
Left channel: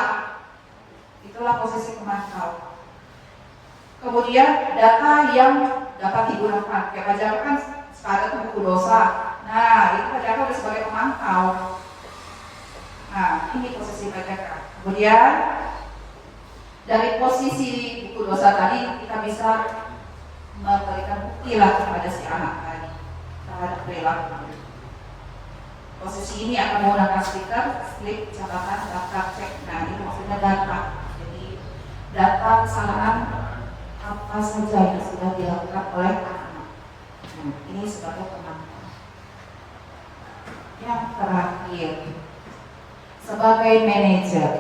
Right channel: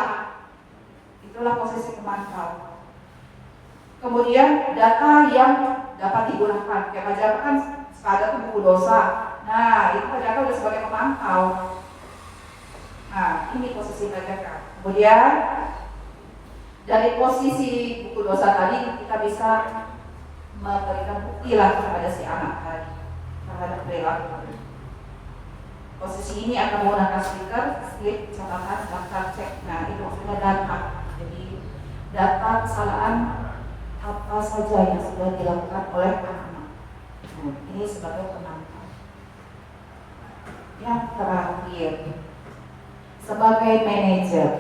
Itulah posisi pemantau. Kemudian data yang dapat digunakan. Kayak ajarkan ada tuh buku dosa. Nah, itu Pajaka udah sebagai pemantau. Nah, ini posisi Pajaka. Kemudian dari posisi buku dosa tadi kita bisa memberikan bukti lah kepada si anak tadi terhadap perilaku. Posisi ini akan menggunakan stiker, slip, catatan, daftar cek. Nah, itu maksudnya data. Jadi data kesalahan apa saja yang sudah dilakukan oleh anak-anak. Ini sebagai pemantau. Yang terakhir, sebagai manajer.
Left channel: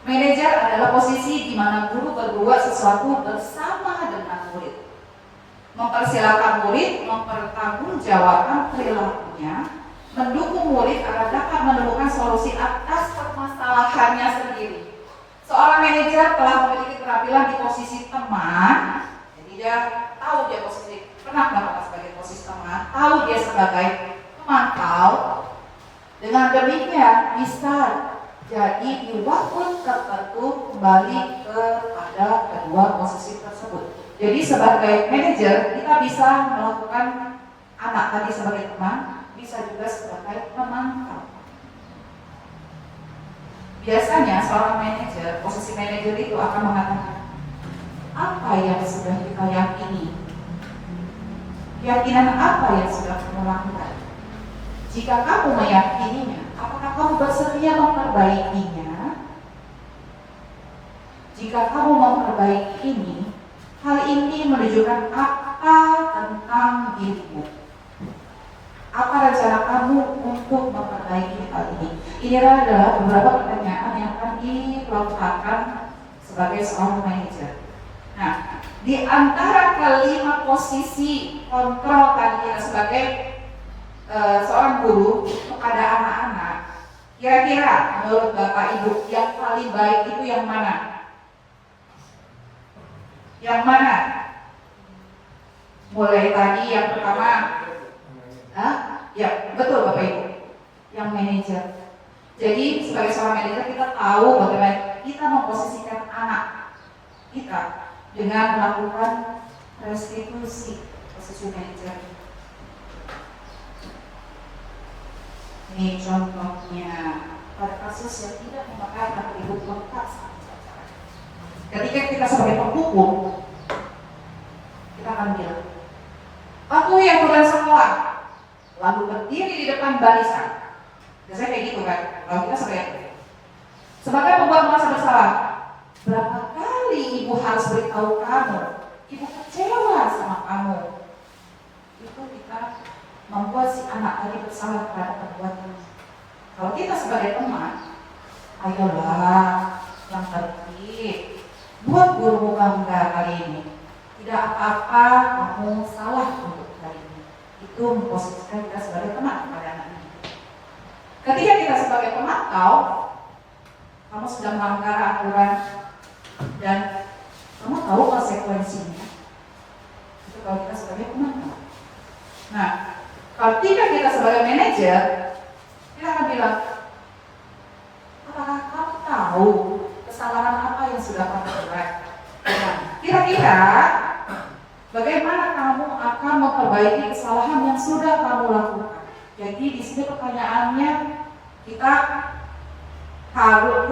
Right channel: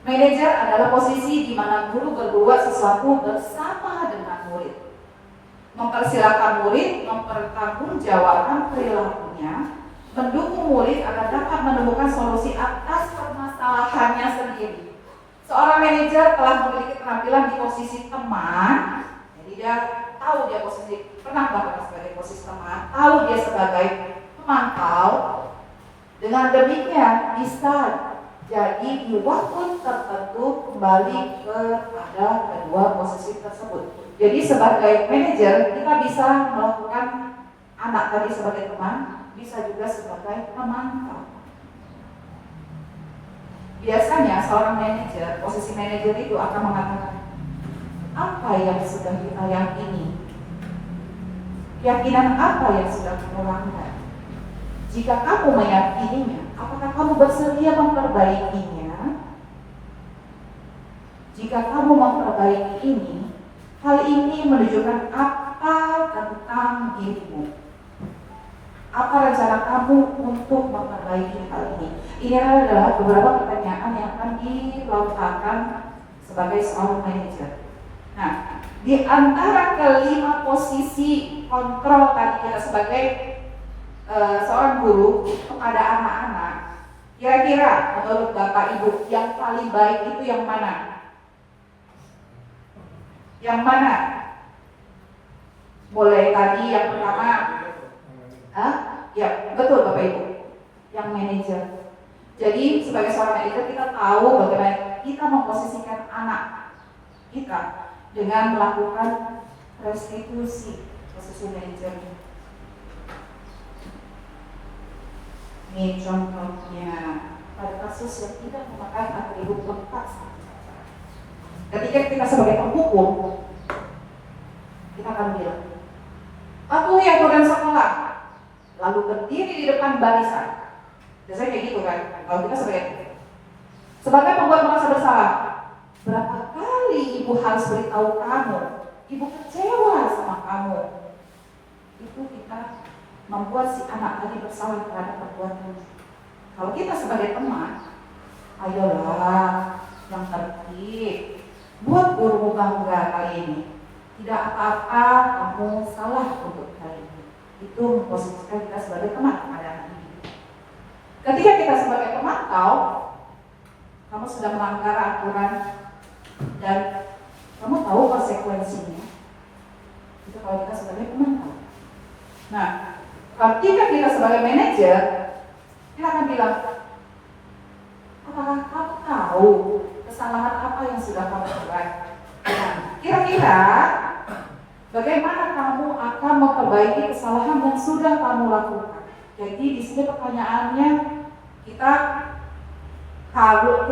Manajer adalah posisi di mana guru berbuat sesuatu bersama dengan murid. Mempersilahkan murid mempertanggungjawabkan perilakunya, mendukung murid agar dapat menemukan solusi atas permasalahannya sendiri. Seorang manajer telah memiliki keterampilan di posisi teman, jadi dia tahu dia posisi pernah melakukan sebagai posisi teman, tahu dia sebagai pemantau. Dengan demikian bisa jadi di waktu tertentu kembali kepada kedua posisi tersebut. Jadi sebagai manajer kita bisa melakukan anak tadi sebagai teman, bisa juga sebagai pemantau. Biasanya seorang manajer, posisi manajer itu akan mengatakan apa yang sudah kita yakini, keyakinan apa yang sudah kamu lakukan. Jika kamu meyakininya, apakah kamu bersedia memperbaikinya? Jika kamu memperbaiki ini, hal ini menunjukkan apa tentang dirimu? Apa rencana kamu untuk memperbaiki hal ini? Ini adalah beberapa pertanyaan yang akan diletakkan sebagai seorang manajer. Nah, di antara kelima posisi kontrol tadi kita sebagai seorang guru kepada anak-anak, kira-kira menurut Bapak Ibu yang paling baik itu yang mana? Yang mana? Mulai tadi yang pertama, ya betul Bapak Ibu, yang manajer. Jadi sebagai seorang manajer kita tahu bagaimana kita memposisikan anak kita dengan melakukan restitusi posisi manajer. Ini contohnya pada kasus yang tidak memakai atribut lengkap. Ketika kita sebagai penghukum, kita akan bilang, aku yang bukan sekolah, lalu berdiri di depan barisan. Biasanya kayak gitu kan, kalau kita sebagai pembuat merasa bersalah, berapa kali ibu harus beritahu kamu, ibu kecewa sama kamu. Itu kita membuat si anak tadi bersalah terhadap perbuatan. Kalau kita sebagai teman, ayolah yang tertib, buat gurumu bangga kali ini. Tidak apa-apa kamu salah untuk hari ini. Itu memposisikan kita sebagai teman kepada anak ini. Ketika kita sebagai pemantau, kamu sudah melanggar aturan dan kamu tahu konsekuensinya. Itu kalau kita sebagai pemantau. Nah, ketika kita sebagai manajer, kita akan bilang, apakah kamu tahu kesalahan apa yang sudah kamu buat? Nah, kira-kira bagaimana kamu akan memperbaiki kesalahan yang sudah kamu lakukan? Jadi di sini pertanyaannya kita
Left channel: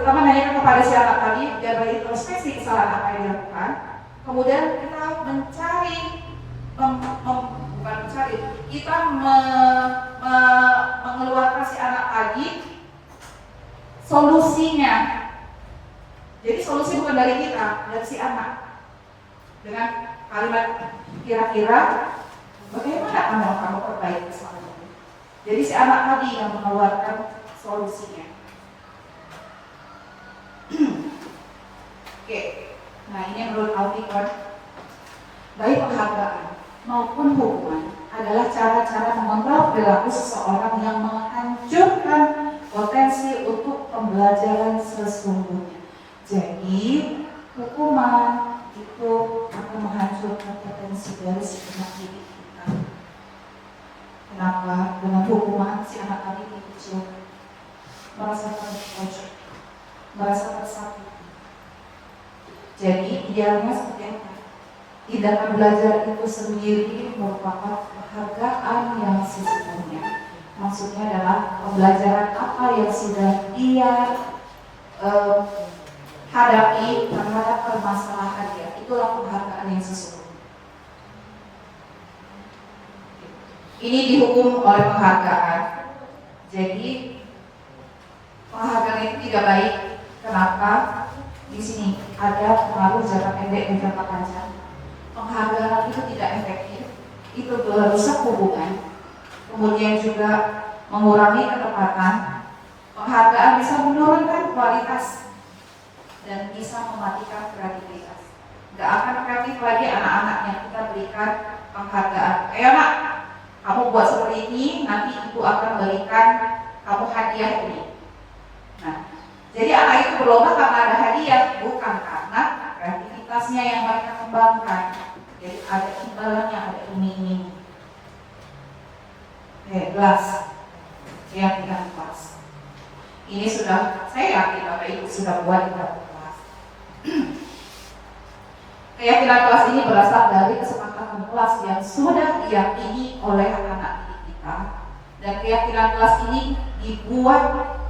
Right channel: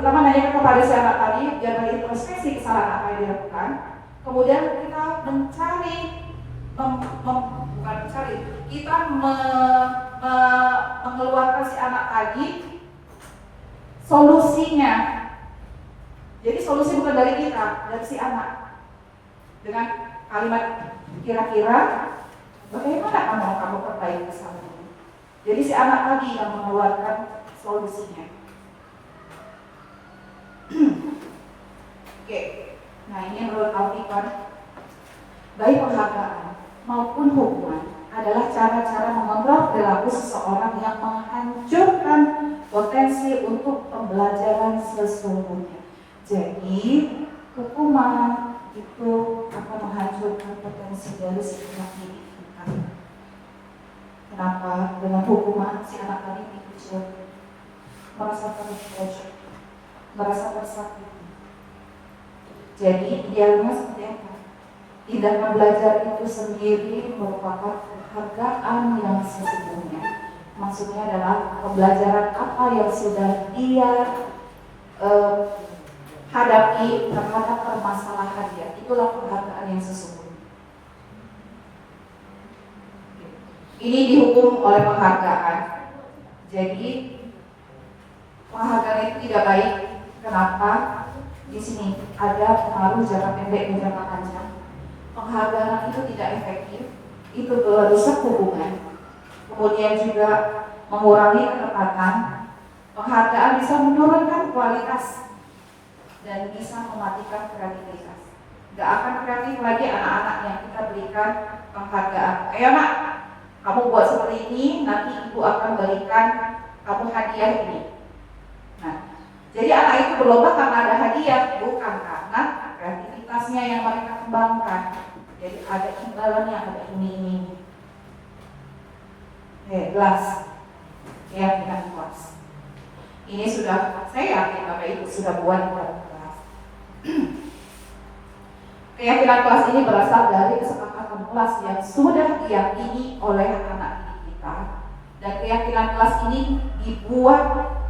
menanyakan kepada si anak tadi biar berintrospeksi kesalahan apa yang dilakukan. Kemudian kita mencari, kita mengeluarkan si anak tadi solusinya. Jadi solusi bukan dari kita, dari si anak. Dengan kalimat kira-kira bagaimana kamu perbaiki kesalahan ini. Jadi si anak tadi yang mengeluarkan solusinya. Oke, nah ini menurut Alfikon, baik penghargaan maupun hukuman adalah cara-cara mengontrol perilaku seseorang yang menghancurkan potensi untuk pembelajaran sesungguhnya. Jadi hukuman itu akan menghancurkan potensi dari si anak didik kita. Kenapa? Dengan hukuman si anak tadi dikucil, merasa terpojok, merasa tersakiti. Jadi idealnya seperti apa? Tindakan belajar itu sendiri merupakan penghargaan yang sesungguhnya. Maksudnya adalah pembelajaran apa yang sudah dia hadapi terhadap permasalahan dia. Itulah penghargaan yang sesungguhnya. Ini dihukum oleh penghargaan. Jadi penghargaan itu tidak baik. Kenapa? Di sini ada pengaruh jangka pendek dan jangka panjang. Penghargaan itu tidak efektif, itu merusak hubungan, kemudian juga mengurangi ketepatan. Penghargaan bisa menurunkan kualitas dan bisa mematikan kreativitas. Gak akan kreatif lagi anak-anak yang kita berikan penghargaan. Ayo nak, kamu buat seperti ini, nanti ibu akan berikan kamu hadiah ini. Nah, jadi anak itu berlomba karena ada hadiah, bukan karena kreativitasnya yang mereka kembangkan. Jadi ada imbalannya, ada ini. Kelas, keyakinan kelas. Ini sudah, saya yakin Bapak Ibu sudah buat di dalam kelas. Keyakinan kelas ini berasal dari kesepakatan kelas yang sudah diyakini oleh anak didik kita. Dan keyakinan kelas ini dibuat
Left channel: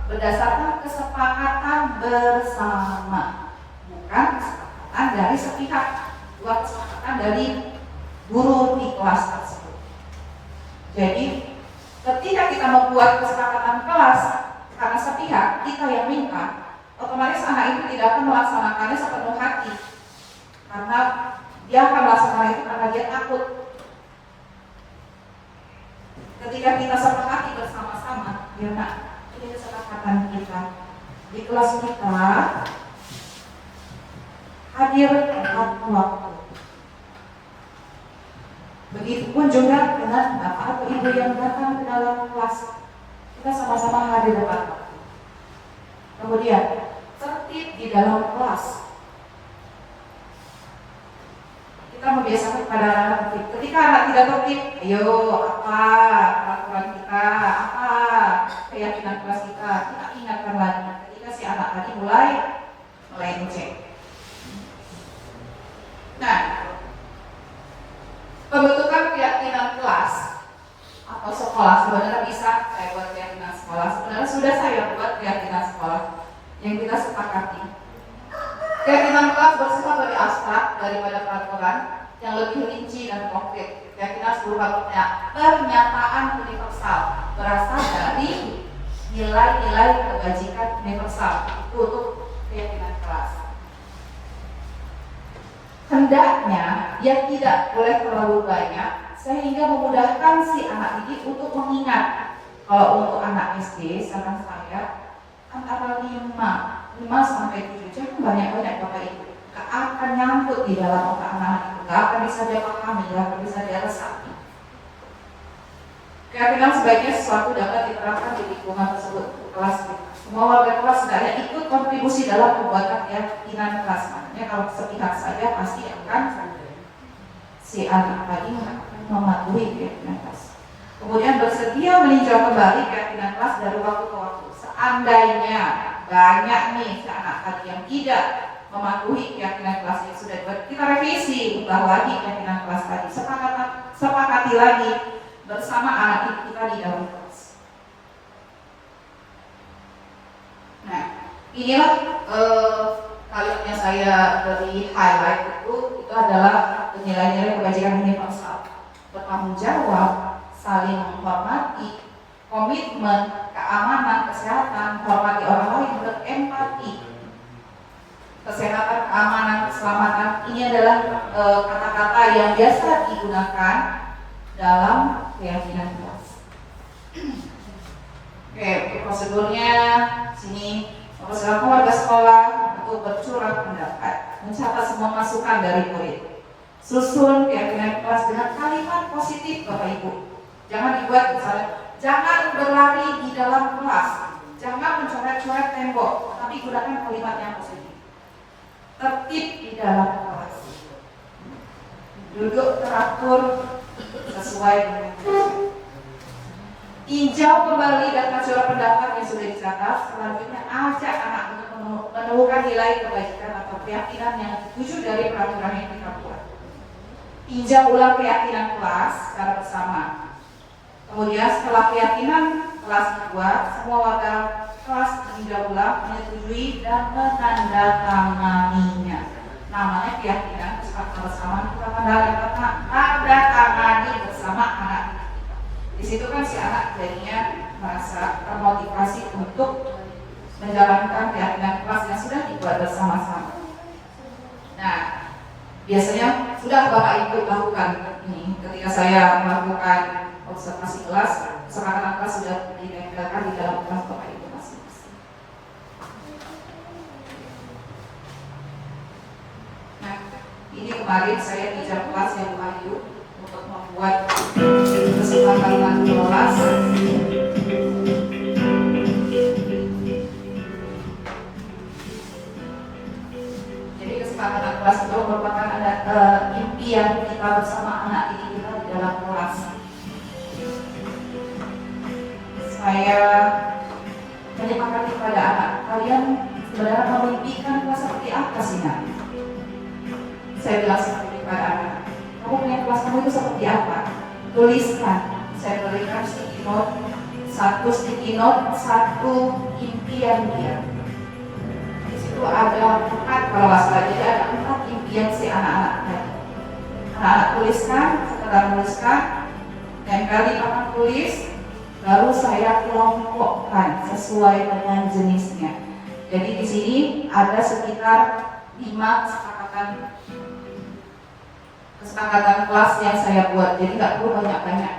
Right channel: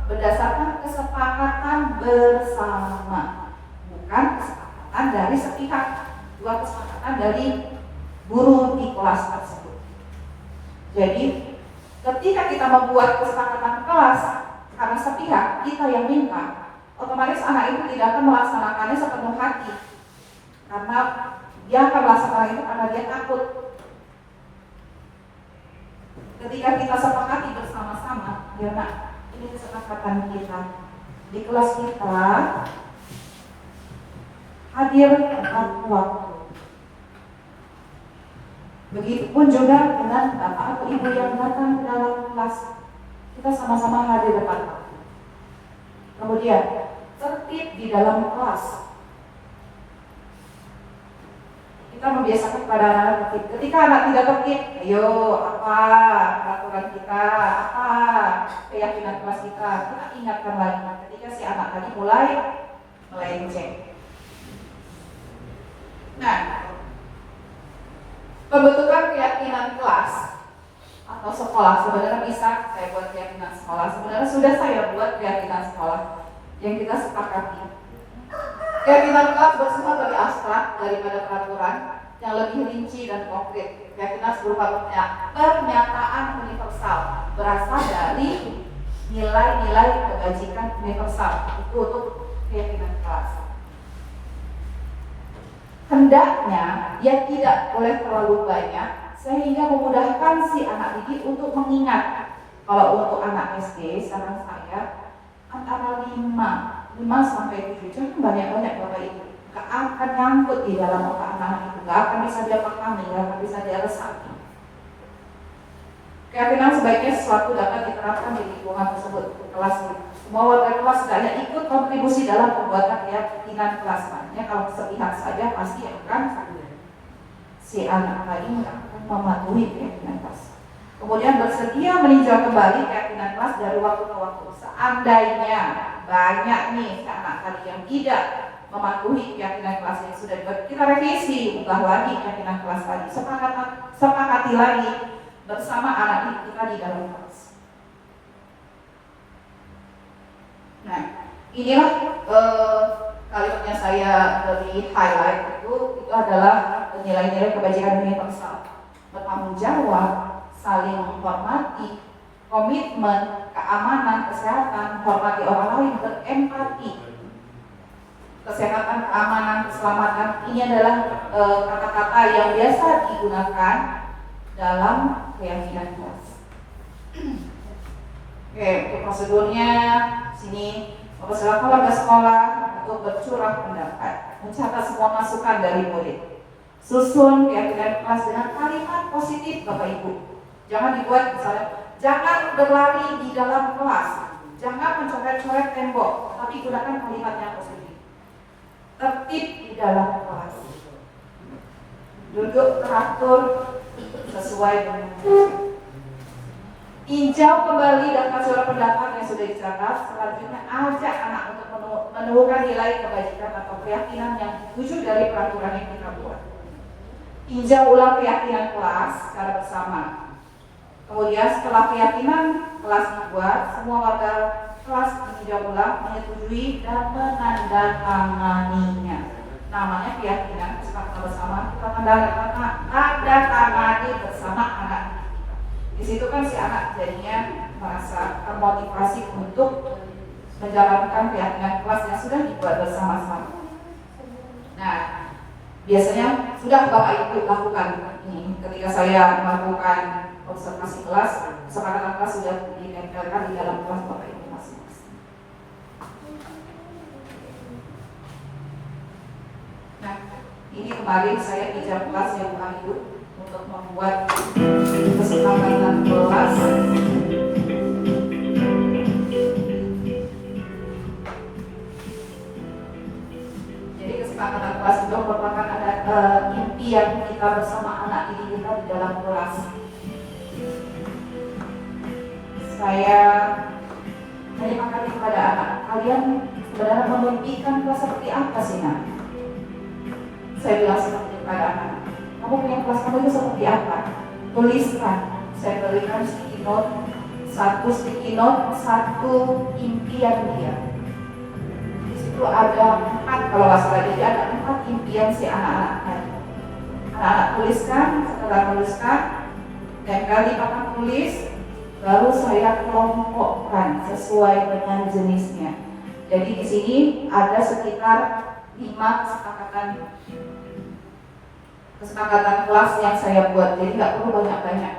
berdasarkan kesepakatan bersama, bukan kesepakatan dari sepihak, bukan kesepakatan dari guru di kelas tersebut. Jadi ketika kita membuat kesepakatan kelas karena sepihak, kita yang minta, otomatis anak itu tidak akan melaksanakannya sepenuh hati, karena dia akan melaksanakan itu karena dia takut. Ketika kita sepakati bersama-sama, ya nak, ini kesepakatan kita. di kelas kita hadir tepat waktu. Begitupun juga dengan bapak atau ibu yang datang ke dalam kelas, kita sama-sama hadir tepat waktu. Kemudian tertib di dalam kelas. Kita membiasakan kepada anak tertib. Ketika anak tidak tertib, ayo apa peraturan kita, apa keyakinan kelas kita ingatkan lagi. Ketika si anak tadi mulai melenceng. Nah, pembentukan keyakinan kelas atau sekolah sebenarnya bisa saya buat keyakinan sekolah. Sebenarnya sudah saya buat keyakinan sekolah yang kita sepakati. Keyakinan kelas bersifat lebih abstrak daripada peraturan yang lebih rinci dan konkret. Keyakinan berupa pernyataan universal berasal dari nilai-nilai kebajikan universal. Itu untuk keyakinan kelas. Hendaknya ia tidak boleh terlalu banyak sehingga memudahkan si anak didik untuk mengingat. Kalau untuk anak SD, saran saya antara 5 sampai 7, jangan banyak-banyak Bapak Ibu. Gak akan nyangkut di dalam otak anak itu, gak akan bisa dia pahami, gak akan bisa dia resapi. Keyakinan sebaiknya sesuatu dapat diterapkan di lingkungan tersebut, kelas itu. Semua warga kelas sebenarnya ikut kontribusi dalam pembuatan keyakinan kelas. Makanya kalau sepihak saja pasti akan si anak tadi mematuhi keyakinan kelas. Kemudian bersedia meninjau kembali keyakinan kelas dari waktu ke waktu. Seandainya banyak nih anak tadi yang tidak mematuhi keyakinan kelas yang sudah dibuat, kita revisi, ubah lagi keyakinan kelas tadi. Sepakati lagi bersama anak didik kita di dalam kelas. Nah, inilah kalimat yang saya beri highlight itu adalah nilai-nilai kebajikan universal, bertanggung jawab, saling menghormati, komitmen, keamanan, kesehatan, hormati orang lain, berempati, kesehatan, keamanan, keselamatan. Ini adalah kata-kata yang biasa digunakan dalam keyakinan kelas. Oke, untuk prosedurnya sini mempersilakan warga sekolah untuk bercurah pendapat, mencatat semua masukan dari murid. Susun keyakinan kelas dengan kalimat positif Bapak Ibu. Jangan dibuat misalnya, jangan berlari di dalam kelas, jangan mencoret-coret tembok, tapi gunakan kalimat yang positif. Tertib di dalam kelas. Duduk teratur sesuai dengan tinjau kembali data surat pendapat yang sudah dicatat. Selanjutnya ajak anak untuk menemukan nilai kebajikan atau keyakinan yang tujuh dari peraturan yang kita buat. Tinjau ulang keyakinan kelas secara bersama. Kemudian setelah keyakinan kelas dibuat, semua warga kelas meninjau ulang, menyetujui dan menandatanganinya. Namanya keyakinan kesepakatan bersama, kita menandatangani bersama anak. Di situ kan si anak jadinya merasa termotivasi untuk menjalankan keyakinan kelas yang sudah dibuat bersama-sama. Nah, biasanya sudah Bapak Ibu lakukan ini. Ketika saya melakukan observasi kelas, kesepakatan kelas sudah ditempelkan di dalam kelas Bapak Ibu masing-masing. Nah, ini kemarin saya di jam kelas yang Ayu untuk membuat kesepakatan kelas. Jadi kesepakatan kelas itu merupakan impian kita bersama anak didik kita di dalam kelas. Saya menyepakati kepada anak, kalian sebenarnya memimpikan kelas seperti apa sih nak? Saya bilang seperti kepada anak, kamu punya kelas kamu itu seperti apa? Tuliskan. Saya berikan sticky note, satu impian dia. Di situ ada 4 kalau nggak salah, jadi ada 4 impian si anak-anak tadi. Anak-anak tuliskan, setelah tuliskan, tempel di papan tulis, baru saya kelompokkan sesuai dengan jenisnya. Jadi di sini ada sekitar 5 kesepakatan kelas yang saya buat, jadi nggak perlu banyak-banyak.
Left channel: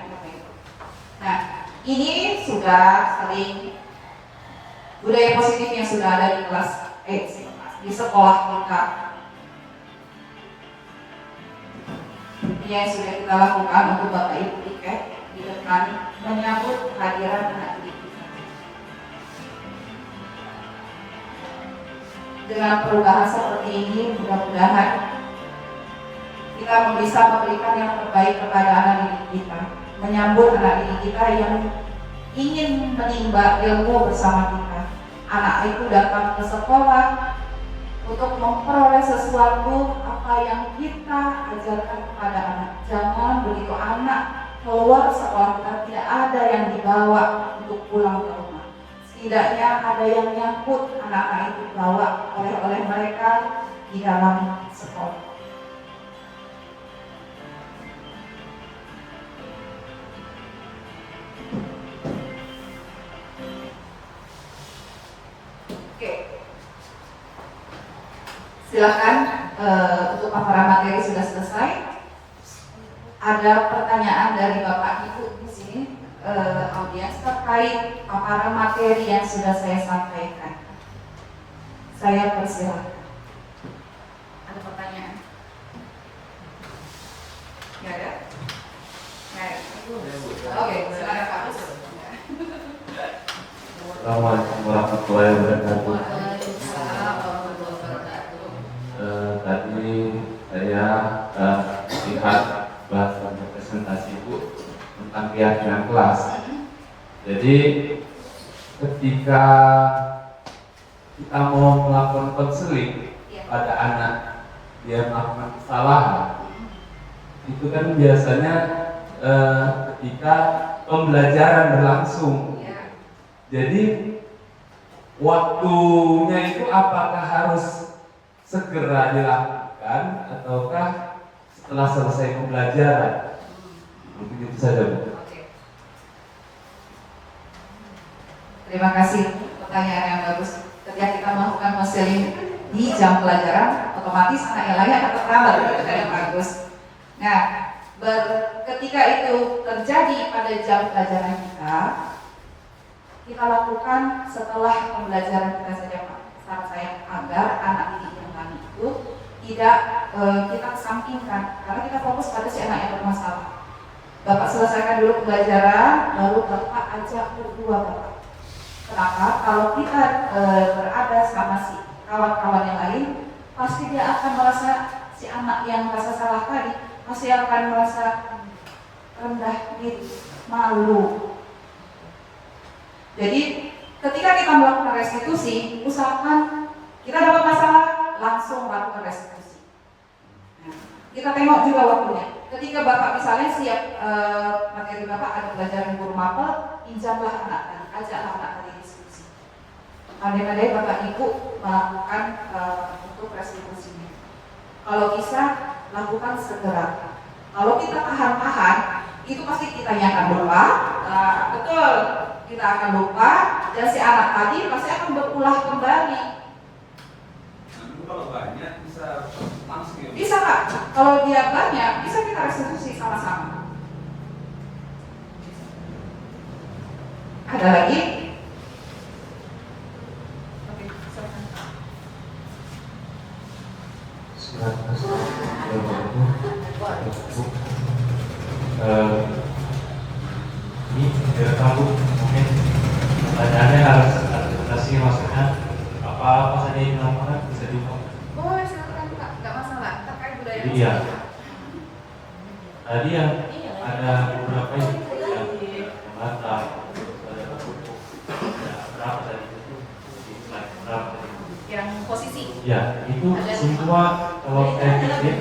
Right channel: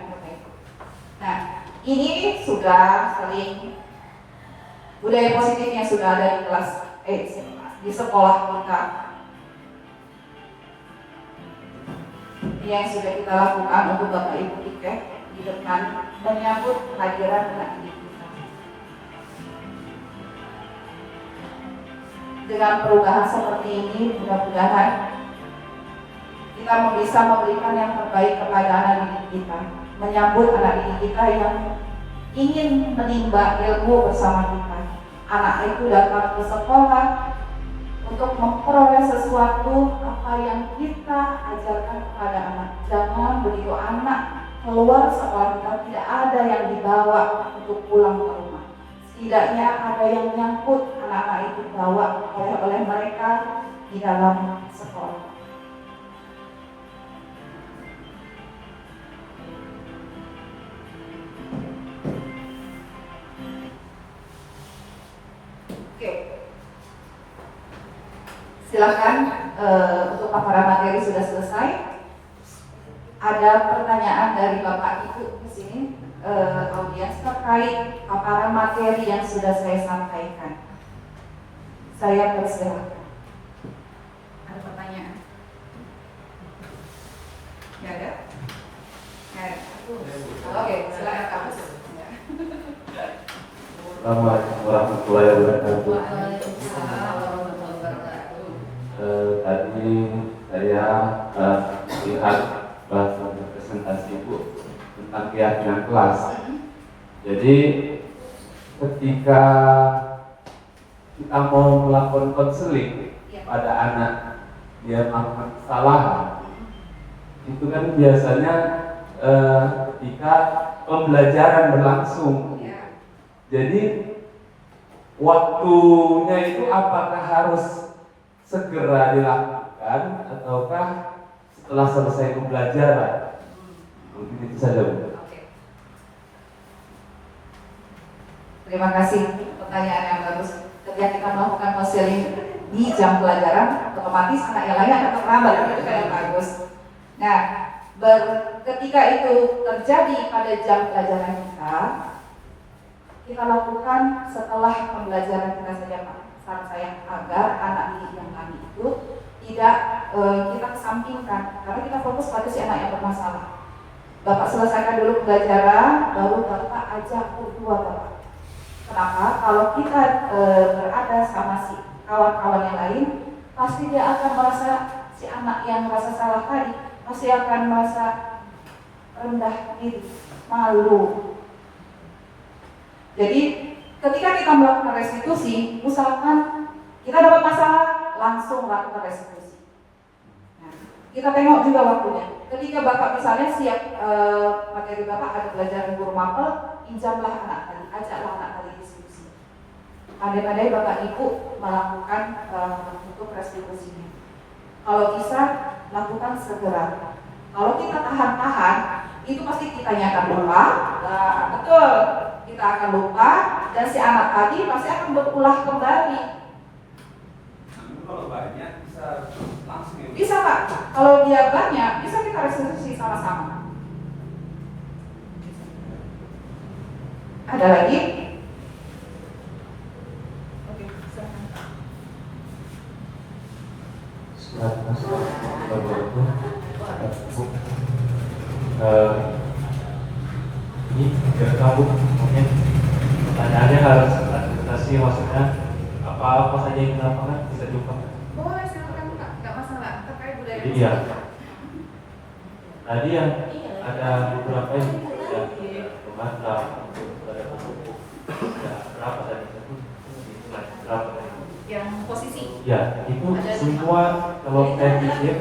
Nah, ini sudah saling budaya positif yang sudah ada di di sekolah kita, yang sudah kita lakukan untuk Bapak Ibu Piket di depan menyambut kehadiran anak didik kita. Dengan perubahan seperti ini, mudah-mudahan kita bisa memberikan yang terbaik kepada anak didik kita, menyambut anak didik kita yang ingin menimba ilmu bersama kita. Anak itu datang ke sekolah untuk memperoleh sesuatu apa yang kita ajarkan kepada anak. Jangan begitu anak keluar sekolah kita tidak ada yang dibawa untuk pulang ke rumah. Setidaknya ada yang nyangkut anak-anak itu bawa oleh mereka di dalam sekolah. Oke. Silakan, untuk paparan materi sudah selesai. Ada pertanyaan dari Bapak Ibu di sini, audiens terkait paparan materi yang sudah saya sampaikan. Saya persilakan. Ada pertanyaan? Nggak ada? Nggak ada. Oke, silakan Kak Bus. Assalamualaikum warahmatullahi wabarakatuh. Waalaikumsalam warahmatullahi wabarakatuh. Tadi saya lihat bahasa presentasi Bu tentang keyakinan kelas. Jadi ketika kita mau melakukan konseling pada anak dia melakukan kesalahan, itu kan biasanya ketika pembelajaran berlangsung. Jadi waktunya itu apakah harus segera dilakukan ataukah setelah selesai pembelajaran? Mungkin itu saja, Bu. Oke. Terima kasih, pertanyaan yang bagus. Ketika kita melakukan konseling di jam pelajaran, otomatis anak yang lain akan terlambat, yang bagus. Nah, ketika itu terjadi pada jam pelajaran kita lakukan setelah pembelajaran kita saja, saran saya agar anak didik yang lain itu tidak kita kesampingkan, karena kita fokus pada si anak yang bermasalah. Bapak selesaikan dulu pembelajaran, baru Bapak ajak berdua Bapak. Kenapa? Kalau kita berada sama si kawan-kawan yang lain, pasti dia akan merasa, si anak yang merasa salah tadi pasti akan merasa rendah diri, malu. Jadi ketika kita melakukan restitusi, usahakan kita dapat masalah, langsung lakukan restitusi. Nah, kita tengok juga waktunya. Ketika Bapak misalnya siap materi Bapak ada pelajaran guru mapel, pinjamlah anak tadi, ajaklah anak tadi diskusi. Pandai-pandai Bapak Ibu melakukan untuk restitusinya. Kalau bisa lakukan segera. Kalau kita tahan-tahan, itu pasti kita nyatakan lupa. Betul. Kita akan lupa dan si anak tadi pasti akan berulah kembali. Kalau banyak bisa langsung ya? Bisa nggak? Kalau dia banyak, bisa kita restitusi sama-sama. Ada lagi? Oke, silakan Pak. Ini tidak tahu mungkin pertanyaannya harus adaptasi, maksudnya apa saja yang dilakukan bisa diungkapkan. Boleh silakan Pak, nggak masalah. Terkait budaya. Jadi ya, tadi yang ada beberapa yang membantah pada pokok berapa tadi itu berapa tadi? Yang posisi. Ya, itu semua kalau saya pikir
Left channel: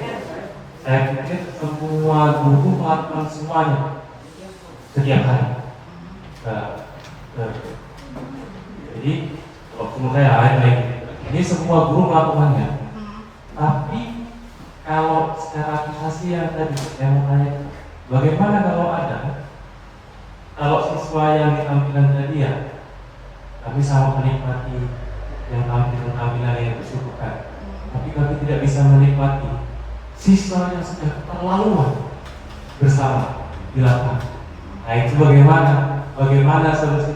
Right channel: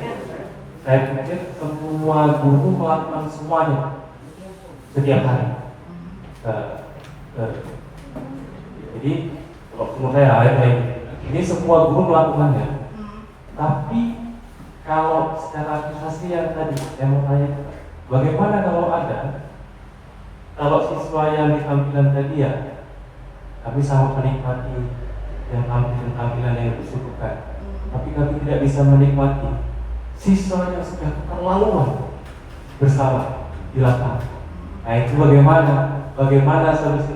semua guru melakukan semuanya setiap hari. Jadi kalau menurut saya ini semua guru melakukannya. Tapi kalau secara aplikasi yang tadi saya mau tanya, bagaimana kalau siswa yang ditampilkan tadi ya, kami sangat menikmati yang tampilan yang disuguhkan, tapi kami tidak bisa menikmati siswa yang sudah keterlaluan bersama di lapangan. Nah itu bagaimana solusi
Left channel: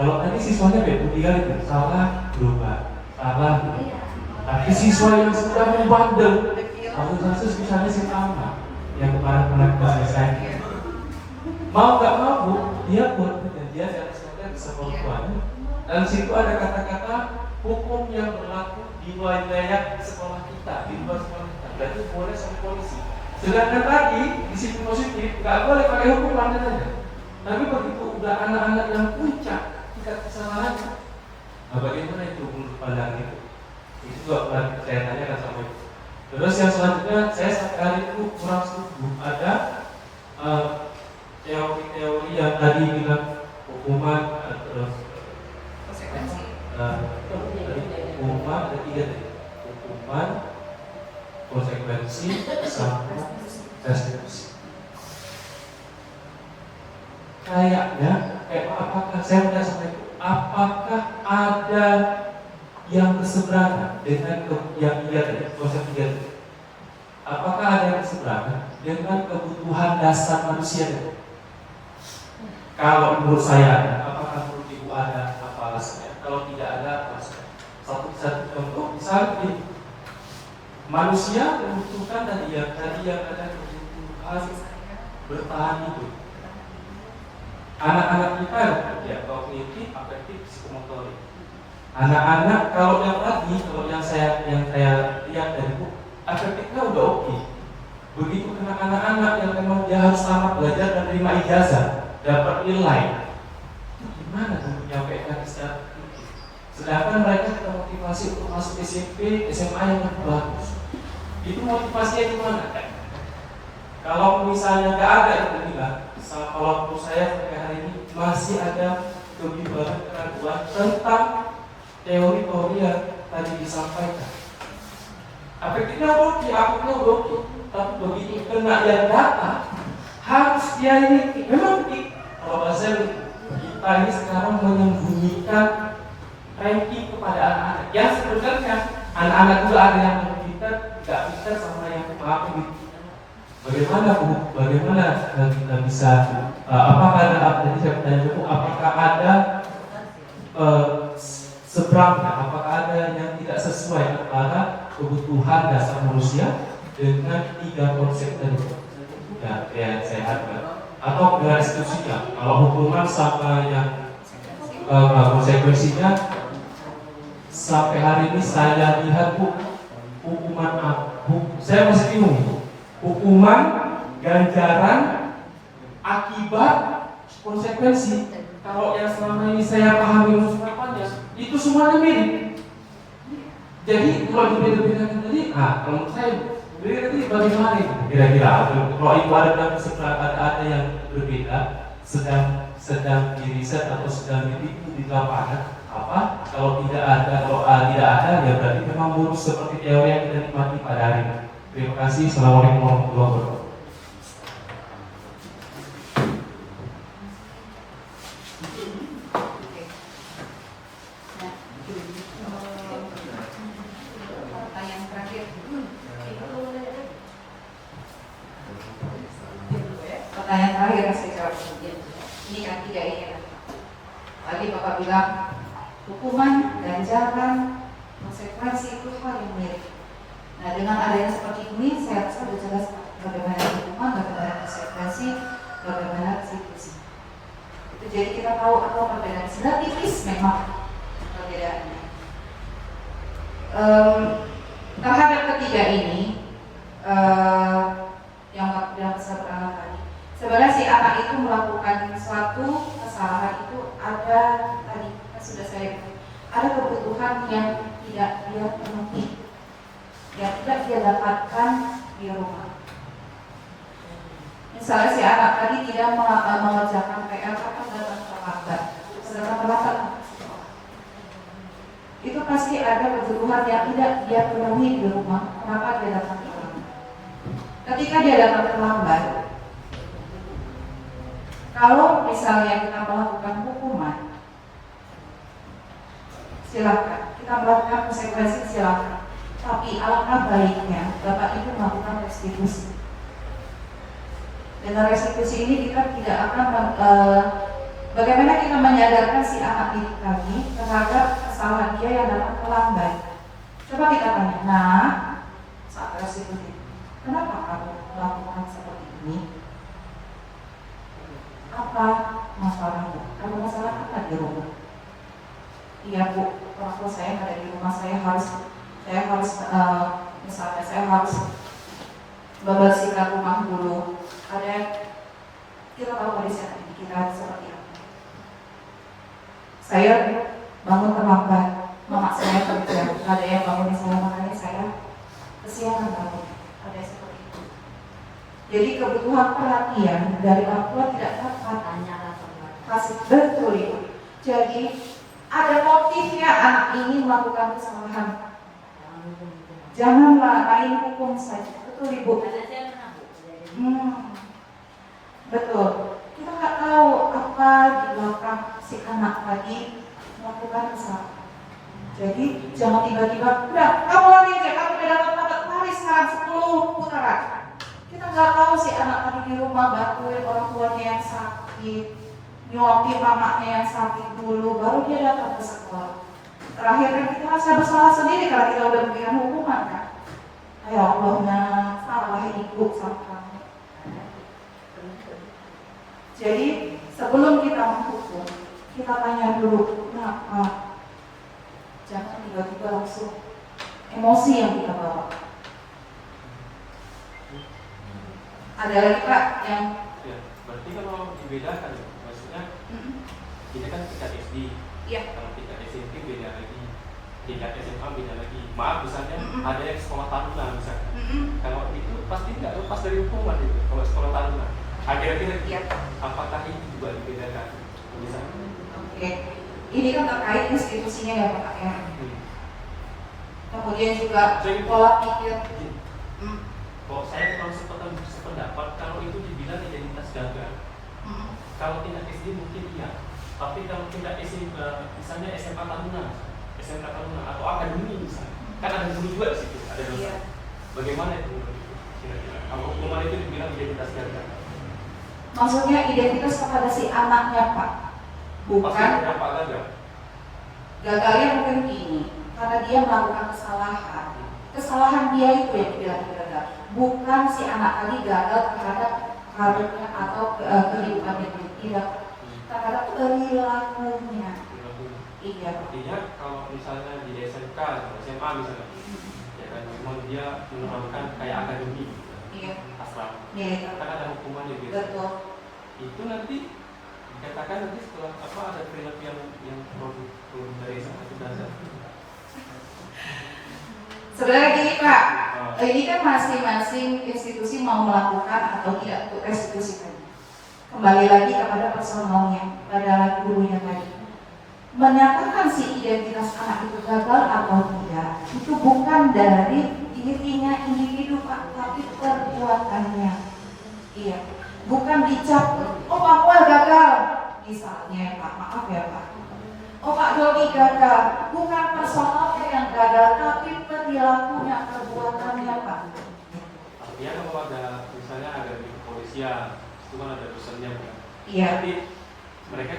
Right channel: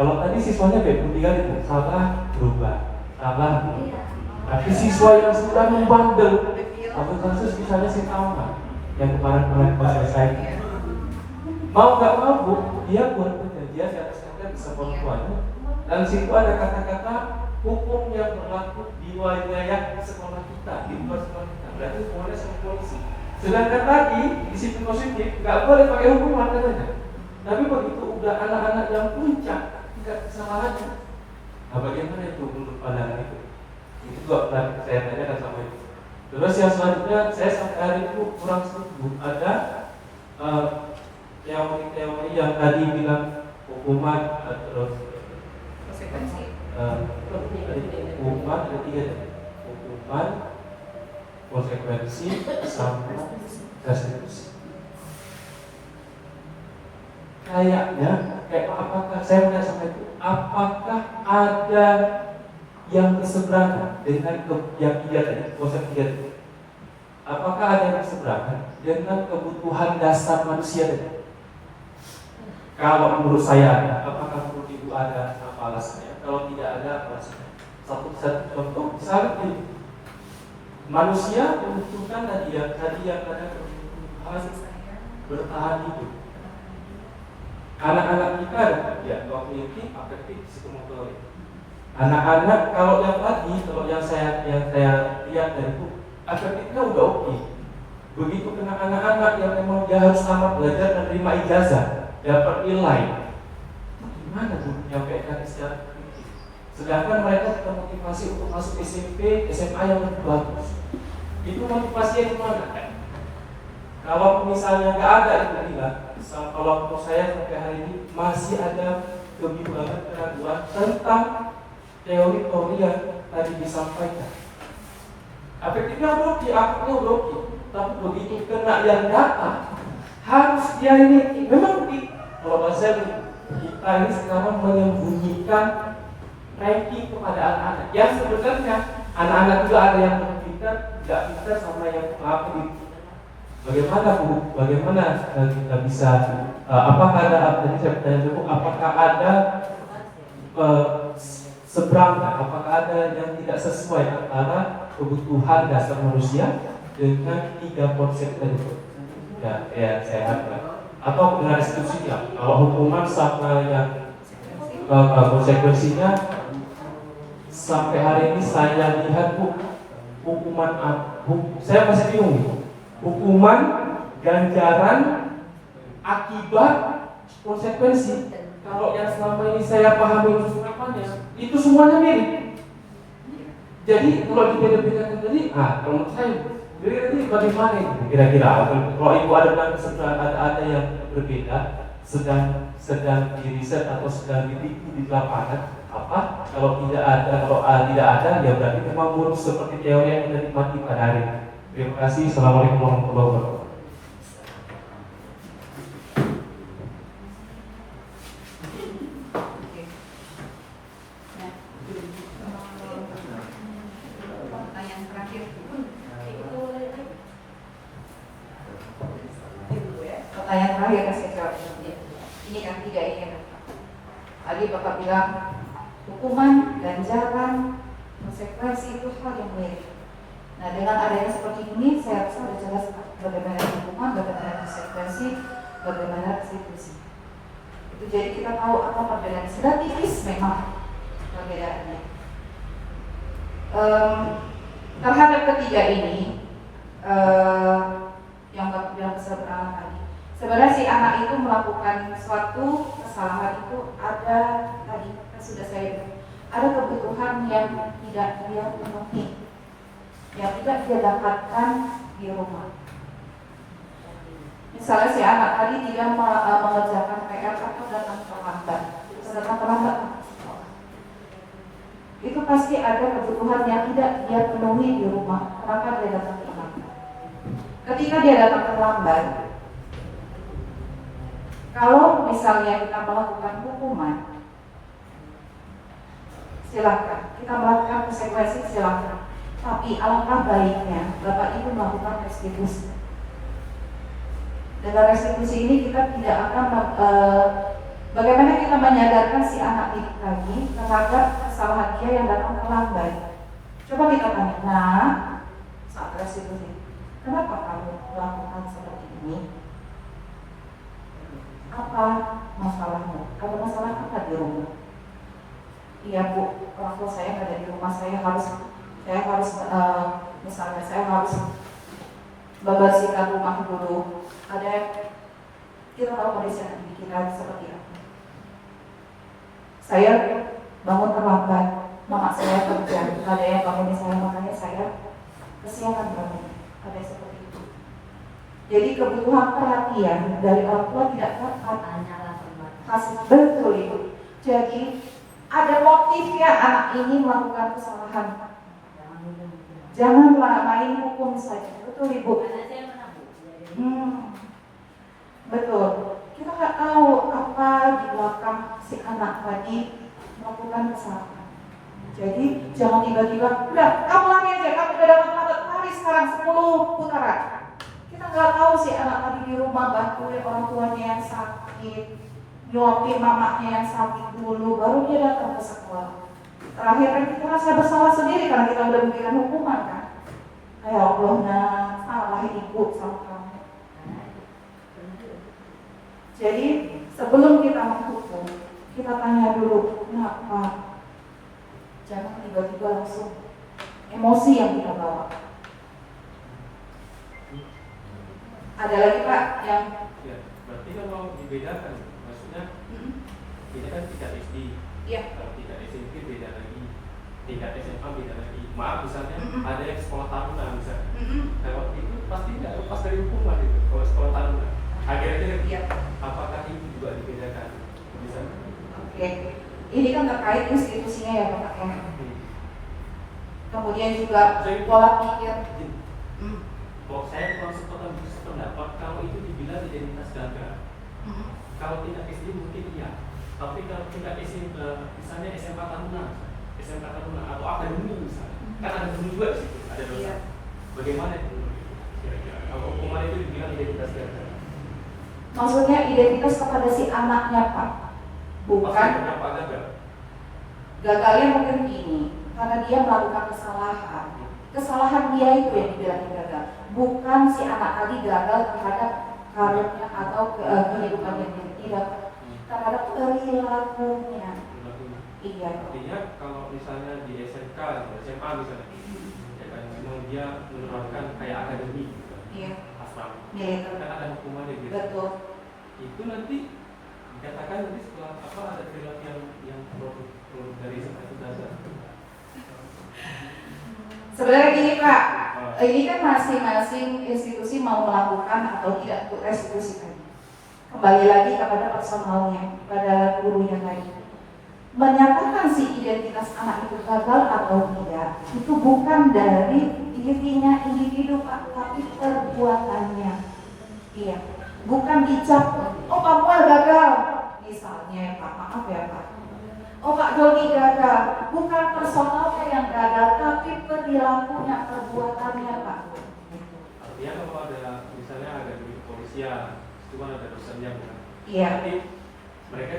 Kalau tadi siswanya B3 itu salah berubah, salah berubah. Tapi siswa yang sudah membandel, atau kasus misalnya si Tama yang kemarin pernah kita selesai, mau nggak mau Bu, dia buat perjanjian yang sebenarnya bisa perempuan. Dan situ ada kata-kata hukum yang berlaku di wilayah sekolah kita, di luar sekolah kita. Berarti boleh sama polisi. Sedangkan tadi disiplin positif nggak boleh pakai hukuman katanya. Tapi begitu udah anak-anak yang puncak tingkat kesalahannya, nah bagaimana itu untuk pandangan itu? Itu juga pernah saya tanyakan sampai. Terus yang selanjutnya saya sekali itu kurang setuju ada teori-teori yang tadi bilang hukuman terus Konsekuensi. Hukuman ada 3 tadi. Hukuman, konsekuensi, sama restitusi. Kayaknya apakah saya punya sampai itu, apakah ada yang berseberangan dengan yang tadi, konsep 3 tadi? Apakah ada yang berseberangan dengan kebutuhan dasar manusia tadi? Kalau menurut saya, apakah menurut Ibu ada apa alasannya? Kalau tidak ada alasannya. Satu contoh, misalnya manusia membutuhkan tadi yang ada kebutuhan bertahan hidup. Anak-anak kita ya kognitif, afektif, psikomotorik. Anak-anak kalau yang saya lihat dari buku, afektifnya udah oke. Begitu kena anak-anak yang memang dia harus tamat belajar dan terima ijazah, dapat nilai, gimana tuh menyampaikan secara aktif? Sedangkan mereka termotivasi untuk masuk SMP, SMA yang lebih bagus. Itu motivasinya gimana? Kalau misalnya nggak ada itu bilang, kalau menurut saya sampai hari ini masih ada kebimbangan keraguan tentang teori-teori yang tadi disampaikan. Afektifnya oke, aktifnya oke, tapi begitu kena yang data harus dia ini memang kalau bahasa kita ini sekarang menyembunyikan ranking kepada anak-anak. Ya sebenarnya anak-anak juga ada yang pintar, tidak pintar sama yang apa gitu. Bagaimana kita bisa apakah ada tadi saya bertanya cukup apakah ada seberangnya, apakah ada yang tidak sesuai antara kebutuhan dasar manusia dengan 3 konsep tersebut yang saya harapkan atau dengan restitusinya. Kalau hukuman sama yang konsekuensinya sampai hari ini saya lihat hukuman saya masih bingung. Hukuman, ganjaran, akibat, konsekuensi. Kalau yang selama ini saya pahami unsur-unsurnya, itu semuanya mirip. Jadi kalau dibeda-bedakan tadi, kalau menurut saya, ini bagaimana kira-kira? Kalau ibu ada keseberangan ada yang berbeda, sedang diriset atau sedang ditipu di lapangan, apa? Kalau tidak ada, ya berarti memang lurus seperti teori yang kita nikmati pada hari ini. Terima kasih. Assalamualaikum warahmatullahi wabarakatuh. Pertanyaan terakhir. Pertanyaan terakhir yang saya jawab ini kan 3 ini. Tadi Bapak bilang hukuman, ganjaran, konsekuensi itu hal yang mirip. Nah, dengan adanya seperti ini, saya rasa sudah jelas bagaimana hukuman, bagaimana konsekuensi, bagaimana restitusi. Itu jadi kita tahu apa perbedaan. Sudah tipis memang perbedaannya. Terhadap ketiga ini, yang keseberangan tadi, sebenarnya si anak itu melakukan suatu kesalahan itu ada tadi kan sudah saya ada kebutuhan yang tidak dia penuhi, yang tidak dia dapatkan di rumah. Misalnya si anak tadi tidak mengerjakan PR atau datang terlambat, itu pasti ada kebutuhan yang tidak dia penuhi di rumah. Kenapa dia datang terlambat? Ketika dia datang terlambat, kalau misalnya kita melakukan hukuman, silakan. Kita melakukan konsekuensi, silakan. Tapi alangkah baiknya Bapak Ibu melakukan restitusi. Dengan restitusi ini kita tidak akan Bagaimana kita menyadarkan si anak didik tadi terhadap kesalahan dia yang datang terlambat? Coba kita tanya, nah, saat tersebut, kenapa kamu melakukan seperti ini? Apa masalahnya? Ada masalah apa di rumah? Iya Bu, orang tua saya nggak ada di rumah, saya harus misalnya saya harus membersihkan rumah dulu. Kita tahu kondisi anak didik kita seperti apa. Saya bangun terlambat, mama saya kerja, ada yang bangunin saya, makanya saya kesiangan bangun, ada yang seperti itu. Jadi kebutuhan perhatian dari orang tua tidak dapat kasih, betul Ibu. Jadi ada motifnya anak ini melakukan kesalahan. Janganlah main hukum saja, betul Ibu. Betul. Kita nggak tahu apa di belakang si anak tadi melakukan kesalahan. Jadi jangan tiba-tiba, udah kamu lari aja, kamu udah dapat lari sekarang 10 putaran. Kita nggak tahu si anak tadi di rumah bantuin orang tuanya yang sakit, nyuapin mamanya yang sakit dulu, baru dia datang ke sekolah. Terakhir kan kita merasa bersalah sendiri karena kita udah memberikan hukuman kan. Ya Allah, nah salah ibu sama kamu. Jadi sebelum kita menghukum, kita tanya dulu, kenapa? Jangan tiba-tiba langsung emosi yang kita bawa. Ada lagi Pak yang? Ya, berarti kalau dibedakan, maksudnya ini kan tingkat SD, kalau tingkat SMP beda lagi, tingkat SMA beda lagi. Maaf misalnya ada yang sekolah tahunan misalnya, kalau itu pasti nggak lepas dari hukuman itu. Kalau sekolah tahunan, akhirnya apakah ini juga dibedakan? Misalnya? Oke, ini kan terkait institusinya ya Pak ya. Kemudian juga pola pikir. Kalau saya kurang sependapat kalau itu dibilang identitas gagal. Kalau tidak SD mungkin iya, tapi kalau tidak SMP, misalnya SMA tahunan, SMK tahunan atau akademi misalnya, kan ada dulu juga di situ, ada dosa. Bagaimana itu? Kira-kira kalau hukuman itu dibilang identitas gagal? Maksudnya identitas kepada si anaknya Pak, bukan gagalnya mungkin ini karena dia melakukan kesalahan dia itu yang dibilang gagal, bukan si anak tadi gagal terhadap karirnya atau kehidupannya, tidak, terhadap perilakunya. Iya. Artinya kalau misalnya di SMK atau SMA misalnya, ya kan memang dia menerapkan kayak akademi, asrama, kan ada hukumannya biasa. Betul. Itu nanti dikatakan nanti setelah apa ada perilaku yang produk dari SMA itu belajar. Sebenarnya gini Pak, ini kan masing-masing institusi mau melakukan atau tidak untuk restitusi tadi. Kembali lagi kepada personalnya, pada gurunya tadi. Menyatakan si identitas anak itu gagal atau tidak, itu bukan dari dirinya individu Pak, tapi perbuatannya. Iya, bukan dicap, oh Pak Muel gagal, misalnya Pak, maaf ya Pak. Oh Pak Jody gagal, bukan personalnya yang gagal, tapi perilakunya, perbuatannya Pak. Artinya kalau ada, misalnya ada di kepolisian, itu kan ada dosennya kan? Iya. Tapi mereka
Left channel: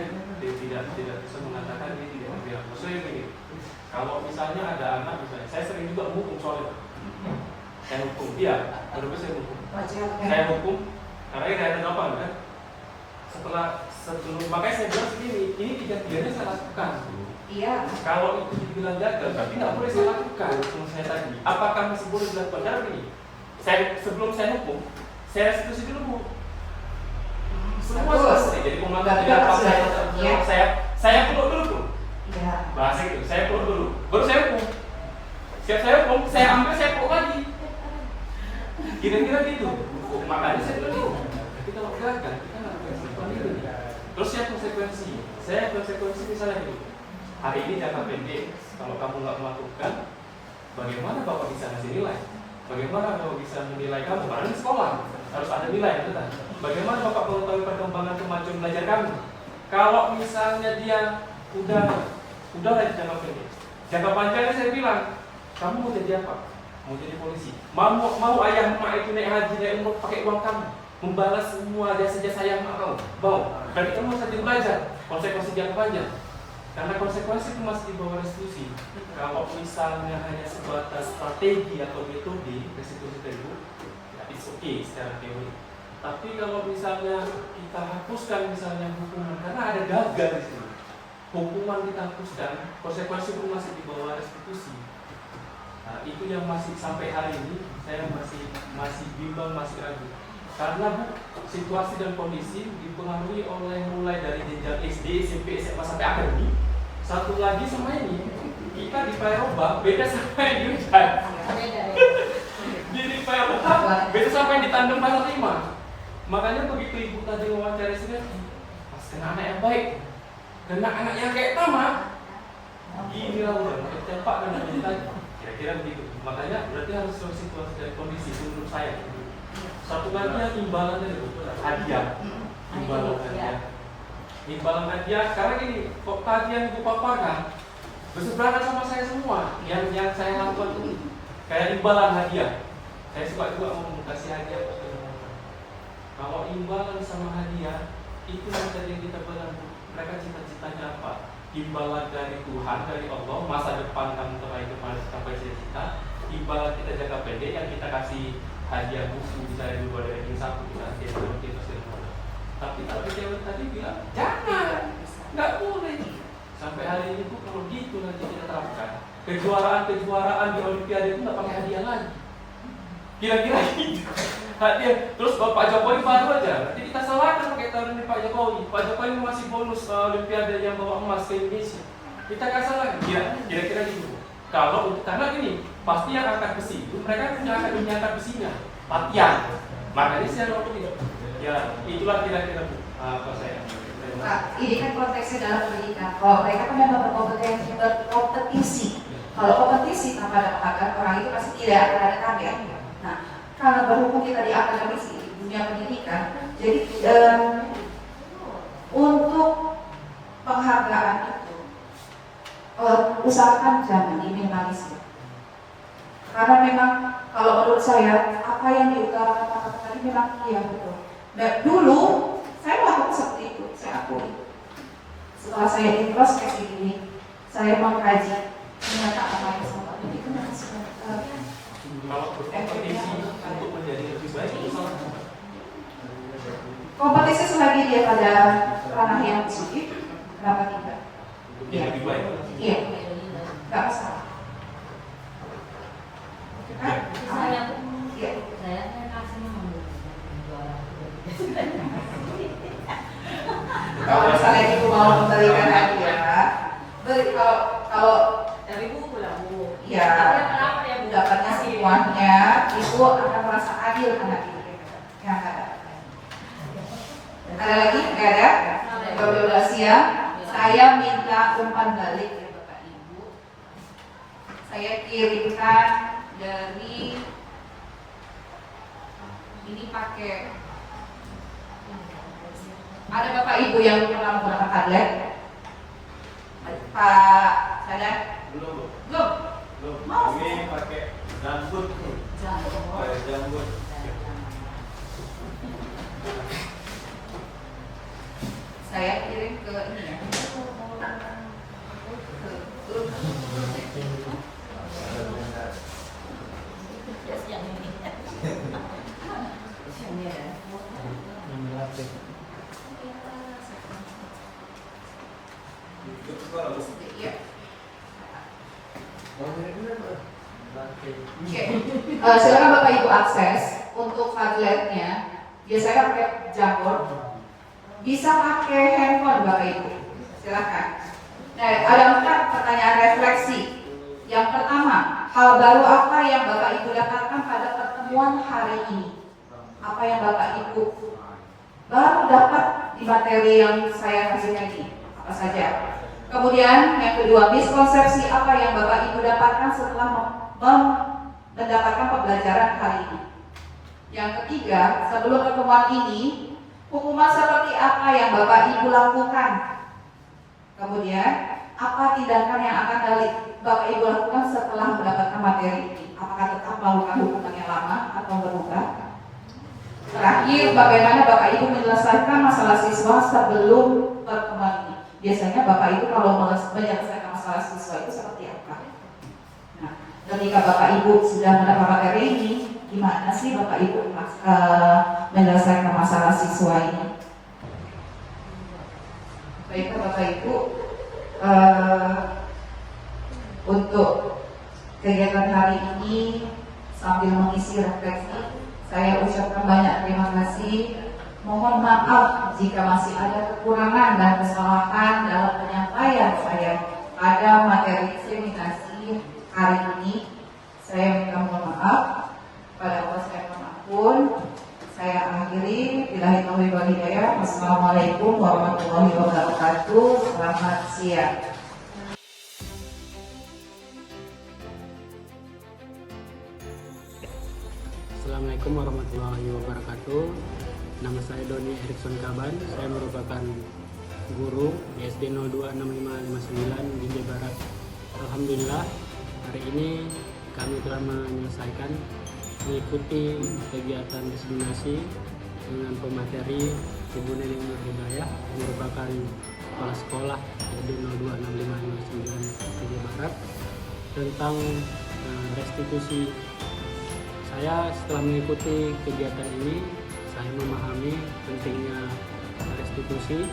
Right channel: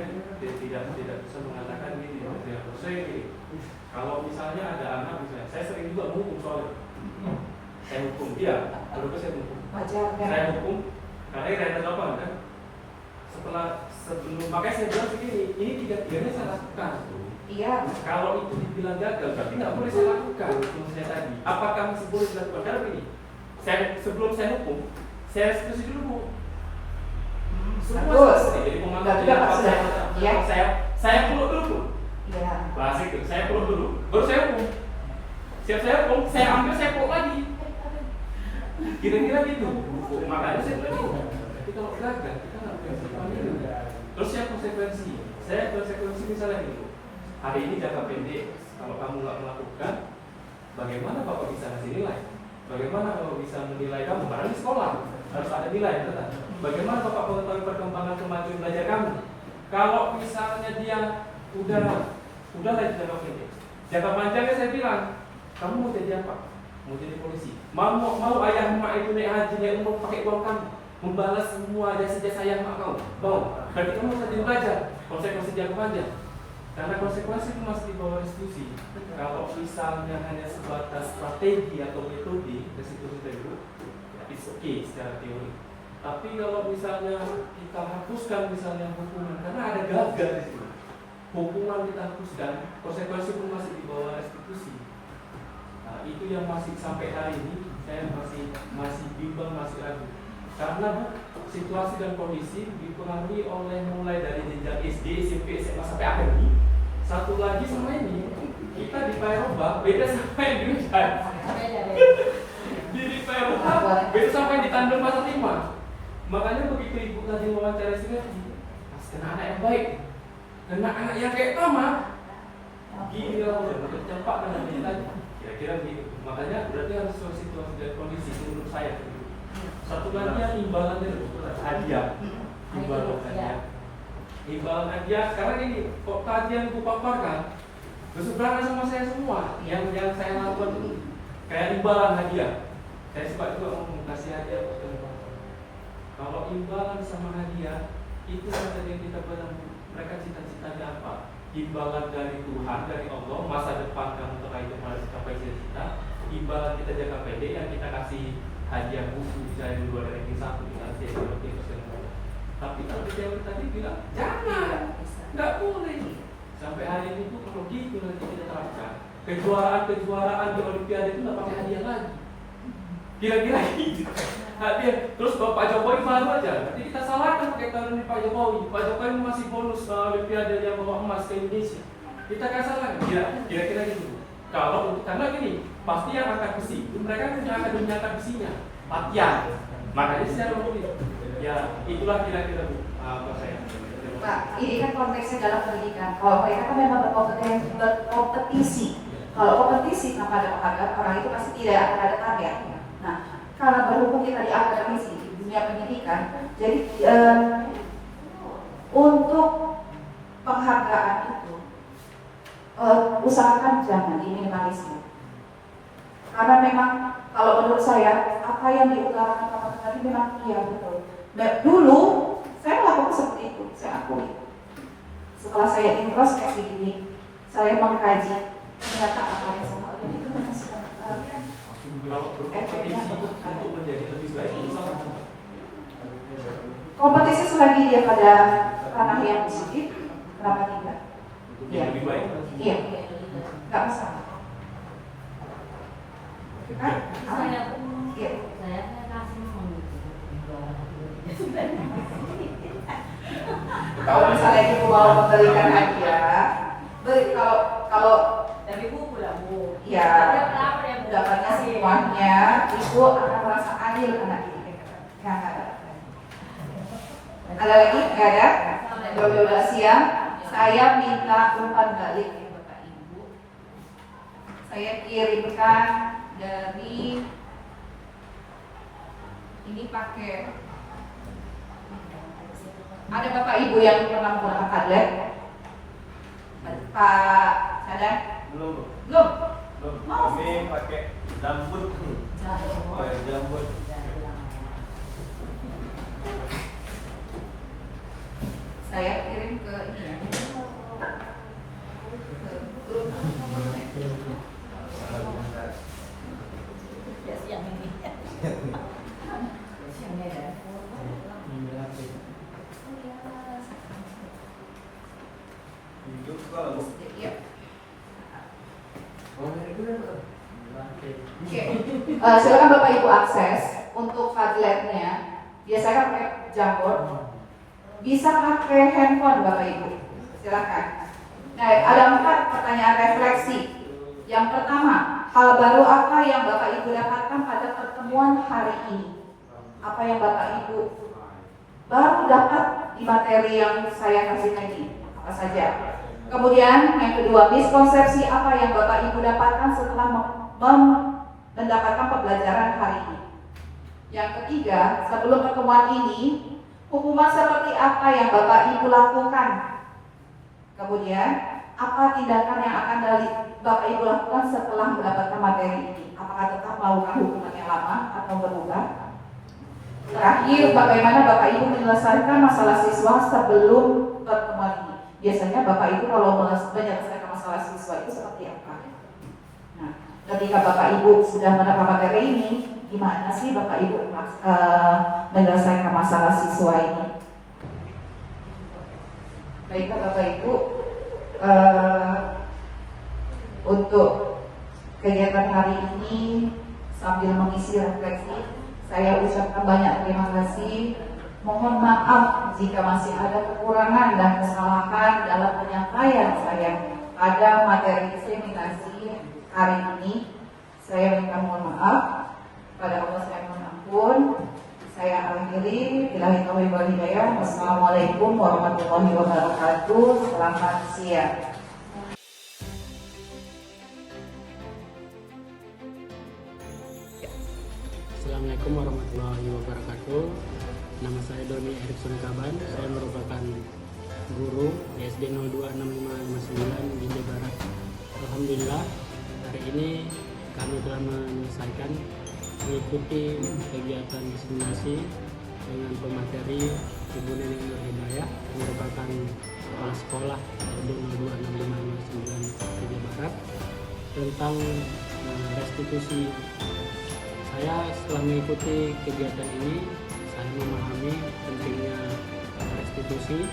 tidak bisa mengatakan ini tidak berpihak. Maksudnya gini, kalau misalnya ada anak, misalnya, saya sering juga menghukum soalnya. Saya hukum dia, kenapa saya hukum? Saya hukum, karena saya apa kan? Sebelum makanya saya bilang segini, ini tiga-tiganya saya lakukan. Iya. Kalau itu dibilang gagal, tapi tidak boleh saya lakukan. Sebelum saya tadi, apakah masih boleh dilakukan? Karena begini, sebelum saya hukum, saya restitusi dulu Bu. Semua selesai. Jadi komandan tidak apa saya peluk dulu pun. Iya. Bahasa itu, saya peluk dulu. Baru saya hukum. Siap saya hukum, saya ambil, saya peluk lagi. Kira-kira gitu. Makanya saya bilang gitu. Tapi kalau gagal, kita nggak boleh melakukan itu. Terus saya konsekuensi misalnya gitu. Hari ini jangka pendek, kalau kamu nggak melakukan, bagaimana Bapak bisa ngasih nilai? Bagaimana Bapak bisa menilai kamu? Karena di sekolah harus ada nilai, betul kan? Bagaimana Bapak mengetahui perkembangan kemajuan belajar kamu? Kalau misalnya dia udah lagi jangka pendek, jangka panjangnya saya bilang, kamu mau jadi apa? Mau jadi polisi? Mau ayah emak itu naik haji, naik umroh pakai uang kamu? membalas semua jasa-jasa yang mau. Berarti kamu harus rajin belajar konsekuensi jangka panjang. Karena konsekuensi itu masih di bawah restitusi. Kalau misalnya hanya sebatas strategi atau metode restitusi value, ya it's okay secara teori. Tapi kalau misalnya kita hapuskan misalnya hukuman, karena ada gagal di sini, hukuman kita hapuskan, konsekuensi itu masih di bawah restitusi. Nah, itu yang masih sampai hari ini saya masih bimbang, masih ragu. Karena Bu, situasi dan kondisi dipengaruhi oleh mulai dari jenjang SD, SMP, SMA sampai akademik. Satu lagi sama ini, kita di Payaroba beda sama yang di Undan. Di Payaroba beda sama yang di Tandem Pasar 5. Makanya begitu ibu tadi wawancara Sineti, Mas kena anak yang baik, kena anak yang kayak Tama. Gini lah udah, makin cepat kan tadi. Kira-kira begitu. Makanya berarti harus situasi dan kondisi menurut saya. Satu lagi yang imbalan dari hadiah. Imbalan hadiah. Sekarang ini kok tadi yang ibu paparkan berseberangan sama saya semua. Yang saya lakukan itu kayak imbalan hadiah. Saya suka juga mau kasih hadiah. Kalau imbalan sama hadiah itu saja yang kita belanja. Mereka cita-citanya apa? Imbalan dari Tuhan, dari Allah, masa depan kamu terakhir harus capai cita-cita. Imbalan kita jangka pendek yang kita kasih hadiah buku misalnya di luar ranking 1 kita kasih hadiah segala macam. Tapi kalau dia tadi bilang jangan, nggak boleh. Sampai hari ini tuh kalau gitu nanti kita terapkan kejuaraan di Olimpiade itu nggak pakai hadiah lagi. Kira-kira gitu. Hadiah. Terus kalau Pak Jokowi baru aja, nanti kita salahkan kaitan dengan Pak Jokowi. Pak Jokowi masih bonus Olimpiade yang bawa emas ke Indonesia. Kita kasih lagi. Kira-kira gitu. Kalau karena gini, pasti yang angkat besi itu mereka punya akademi angkat besinya, latihan. Makanya saya ngomongin, ya itulah kira-kira Bu, apa saya. Pak, ini kan konteksnya dalam pendidikan. Kalau mereka kan memang berkompetisi. Kalau kompetisi tanpa ada penghargaan, orang itu pasti tidak akan ada target. Nah, kalau berhubung kita di akademisi di dunia pendidikan, jadi untuk penghargaan itu usahakan jangan diminimalisir. Karena memang kalau menurut saya apa yang diutarakan Pak tadi memang iya betul. Dan dulu saya melakukan seperti itu, saya akui. Setelah saya introspeksi diri, saya mengkaji ternyata apa yang salah itu menghasilkan Kalau berkompetisi untuk menjadi lebih baik itu salah. kompetisi selagi dia pada ranah yang positif, kenapa tidak? Yang lebih baik. Iya, nggak masalah. Saya Iya. kasih mau Kalau misalnya ibu mau memberikan hadiah, beri kalau dari buku lah Bu. ya dapatnya semuanya, ibu akan merasa adil anak ini. Yang ada lagi? Nggak ada? 12 siang. Saya minta umpan balik ya Bapak Ibu. Saya kirimkan dari ini pakai. Ada Bapak Ibu yang pernah menggunakan Padlet? Pak Sadar? Belum. Belum? Belum. Mau? Ini pakai jambut. Pakai jambut. Saya kirim ke ini ya. Yang ini. Yang ini ada. Iya. Silakan Bapak Ibu akses untuk Padletnya. Biasanya pakai Jamboard. Bisa pakai handphone Bapak Ibu. Silakan. Nah, ada 4 pertanyaan refleksi. Yang pertama, hal baru apa yang Bapak Ibu dapatkan pada pertemuan hari ini? Apa yang Bapak Ibu baru dapat di materi yang saya kasihkan ini? Apa saja? Kemudian yang kedua, miskonsepsi apa yang Bapak Ibu dapatkan setelah mendapatkan pembelajaran hari ini? Yang ketiga, sebelum pertemuan ini, hukuman seperti apa yang Bapak Ibu lakukan? Kemudian, apa tindakan yang akan Bapak Ibu lakukan setelah mendapatkan materi ini? Apakah tetap melakukan hukuman yang lama atau berubah? Terakhir, bagaimana Bapak Ibu menyelesaikan masalah siswa sebelum pertemuan ini? Biasanya Bapak Ibu kalau menyelesaikan masalah siswa itu seperti apa? Nah, ketika Bapak Ibu sudah menerima materi ini, gimana sih Bapak Ibu menyelesaikan masalah siswa ini? Baiklah Bapak Ibu, untuk kegiatan hari ini sambil mengisi refleksi, saya ucapkan banyak terima kasih. Mohon maaf jika masih ada kekurangan dan kesalahan dalam penyampaian saya pada materi diseminasi hari ini. Saya minta mohon maaf. Pada Allah saya mohon ampun. Saya akhiri. Billahi taufiq wal hidayah. Wassalamualaikum warahmatullahi wabarakatuh. Selamat siang. Assalamualaikum warahmatullahi wabarakatuh. Nama saya Doni Erikson Kaban. Saya merupakan guru di SD 026559 di Jawa Barat. Alhamdulillah hari ini kami telah menyelesaikan mengikuti kegiatan diseminasi dengan pemateri Ibu Neneng Nur Hidayah yang merupakan kepala sekolah SD 026559 di Jawa Barat tentang restitusi. Saya setelah mengikuti kegiatan ini, saya memahami pentingnya restitusi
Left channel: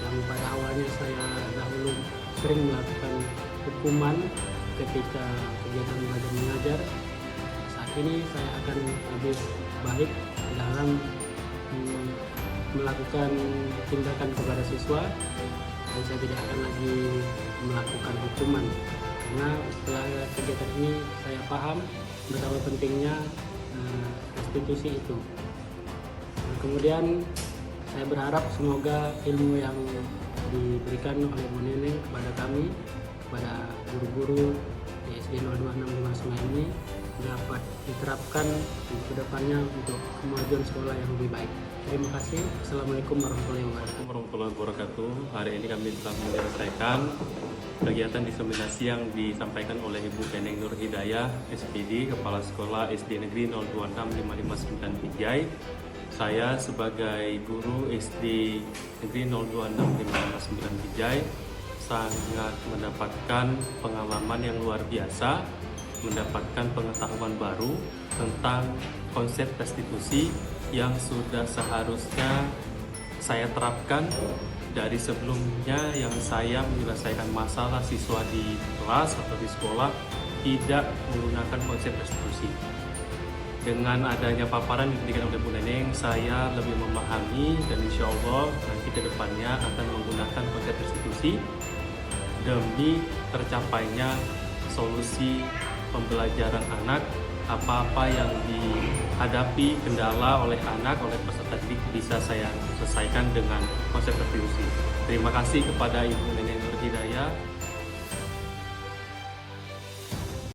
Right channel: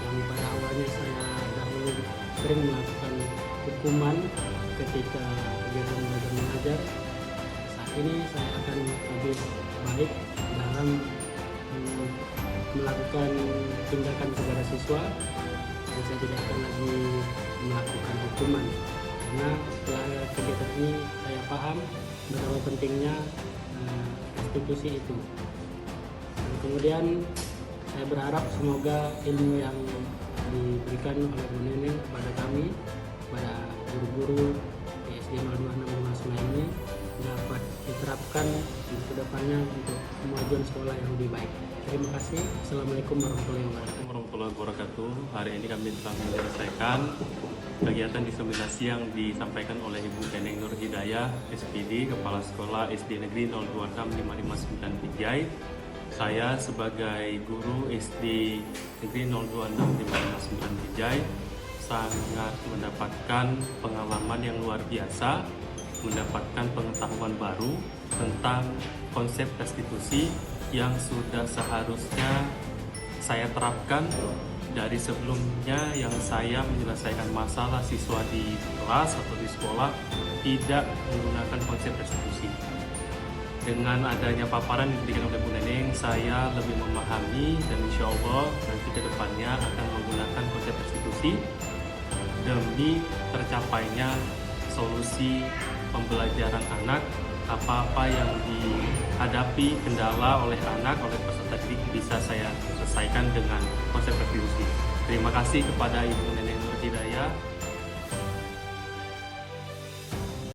yang pada awalnya saya dahulu sering melakukan hukuman ketika kegiatan belajar mengajar. Saat ini saya akan lebih baik dalam melakukan tindakan kepada siswa dan saya tidak akan lagi melakukan hukuman. Karena setelah kegiatan ini saya paham betapa pentingnya restitusi itu. Dan kemudian saya berharap semoga ilmu yang diberikan oleh Bu Neneng kepada kami, kepada guru-guru di SD 026559 ini dapat diterapkan ke depannya untuk kemajuan sekolah yang lebih baik. Terima kasih. Assalamualaikum warahmatullahi wabarakatuh. Hari ini kami telah menyelesaikan kegiatan diseminasi yang disampaikan oleh Ibu Neneng Nur Hidayah, SPD, Kepala Sekolah SD Negeri 026559 Pijai. Saya sebagai guru SD Negeri 026559 Pijai sangat mendapatkan pengalaman yang luar biasa, mendapatkan pengetahuan baru tentang konsep restitusi yang sudah seharusnya saya terapkan dari sebelumnya yang saya menyelesaikan masalah siswa di kelas atau di sekolah tidak menggunakan konsep restitusi. Dengan adanya paparan yang diberikan oleh Bu Neneng, saya lebih memahami dan insya Allah nanti ke depannya akan menggunakan konsep restitusi demi tercapainya solusi pembelajaran anak. Apa-apa yang dihadapi kendala oleh anak, oleh peserta didik bisa saya selesaikan dengan konsep restitusi. Terima kasih kepada Ibu Neneng Nur Hidayah.